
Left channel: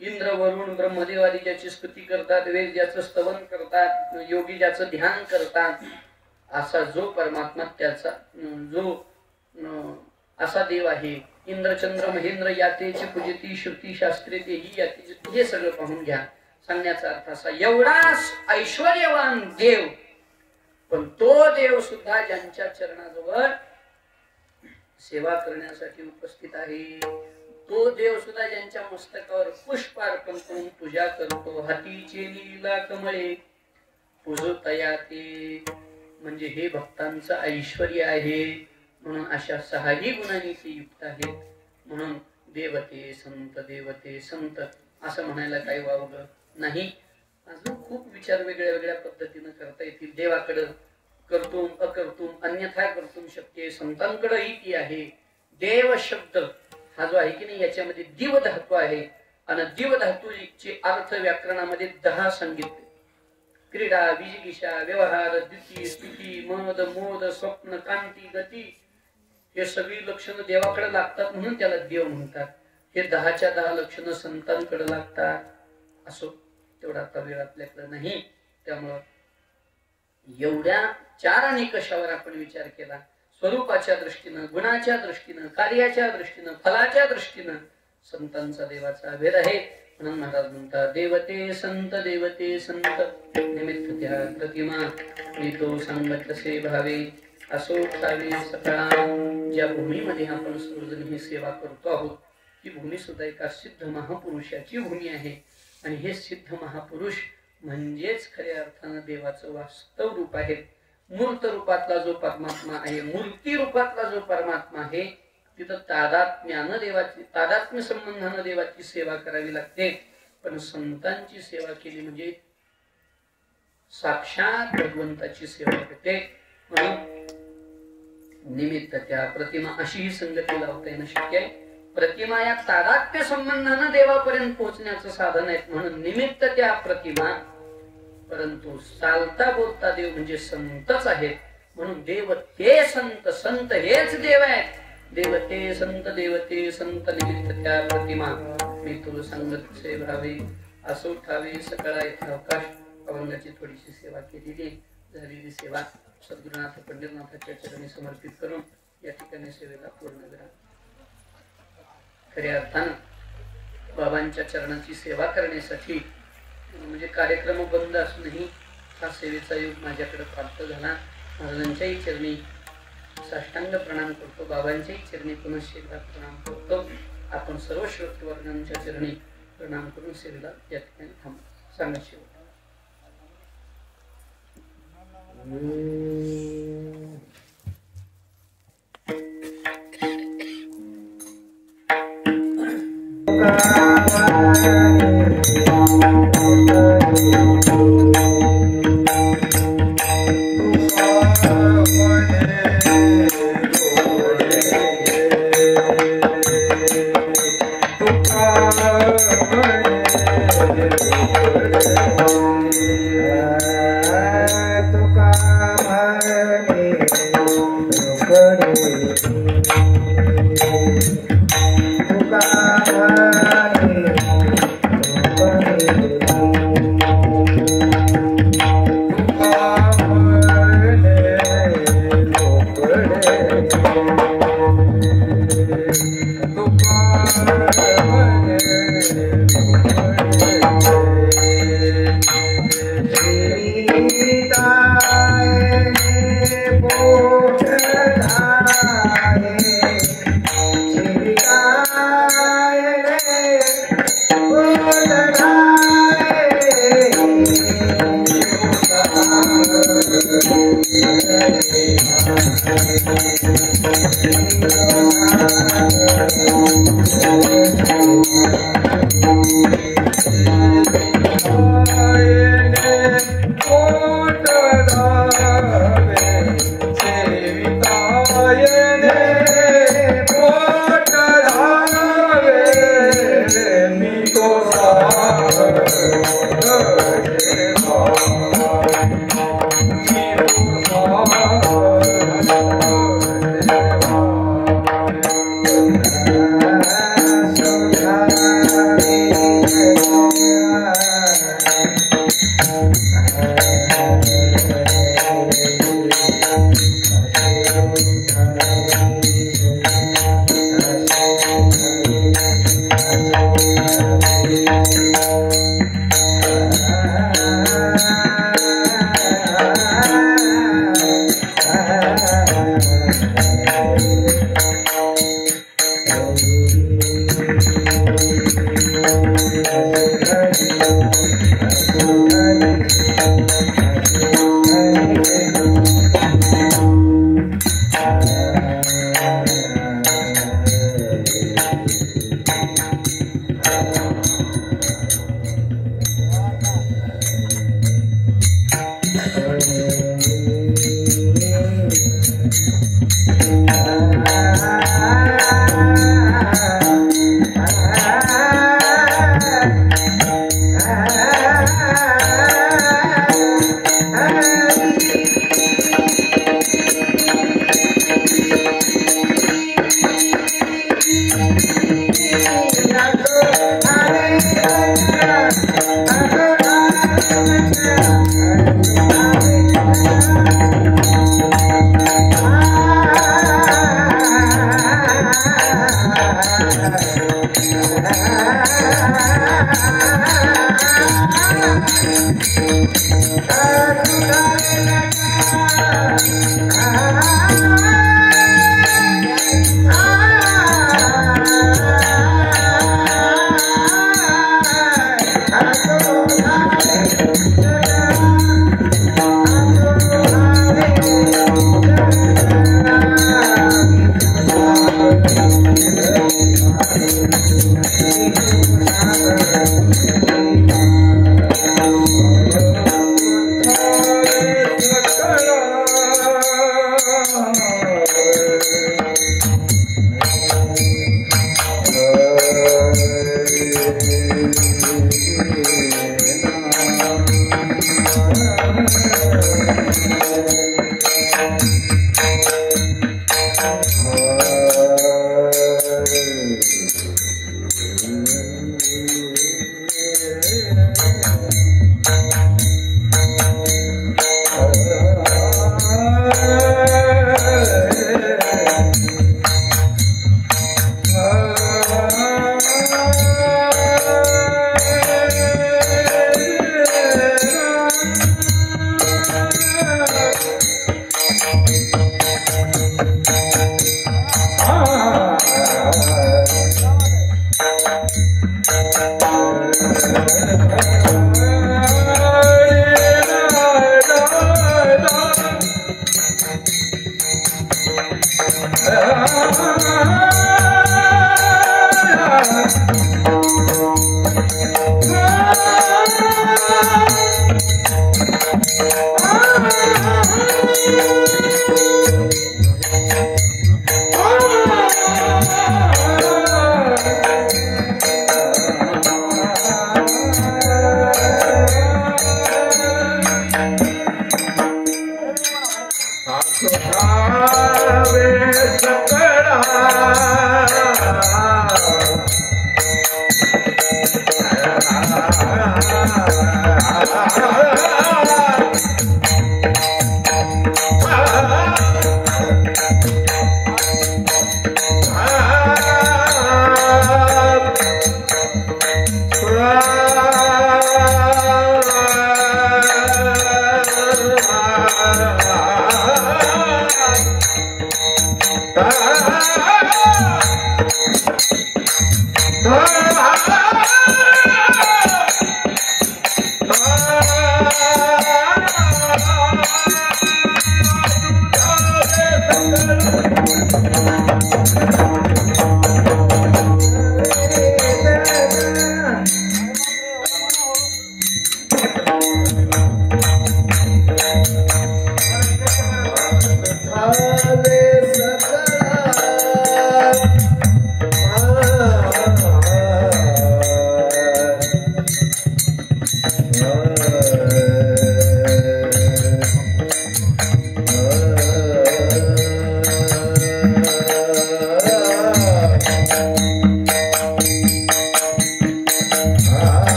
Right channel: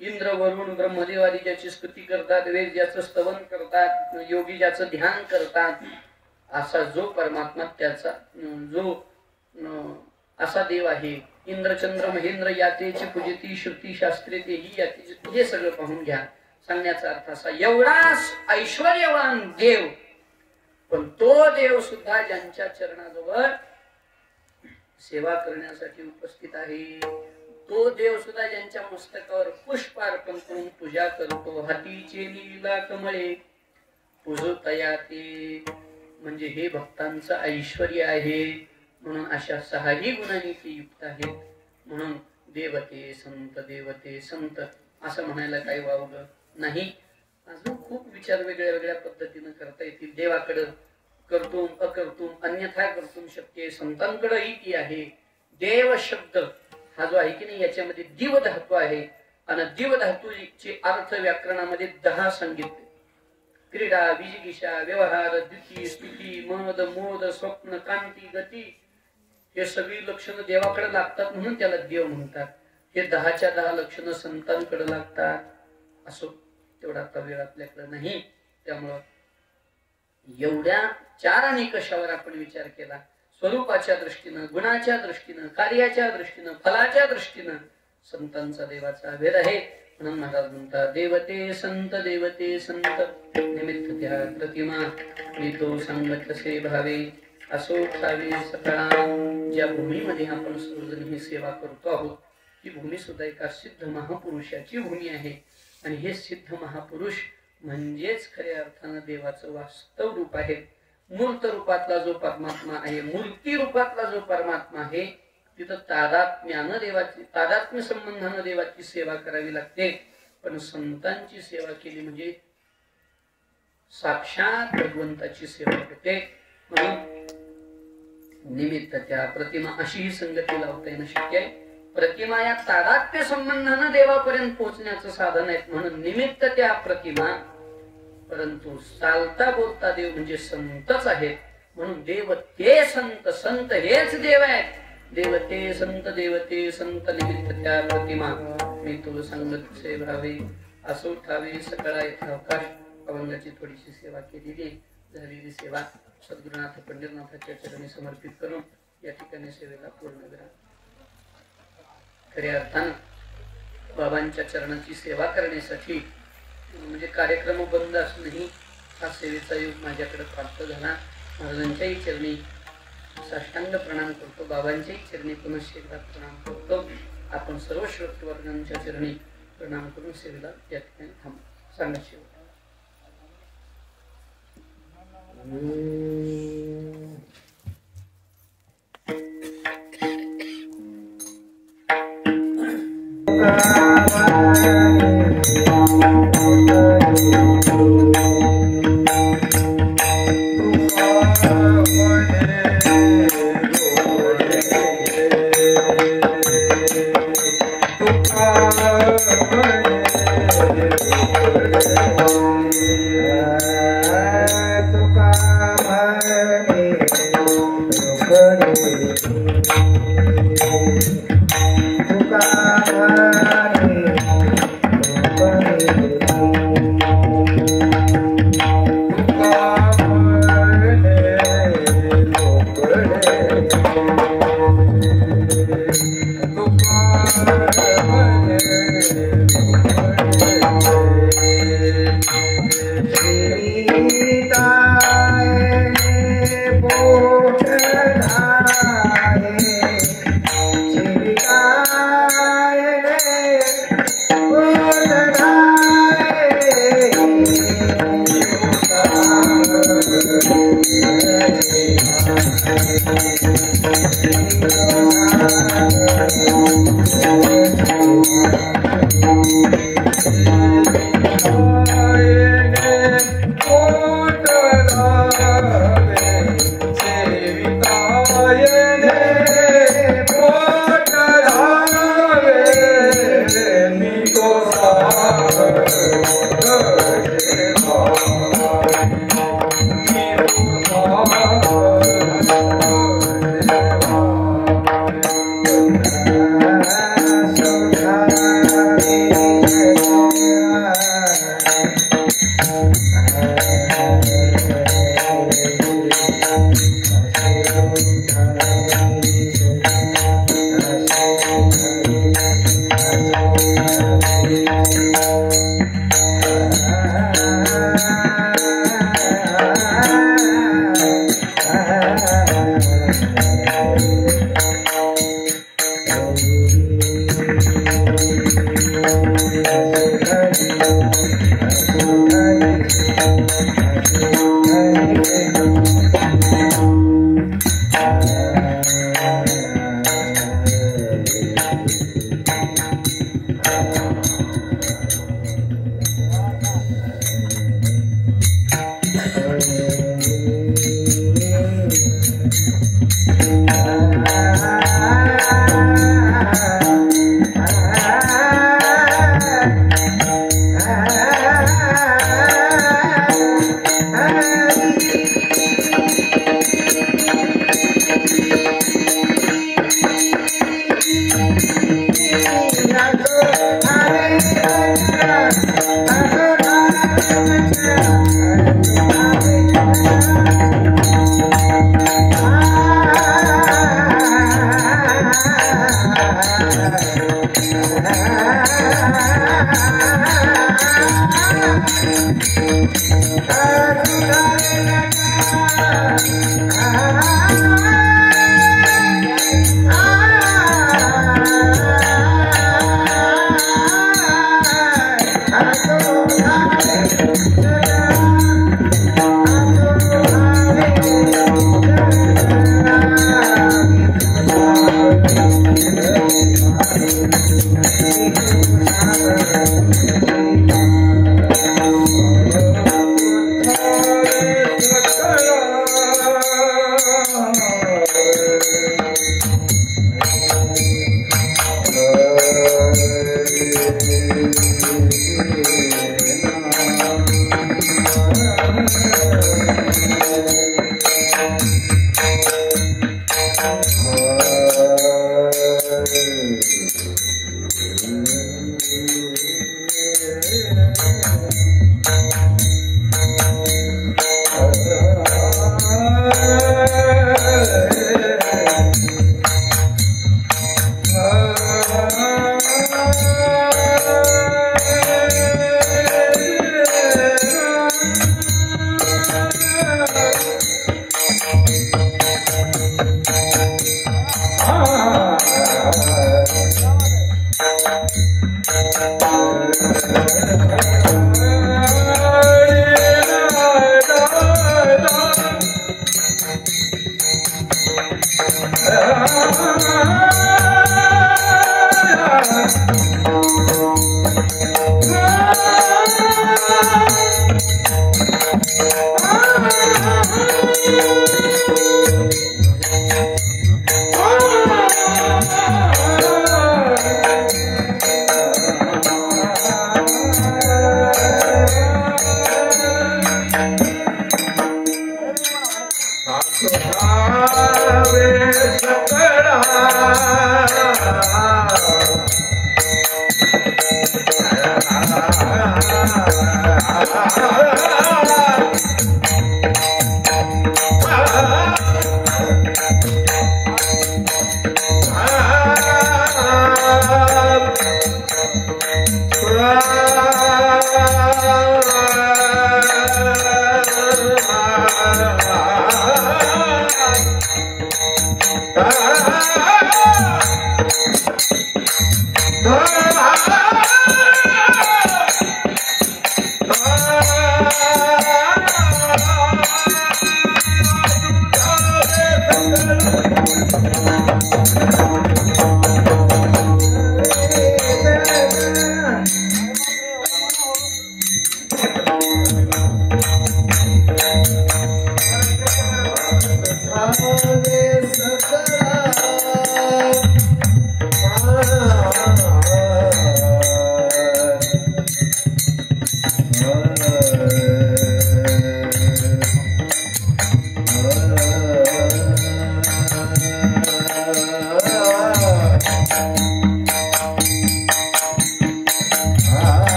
इंद्र वरुण ब्रह्मदेवादी ज्याची स्तुती करतात वेद ज्याचं स्तवन करतात योगी ज्याचं ध्यान करतात असा जो परमात्मा त्याचा जो असा देव आहे इंद्रचंद्र महेंद्र यातेची पूजिती श्रुती शास्त्रे तेही याते हे सगळं पाहून घ्या सांगण्याचा अर्थ असा एवढा ऐश्वर्यवान देव पण तो देव सुद्धा ज्यांच्या चरणाजवळ सेवा करण्यासाठी उपस्थित आहे तो देव सुद्धा ज्यांच्या मस्तकावर पुष्प अर्पण करून पूजा करतो हातीचे लीला कमळे पूजतया ते म्हणजे हे भक्तांचं ऐश्वर्य आहे म्हणून अशा सहाही गुणांनी ते युक्त आहेत म्हणून देवते संत असं म्हणायला काही वावगं नाही अजून खूप विचार वेगळ्या वेगळ्या पद्धतीने करता येतील देवाकडे कर्तुम अकर्तुम अन्यथा कर्तुम शक्य संतांकडेही ती आहे देव शब्द हा जो आहे की नाही याच्यामध्ये दिव धातू आहे आणि दिव धातूचे अर्थ व्याकरणामध्ये 10 सांगितले क्रीडा बीजगिषा व्यवहार द्विती स्तुती मद मोद स्वप्न कांती गती हे सगळी लक्षणं देवाकडे लागतात म्हणून त्याला देव म्हणतात हे 10च्या 10 लक्षणं संतांकडे लागतात असो तेवढा वेळ आपल्याकडे नाही त्यामुळं एवढ्या 4 निकषावर आपण विचार केला स्वरूपाच्या दृष्टीनं गुणाच्या दृष्टीनं कार्याच्या दृष्टीनं फलाच्या दृष्टीनं संतांचा देवाचा भेद आहे म्हणून महाराज म्हणतात देवते संत निमित्त त्या प्रतिमा येतो सांगत तसे भावे असो ठावे सकाळ ज्या भूमीमध्ये आपण सर्वजण ही सेवा करतो आहोत ही भूमी सुद्धा एका सिद्ध महापुरुषाची भूमी आहे आणि हे सिद्ध महापुरुष म्हणजेच खऱ्या अर्थानं देवाचं वास्तव रूप आहे मूर्त रूपातला जो परमात्मा आहे मूर्ती रूपातला जो परमात्मा आहे तिथं तादात्म्य संबंधानं देवाची सेवा करावी लागते पण संतांची सेवा केली म्हणजे साक्षात भगवंताची सेवा होते म्हणून निमित्त त्या प्रतिमा अशी ही संगती लावता येणं शक्य आहे प्रतिमा या तादात्म्य संबंधानं देवापर्यंत पोहोचण्याचं साधन आहे म्हणून निमित्त त्या प्रतिमा परंतु चालता बोलता देव म्हणजे संतच आहेत म्हणून देव ते संत हेच देव आहेत देवते संत निमित्त त्या प्रतिमा मी तुला सांगत से भावे असो ठावे सकाळ अवकाश अभंगाची थोडीशी सेवा केलेली आहे झालेली सेवा सद्गुरुनाथ पंढरनाथाच्या चरणी समर्पित करून या ठिकाणी सेवेला पूर्ण करा खऱ्या अर्थानं बाबांच्या चरणाची सेवा करण्यासाठी म्हणजे कार्यक्रम बंद असूनही हा सेवेचा योग माझ्याकडे प्राप्त झाला. महाराजांच्याही चरणी साष्टांग प्रणाम करतो, बाबांच्याही चरणी पुनश्च एकदा प्रणाम करतो. आपण सर्व श्रोतवर्गांच्या चरणी प्रणाम करून सेवेला या ठिकाणी थांबू. सांगा शिव.